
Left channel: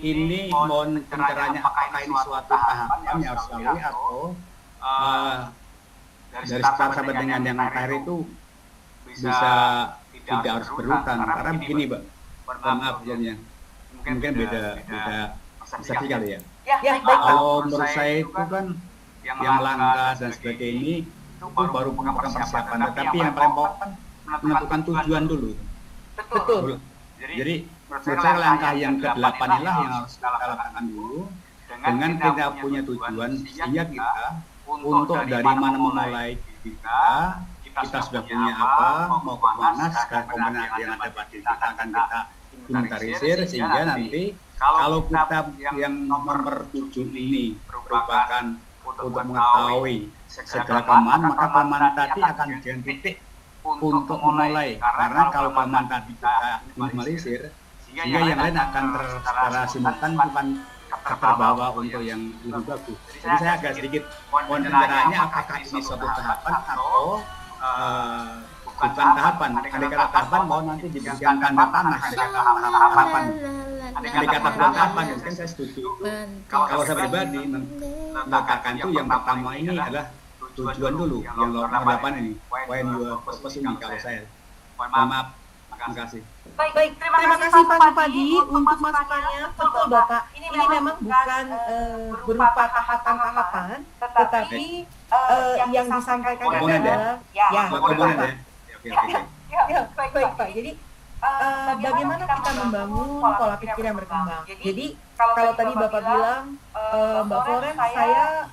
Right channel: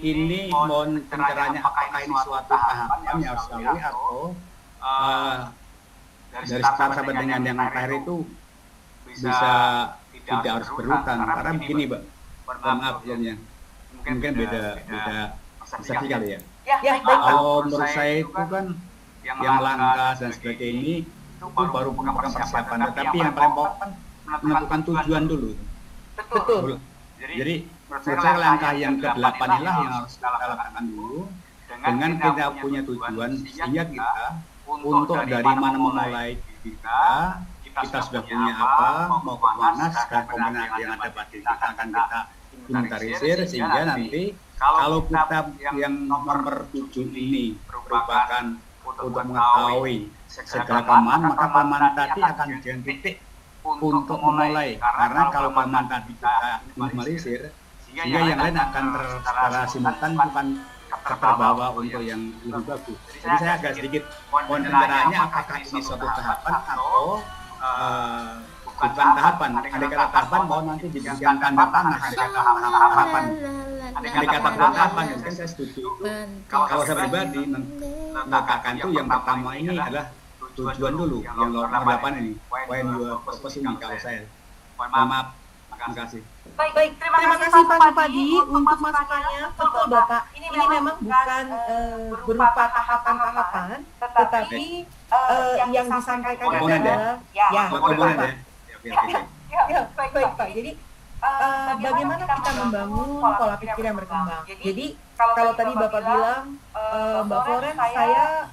Ini mohon pencerahannya, apakah ini suatu tahapan yang harus dilalui atau dari start sampai dengan yang terakhir itu bisa tidak harus berurutan? Karena begini, Mbak, mohon maaf sebelumnya, mungkin beda persepsi kali ya. Ya, baik, Pak. Kalau menurut saya itu kan yang langkah dan sebagainya ini itu baru merupakan persiapan, tetapi yang paling pokok kan menentukan tujuan dulu. Betul. Jadi menurut saya langkah yang ke-8 inilah yang harus kita letakkan dulu dengan kita punya tujuan, sehingga kita untuk dari mana memulai diri kita sudah punya apa, mau ke mana, segala komponen yang ada pada diri kita akan kita inventarisir, sehingga nanti kalau kita yang nomor 7 ini merupakan untuk mengetahui segala kelemahan, maka kelemahan tadi akan jadi titik untuk memulai. Karena kalau kelemahan tadi kita minimalisir, sehingga yang lain akan secara simultan bukan terbawa untuk yang lebih bagus. Jadi saya agak sedikit mohon pencerahannya, apakah ini suatu tahapan atau bukan tahapan. Andai kata tahapan, mohon nanti diberikan tanda panah andai kata tahapan. Andai kata bukan tahapan, mungkin saya setuju itu. Kalau saya pribadi meletakkan itu yang pertama ini adalah tujuan dulu, yang nomor 8 ini, when your purpose ini kalau saya. Mohon maaf, makasih. Baik, terima kasih Pak Supadi untuk masukannya. Betul Bapak, ini memang bukan berupa tahapan-tahapan, tetapi yang disampaikan ini adalah ya, betul Pak. Ya, oke. Ya, baik Pak. Jadi bagaimana kita membangun pola pikir yang berkembang. Jadi kalau tadi Bapak bilang, Mbak Florence, saya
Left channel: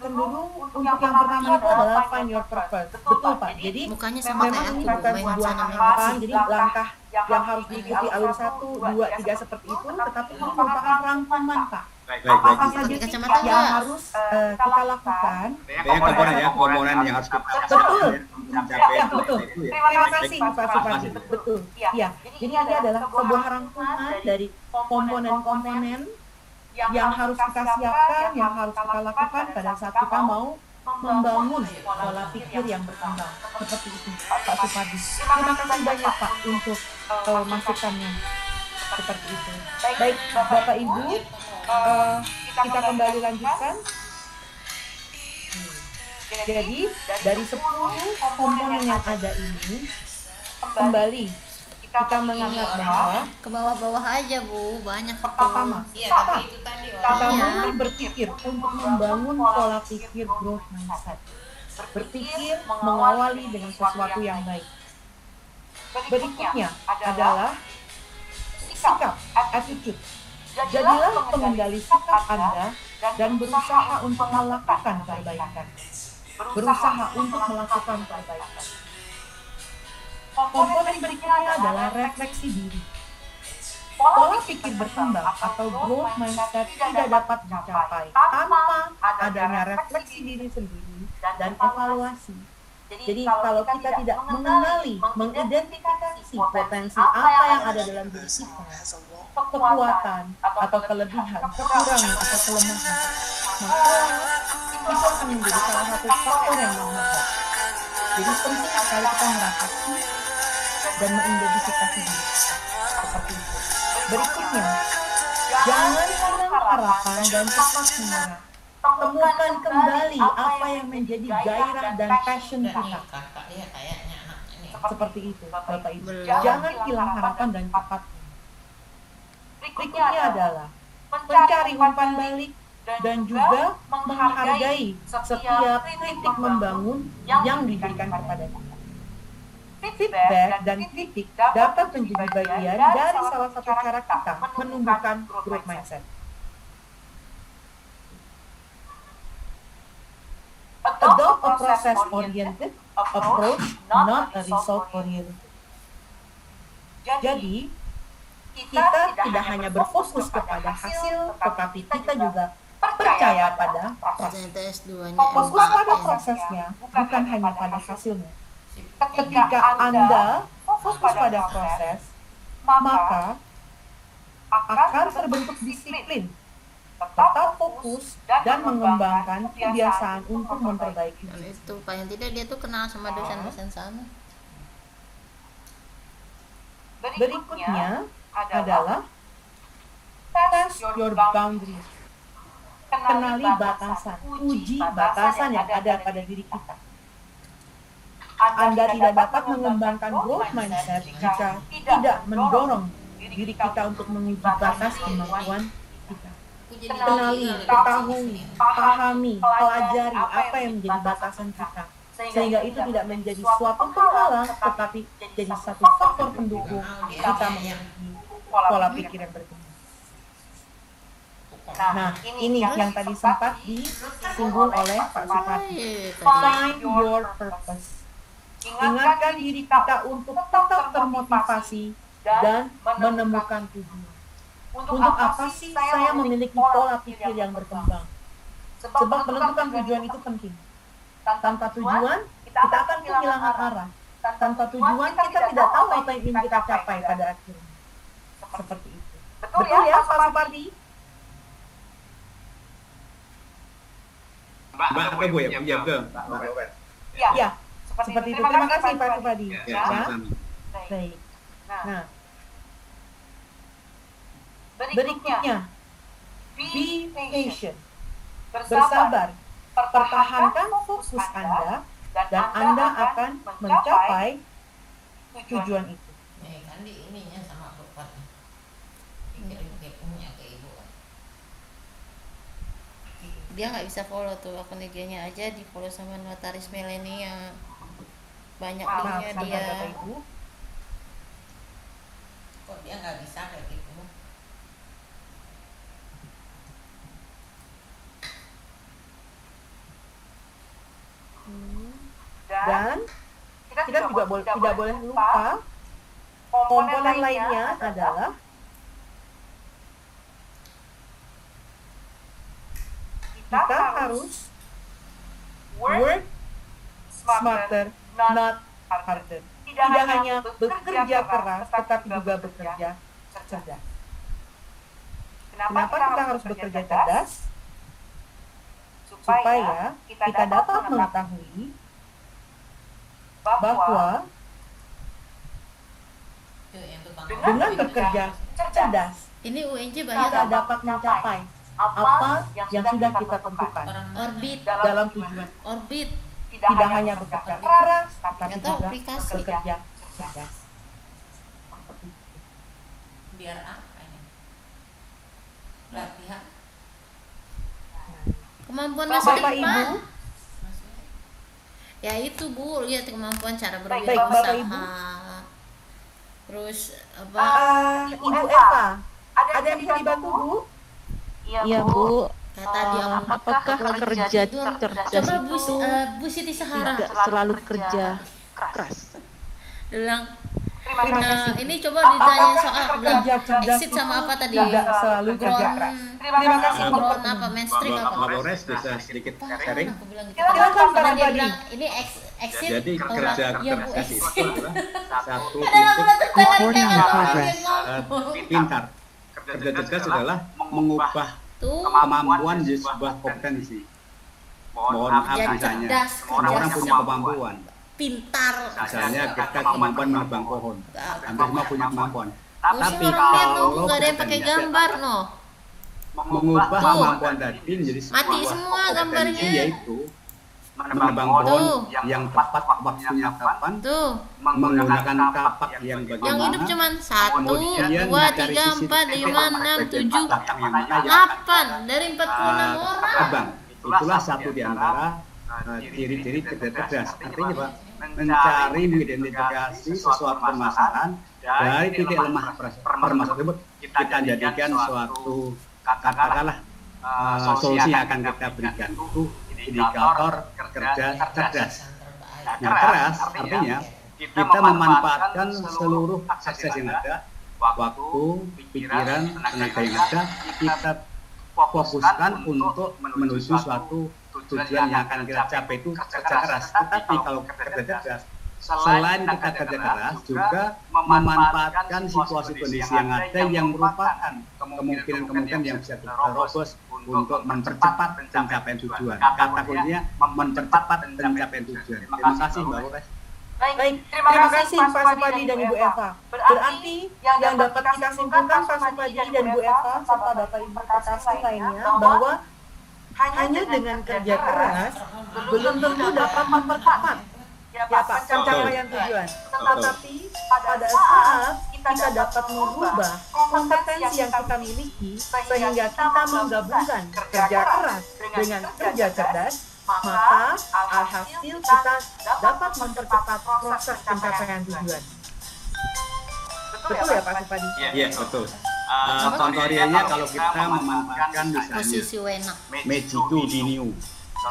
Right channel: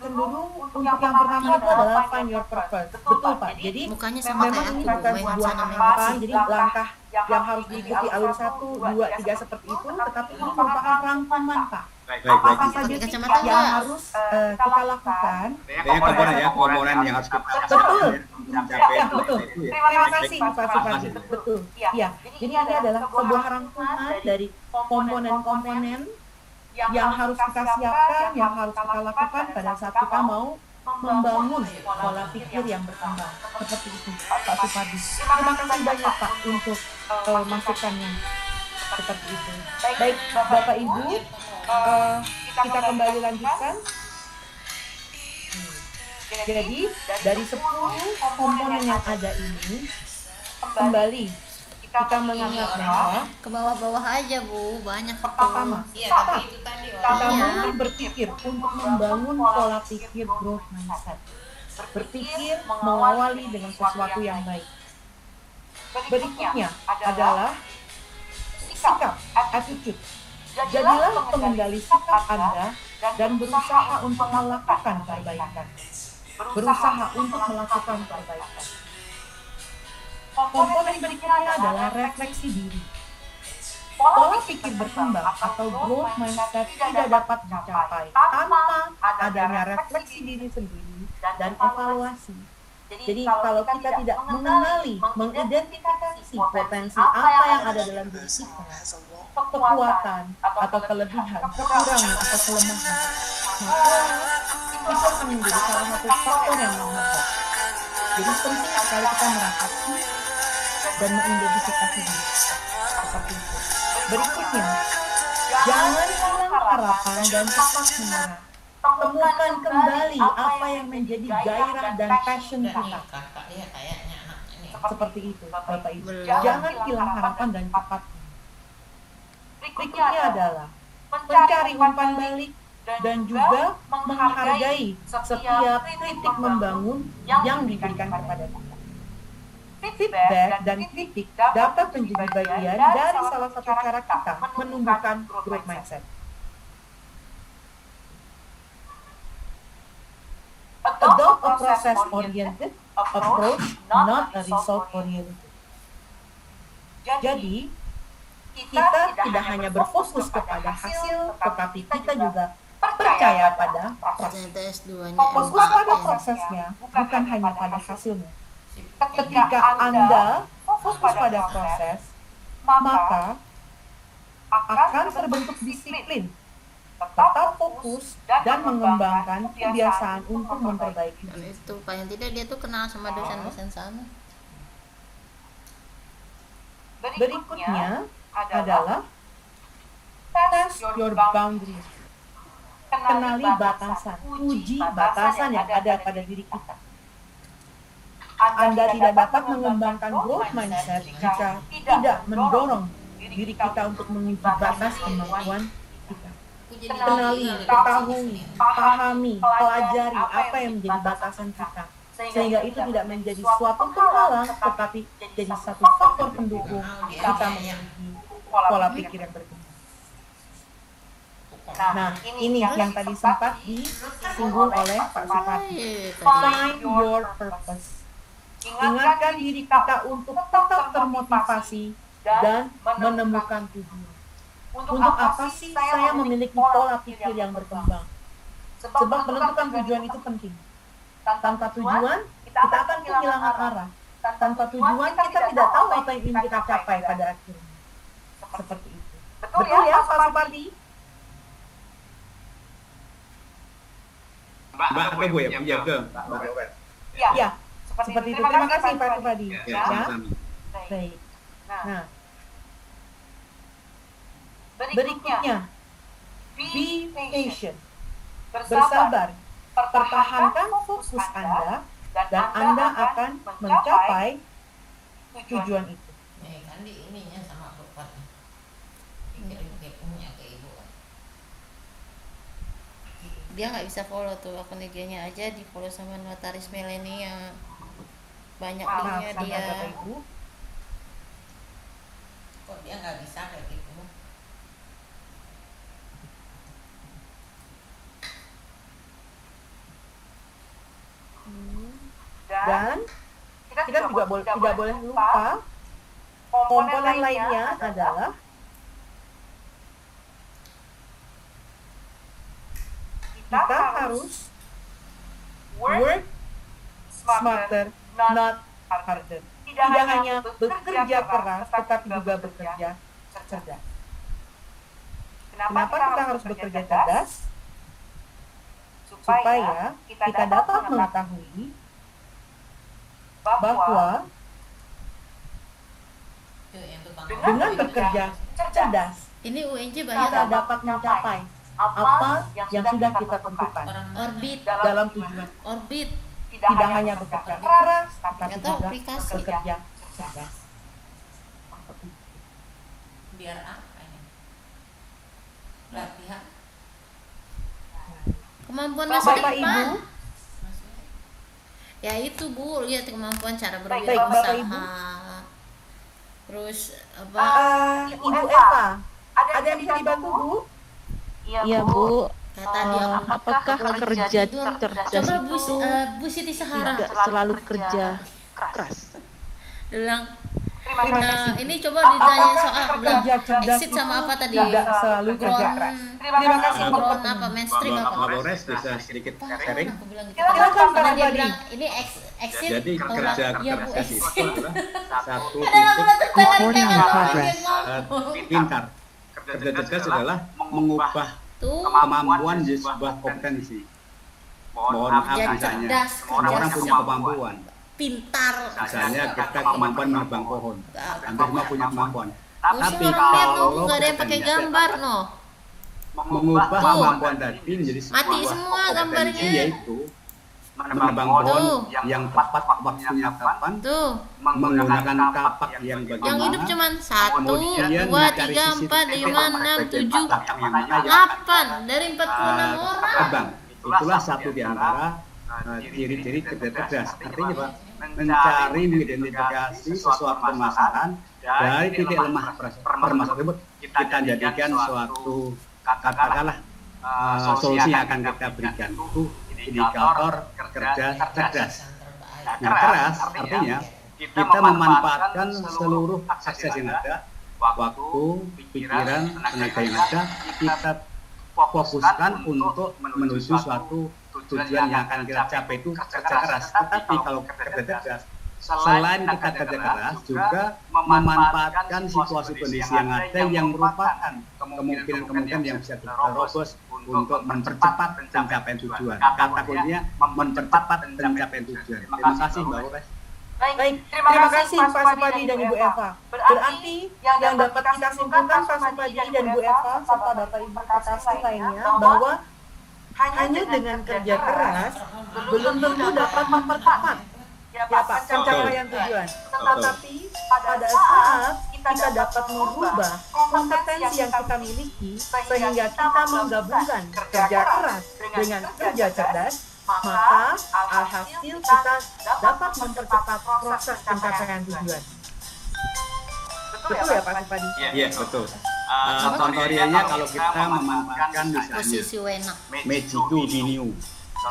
cenderung untuk yang pertama itu adalah find your purpose. Betul Pak. Jadi memang ini bukan sebuah tahapan, jadi langkah yang harus diikuti alur 1, 2, 3 seperti itu, tetapi ini merupakan rangkuman Pak. Baik, Apa Bu saja Susi. sih yang harus kita lakukan? Artinya pada komponen saat ya, kita- komponen yang harus kita persiapkan Betul. ya, untuk mencapai Ya, tujuan betul. itu ya. Terima Baik, kasih Pak terima Supardi. kasih, Bu. Betul. Ya, jadi ini adalah sebuah rangkuman dari komponen-komponen yang harus kita siapkan, yang harus kita lakukan pada saat kita mau membangun pola pikir yang berkembang. Seperti itu, Pak Supardi. Terima kasih banyak Pak untuk masukannya. Seperti itu. Baik, Bapak Ibu, kita kembali lanjutkan. Jadi, dari 10 komponen yang ada ini, kembali kita mengingat bahwa pertama, start. Kita mulai berpikir untuk membangun pola pikir growth mindset. Berpikir mengawali dengan sesuatu yang baik. Berikutnya adalah sikap, attitude. Jadilah pengendali sikap Anda dan berusaha untuk melakukan perbaikan. Berusaha untuk melakukan perbaikan. Komponen berikutnya adalah refleksi diri. Pola pikir berkembang atau growth mindset tidak dapat dicapai tanpa adanya refleksi diri sendiri dan evaluasi. Jadi kalau kita tidak mengenali, mengidentifikasi potensi apa yang ada dalam diri kita, kekuatan atau kelebihan, kekurangan atau kelemahan, maka itu akan menjadi salah satu faktor yang menghambat. Jadi penting sekali kita merefleksi dan mengidentifikasi diri kita. Seperti itu. Berikutnya, jangan hilang harapan dan cepat menyerah. Temukan kembali apa yang menjadi gairah dan passion kita. Seperti itu, Bapak Ibu. Jangan hilang harapan dan cepat menyerah. Berikutnya adalah mencari umpan balik dan juga menghargai setiap kritik membangun yang diberikan kepada kita. Feedback dan kritik dapat menjadi bagian dari salah satu cara kita menumbuhkan growth mindset. Adopt a process-oriented approach, not a result-oriented. Jadi, kita tidak hanya berfokus kepada hasil, tetapi kita juga percaya pada proses. Fokus pada prosesnya, bukan hanya pada hasilnya. Ketika Anda fokus pada proses, maka akan terbentuk disiplin. Tetap fokus dan mengembangkan kebiasaan untuk memperbaiki diri sendiri. Ya. Berikutnya adalah test your boundaries. Kenali batasan, uji batasan yang ada pada diri kita. Anda tidak dapat mengembangkan growth mindset jika tidak mendorong diri kita untuk menguji batas kemampuan kita. Kenali, ketahui, pahami, pelajari apa yang menjadi batasan kita. Sehingga itu tidak menjadi suatu penghalang, tetapi jadi satu faktor pendukung kita memiliki pola pikir yang berkembang. Nah, ini yang tadi sempat disinggung oleh Pak Supardi. Find your purpose. Ingatkan diri kita untuk tetap termotivasi dan menemukan tujuan. Untuk apa sih saya memiliki pola pikir yang berkembang? Sebab menentukan tujuan itu penting. Tanpa tujuan, kita akan kehilangan arah. Tanpa tujuan, kita tidak tahu apa yang ingin kita capai pada akhirnya. Seperti itu. Betul ya, Pak Supardi? Mbak atau Bu ya? Iya betul, Mbak Loren. Ya, seperti itu. Terima kasih Pak Supardi. Ya, sama-sama. Baik. Nah, berikutnya, be patient. Bersabar. Pertahankan fokus Anda dan Anda akan mencapai tujuan itu. Maaf sebentar Bapak Ibu. Dan kita juga tidak boleh lupa komponen lainnya adalah kita harus work smarter, not harder. Tidak hanya bekerja keras, tetapi juga bekerja cerdas. Kenapa kita harus bekerja cerdas? Supaya kita dapat mengetahui bahwa dengan bekerja cerdas, kita dapat mencapai apa yang sudah kita tentukan dalam tujuan kita. Tidak hanya bekerja keras, tetapi juga bekerja cerdas. Seperti itu. Baik. Bapak Ibu. Baik, Bapak Ibu. Ibu Eva, ada yang bisa dibantu, Bu? Iya, Bu. Apakah kerja cerdas itu tidak selalu kerja keras? Terima kasih, Bu. Apakah kerja cerdas itu tidak selalu kerja keras? Terima kasih untuk pertanyaannya. Mbak Flores bisa sedikit sharing? Silakan Pak Supadi. Jadi kerja cerdas itu adalah satu titik Recording in di atas, progress. pintar. Kerja cerdas adalah mengubah kemampuan jadi sebuah kompetensi. Mohon maaf misalnya, semua orang punya kemampuan. Misalnya kita kemampuan menebang pohon. Hampir semua punya kemampuan. Tapi kalau kompetensi adalah mengubah kemampuan tadi menjadi sebuah kompetensi, yaitu menebang pohon yang tepat waktunya kapan, menggunakan kapak yang bagaimana, kemudian mencari sisi titik lemah bagian batang yang mana yang akan kita tebang. Itulah satu di antara ciri-ciri kerja cerdas. Artinya Pak, mencari mengidentifikasi sesuatu permasalahan dari titik lemah permasalahan tersebut, kita jadikan suatu katakanlah solusi yang akan kita berikan. Itu indikator kerja cerdas. Nah, keras artinya kita memanfaatkan seluruh akses yang ada, waktu, pikiran, tenaga yang ada, kita fokuskan untuk menuju suatu tujuan yang akan kita capai, itu kerja keras. Tetapi kalau kerja cerdas, selain kita kerja keras, juga memanfaatkan situasi kondisi yang ada yang merupakan kemungkinan-kemungkinan yang bisa terobos untuk mempercepat pencapaian tujuan. Kata kuncinya mempercepat pencapaian tujuan. Terima kasih Mbak Flores. Baik, terima kasih Pak Supadi dan Ibu Eva. Berarti yang dapat kita simpulkan Pak Supadi dan Bu Eva serta Bapak Ibu terkasih lainnya bahwa hanya dengan kerja keras belum tentu dapat mempercepat ya Pak pencapaian tujuan. Betul. Tetapi pada saat kita dapat merubah kompetensi yang kita miliki sehingga kita menggabungkan kerja keras dengan kerja cerdas, maka alhasil kita dapat mempercepat proses pencapaian tujuan. Betul ya Pak Supadi? Iya, betul. Contoh realnya kalau kita memanfaatkan misalnya Magiku Biniu.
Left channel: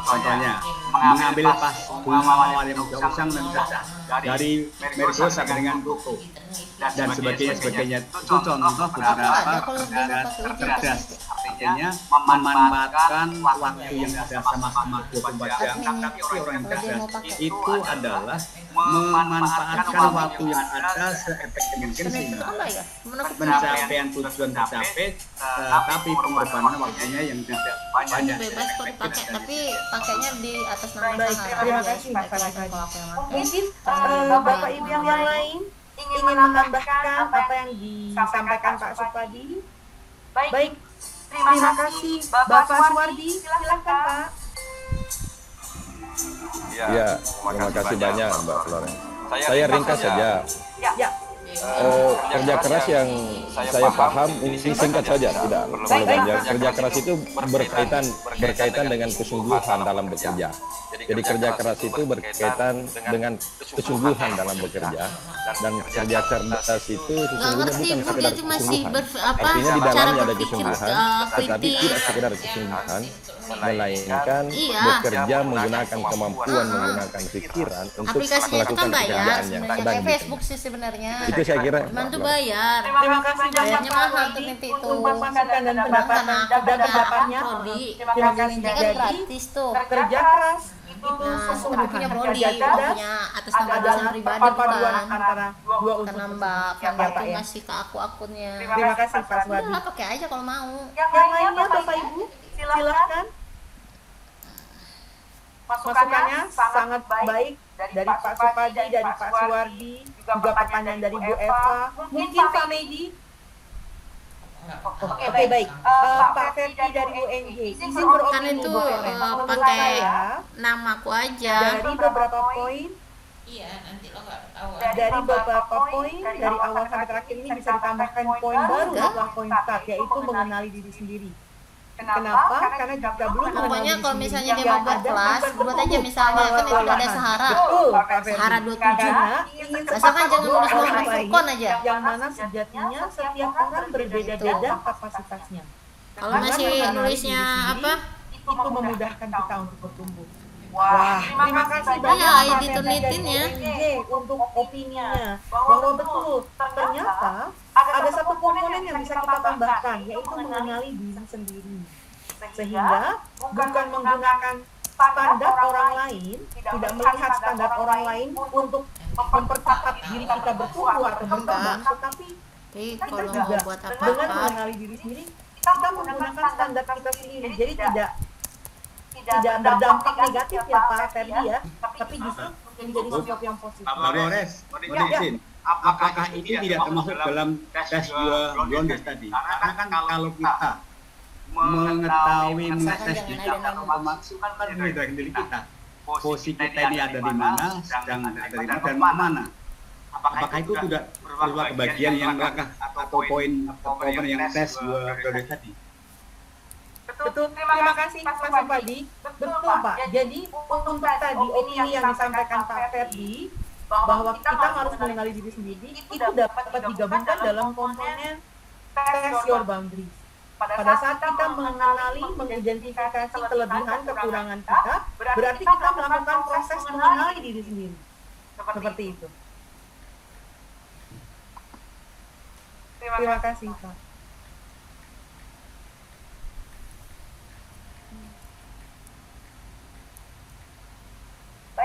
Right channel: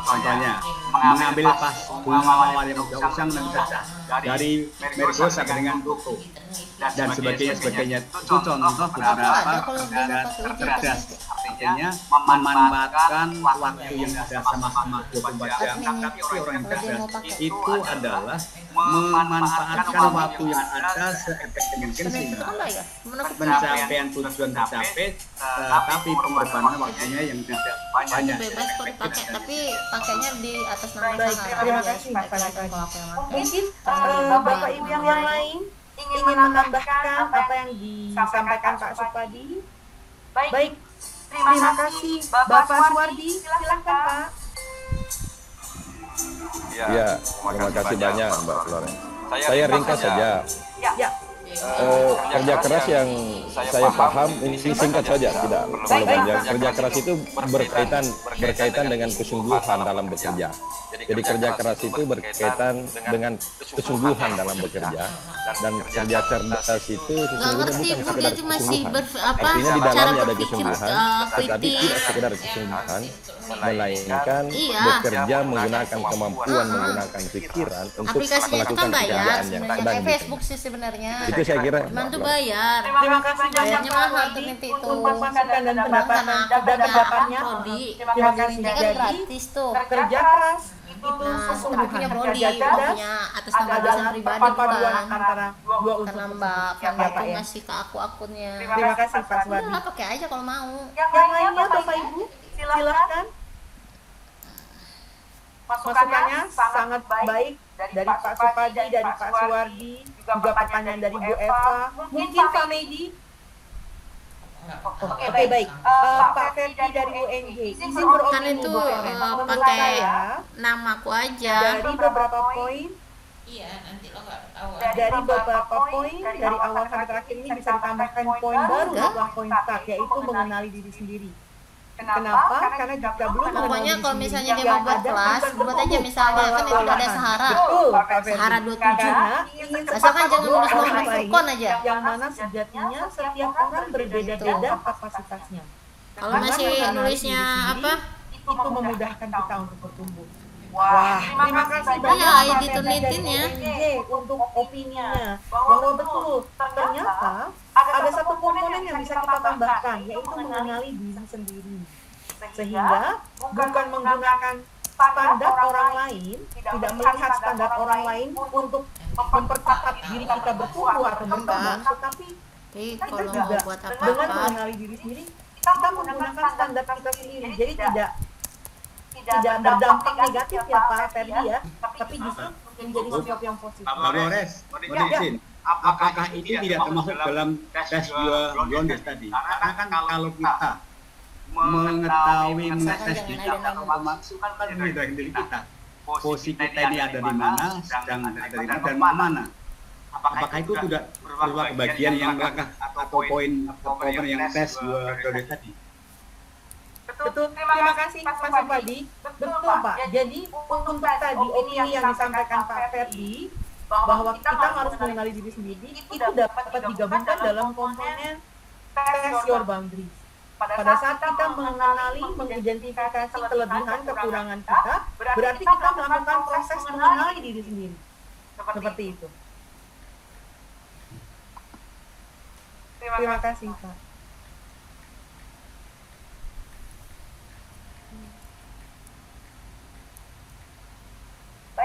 Contohnya, mengambil pas bunga mawar yang mudah usang dan dipecah. Dari Merkurius sampai dengan Pluto. Dan sebagainya. Itu contoh beberapa kerja cerdas. Artinya memanfaatkan waktu yang ada sama-sama 24 jam. Tapi orang yang cerdas itu adalah memanfaatkan waktu yang ada seefektif mungkin sehingga pencapaian tujuan tercapai, tapi pengorbanan waktunya yang tidak banyak, jadi efektif dan efisien. Terima kasih. Baik, terima kasih Pak Supadi. Mungkin Bapak Ibu yang lain ingin menambahkan apa yang disampaikan Pak Supadi? Baik, terima kasih Bapak Suwardi. Silahkan Pak. Ya, terima kasih banyak Mbak Florence. Saya ringkas saja. Ya. Kerja keras yang saya paham ini singkat saja, tidak perlu Baik, panjang. Pak. Kerja keras itu berkaitan dengan kesungguhan dalam bekerja. Jadi kerja keras itu berkaitan dengan kesungguhan dalam bekerja, dan kerja cerdas itu sesungguhnya bukan sekedar kesungguhan. Artinya di dalamnya ada kesungguhan, tetapi tidak sekedar kesungguhan, melainkan bekerja menggunakan kemampuan, menggunakan pikiran untuk melakukan pekerjaan yang sedang dikerjakan. Itu saya kira, Pak Flora. Terima kasih banyak Pak Suwardi untuk masukan dan pendapatnya. Maaf. Terima kasih. Jadi kerja keras itu kesungguhan, kerja cerdas adalah perpaduan antara dua unsur tersebut. Ya Pak ya. Terima kasih Pak Suwardi. Yang lainnya Bapak Ibu, silahkan. Masukannya sangat baik dari Pak Supadi, dari Pak Suwardi, juga pertanyaan dari Bu Eva. Mungkin Pak Medi? Oh, oke, baik. Pak Ferdi dari UNJ, izin beropini Bu Florence. Menurut saya, dari beberapa poin, dari awal sampai terakhir ini bisa ditambahkan poin baru setelah poin start, yaitu mengenali diri sendiri. Kenapa? Karena jika belum mengenal diri sendiri, yang ada bukan bertumbuh, malah kelelahan. Betul, Pak Ferdi. Karena ingin secepat growth orang lain, yang mana sejatinya setiap orang berbeda-beda kapasitasnya. Dengan mengenali diri sendiri, itu memudahkan kita untuk bertumbuh. Wah, terima kasih banyak Pak Ferdi dari UNJ untuk opininya. Bahwa betul, ternyata ada satu komponen yang bisa kita tambahkan, yaitu mengenali diri sendiri. Sehingga bukan menggunakan standar orang lain, tidak melihat standar orang lain untuk mempercepat diri kita bertumbuh atau berkembang, tetapi kita juga dengan mengenali diri sendiri, kita menggunakan standar kita sendiri. Jadi tidak berdampak negatif ya Pak Ferdi ya, tapi justru menjadi sesuatu yang positif. Pak Flores, mohon izin. Apakah itu tidak termasuk dalam tes Blondes tadi? Karena kan kalau kita mengetes diri kita, otomatis itu kan menyadarkan diri kita. Posisi kita ini ada di mana, sedang ada di mana, dan mau kemana. Apakah itu tidak berupa kebagian yang langkah atau poin yang tes Blondes tadi? Betul, terima kasih Pak Supadi. Betul Pak, jadi untuk tadi opini yang disampaikan Pak Ferdi, bahwa kita harus mengenali diri sendiri, itu dapat digabungkan dalam komponen test your boundaries. Pada saat kita mengenali, mengidentifikasi kelebihan, kekurangan kita, berarti kita melakukan proses mengenali diri sendiri. Seperti itu. Terima kasih, Pak.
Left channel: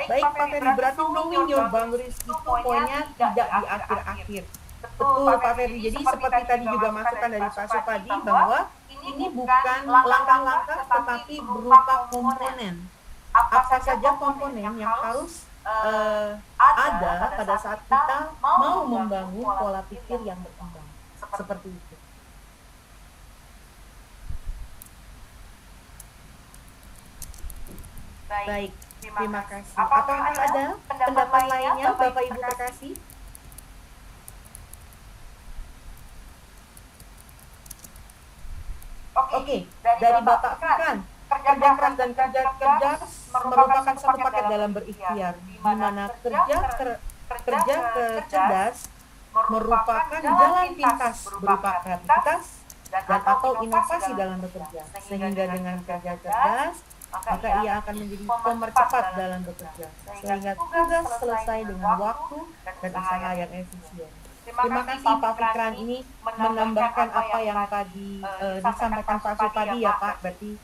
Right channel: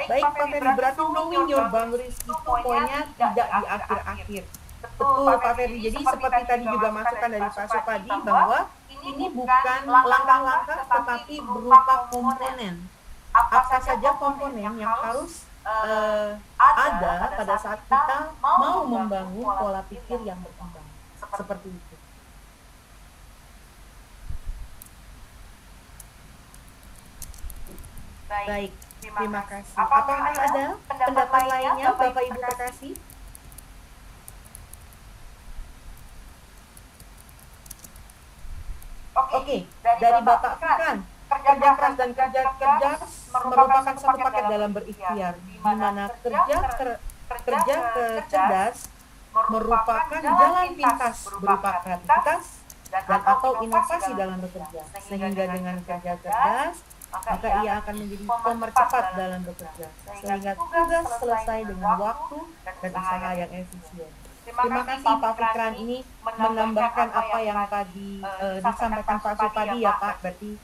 Baik, Pak Ferry, berarti knowing your boundaries itu poinnya tidak di akhir-akhir. Betul, Pak Ferry. Jadi seperti tadi juga masukan dari Pak Supadi bahwa ini bukan langkah-langkah tetapi berupa komponen. Apa saja komponen yang harus ada pada saat kita mau membangun pola pikir yang berkembang. Seperti itu. Baik, terima kasih. Apakah ada pendapat lainnya, Bapak Ibu terkasih? Oke, dari Bapak Fikran, kerja keras dan kerja cerdas merupakan satu paket dalam berikhtiar, di mana kerja cerdas merupakan jalan pintas berupa kreativitas dan atau inovasi dalam bekerja. Sehingga dengan kerja cerdas, maka ia akan menjadi pemercepat dalam bekerja. Sehingga tugas selesai dengan waktu dan usaha yang efisien. Terima kasih Pak Fikran, ini menambahkan apa yang tadi disampaikan Pak Supadi ya Pak, berarti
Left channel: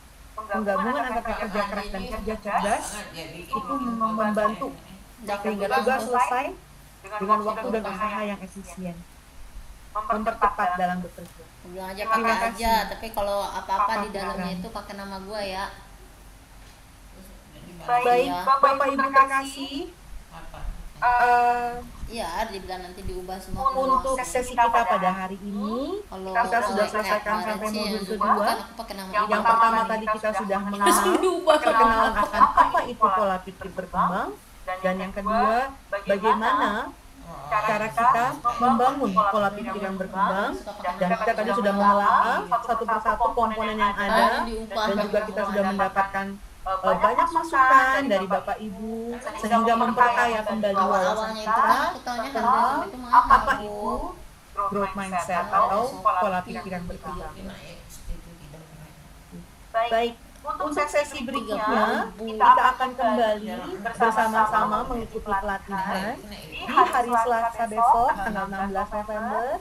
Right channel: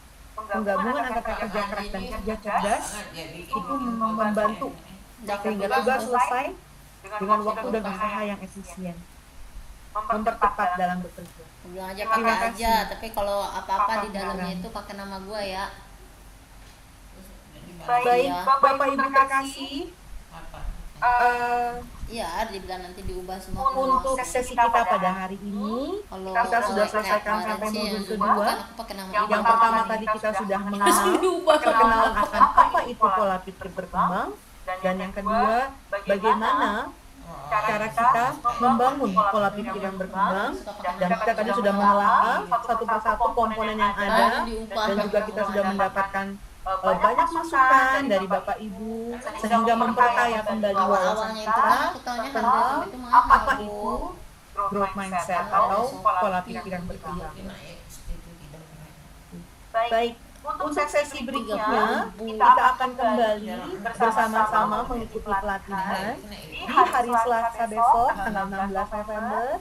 penggabungan antara kerja keras dan kerja cerdas itu membantu sehingga tugas selesai dengan waktu dan usaha yang efisien, mempercepat dalam bekerja. Terima kasih Pak Fikran. Baik, Bapak Ibu terkasih, untuk sesi kita pada hari ini, kita sudah selesaikan sampai modul kedua. Yang pertama tadi kita sudah mengenal, perkenalan akan apa itu pola pikir berkembang. Dan yang kedua, bagaimana cara kita membangun pola pikir yang berkembang. Dan kita tadi sudah menelaah satu persatu komponen yang ada. Dan juga kita sudah mendapatkan banyak masukan dari Bapak Ibu, sehingga memperkaya kembali wawasan kita tentang apa itu growth mindset atau pola pikir yang berkembang. Baik, Untuk sesi berikutnya, kita akan kembali bersama-sama mengikuti pelatihan di hari Selasa besok, tanggal 16 November.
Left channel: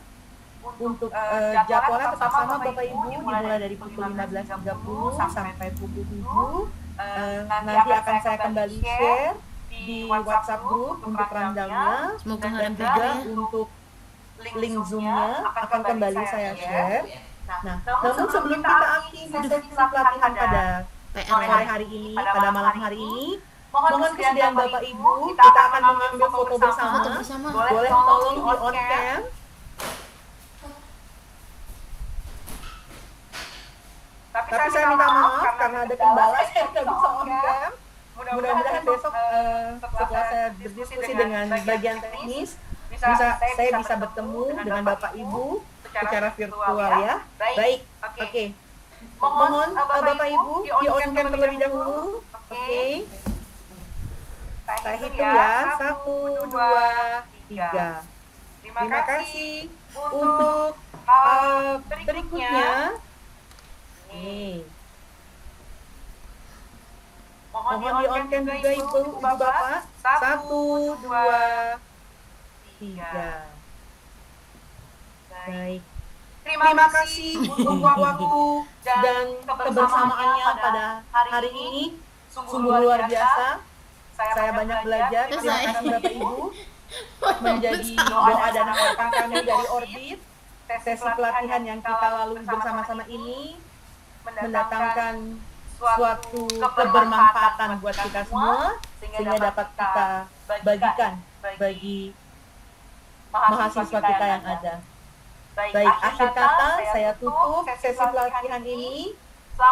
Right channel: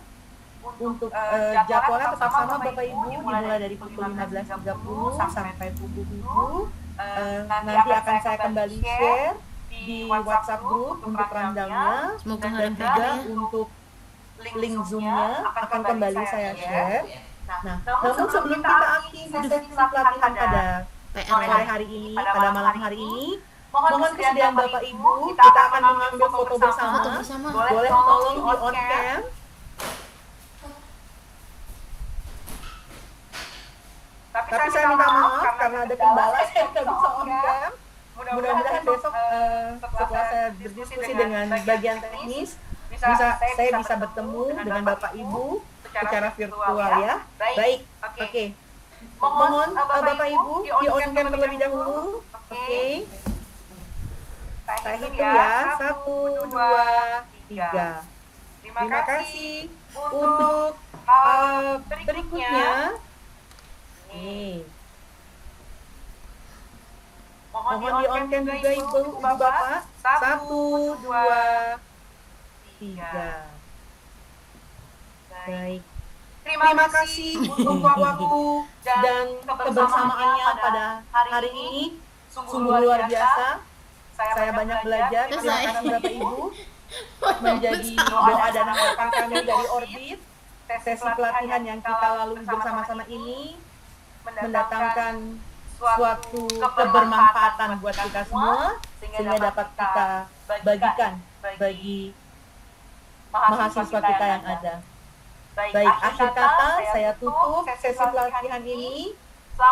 Untuk jadwalnya tetap sama Bapak Ibu, dimulai dari pukul 15.30 sampai pukul 7. Nanti akan saya kembali share di WhatsApp group untuk rundown-nya, dan juga untuk link Zoom-nya akan kembali saya share. Nah, namun sebelum kita akhiri sesi pelatihan pada sore hari ini, pada malam hari ini, mohon kesediaan Bapak Ibu, kita akan mengambil foto bersama. Boleh tolong di on cam. Tapi saya minta maaf karena ada kendala, saya tidak bisa on cam. Mudah-mudahan besok setelah saya berdiskusi dengan bagian teknis, saya bisa bertemu dengan Bapak Ibu secara virtual ya. Baik, oke. Mohon Bapak Ibu di on cam terlebih dahulu. Oke. Saya hitung ya. 1, 2, 3. Terima kasih. Untuk berikutnya, nih. Mohon di on cam juga Ibu Bapak. 1, 2, 3. Baik. Terima kasih untuk waktu dan kebersamaannya pada hari ini. Sungguh luar biasa. Saya banyak belajar. Terima kasih Bapak Ibu. Menjadi doa dan harapan kami dari Orbit. Sesi pelatihan yang kita lalui bersama-sama ini mendatangkan suatu kebermanfaatan buat kita semua, sehingga dapat kita bagikan bagi mahasiswa kita yang ada. Baik, akhir kata saya tutup sesi pelatihan ini.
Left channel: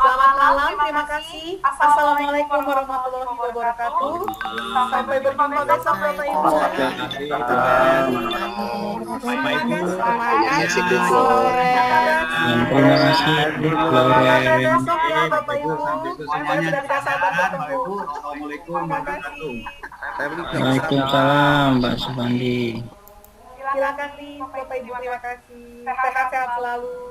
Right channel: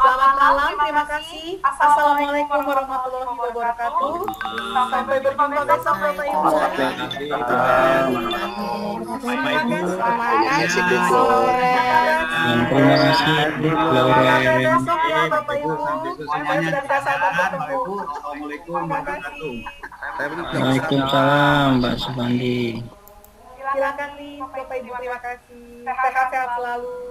Selamat malam, terima kasih. Assalamualaikum warahmatullahi wabarakatuh. Sampai berjumpa besok Bapak Ibu. Terima kasih. Terima kasih. Terima kasih, Lauren. Terima kasih, sampai besok ya Bapak Ibu. Saya sudah tidak sabar bertemu. Assalamualaikum Terima kasih. Waalaikumsalam, Mbak Supandi. Silakan nih Bapak Ibu, terima kasih. Sehat-sehat selalu.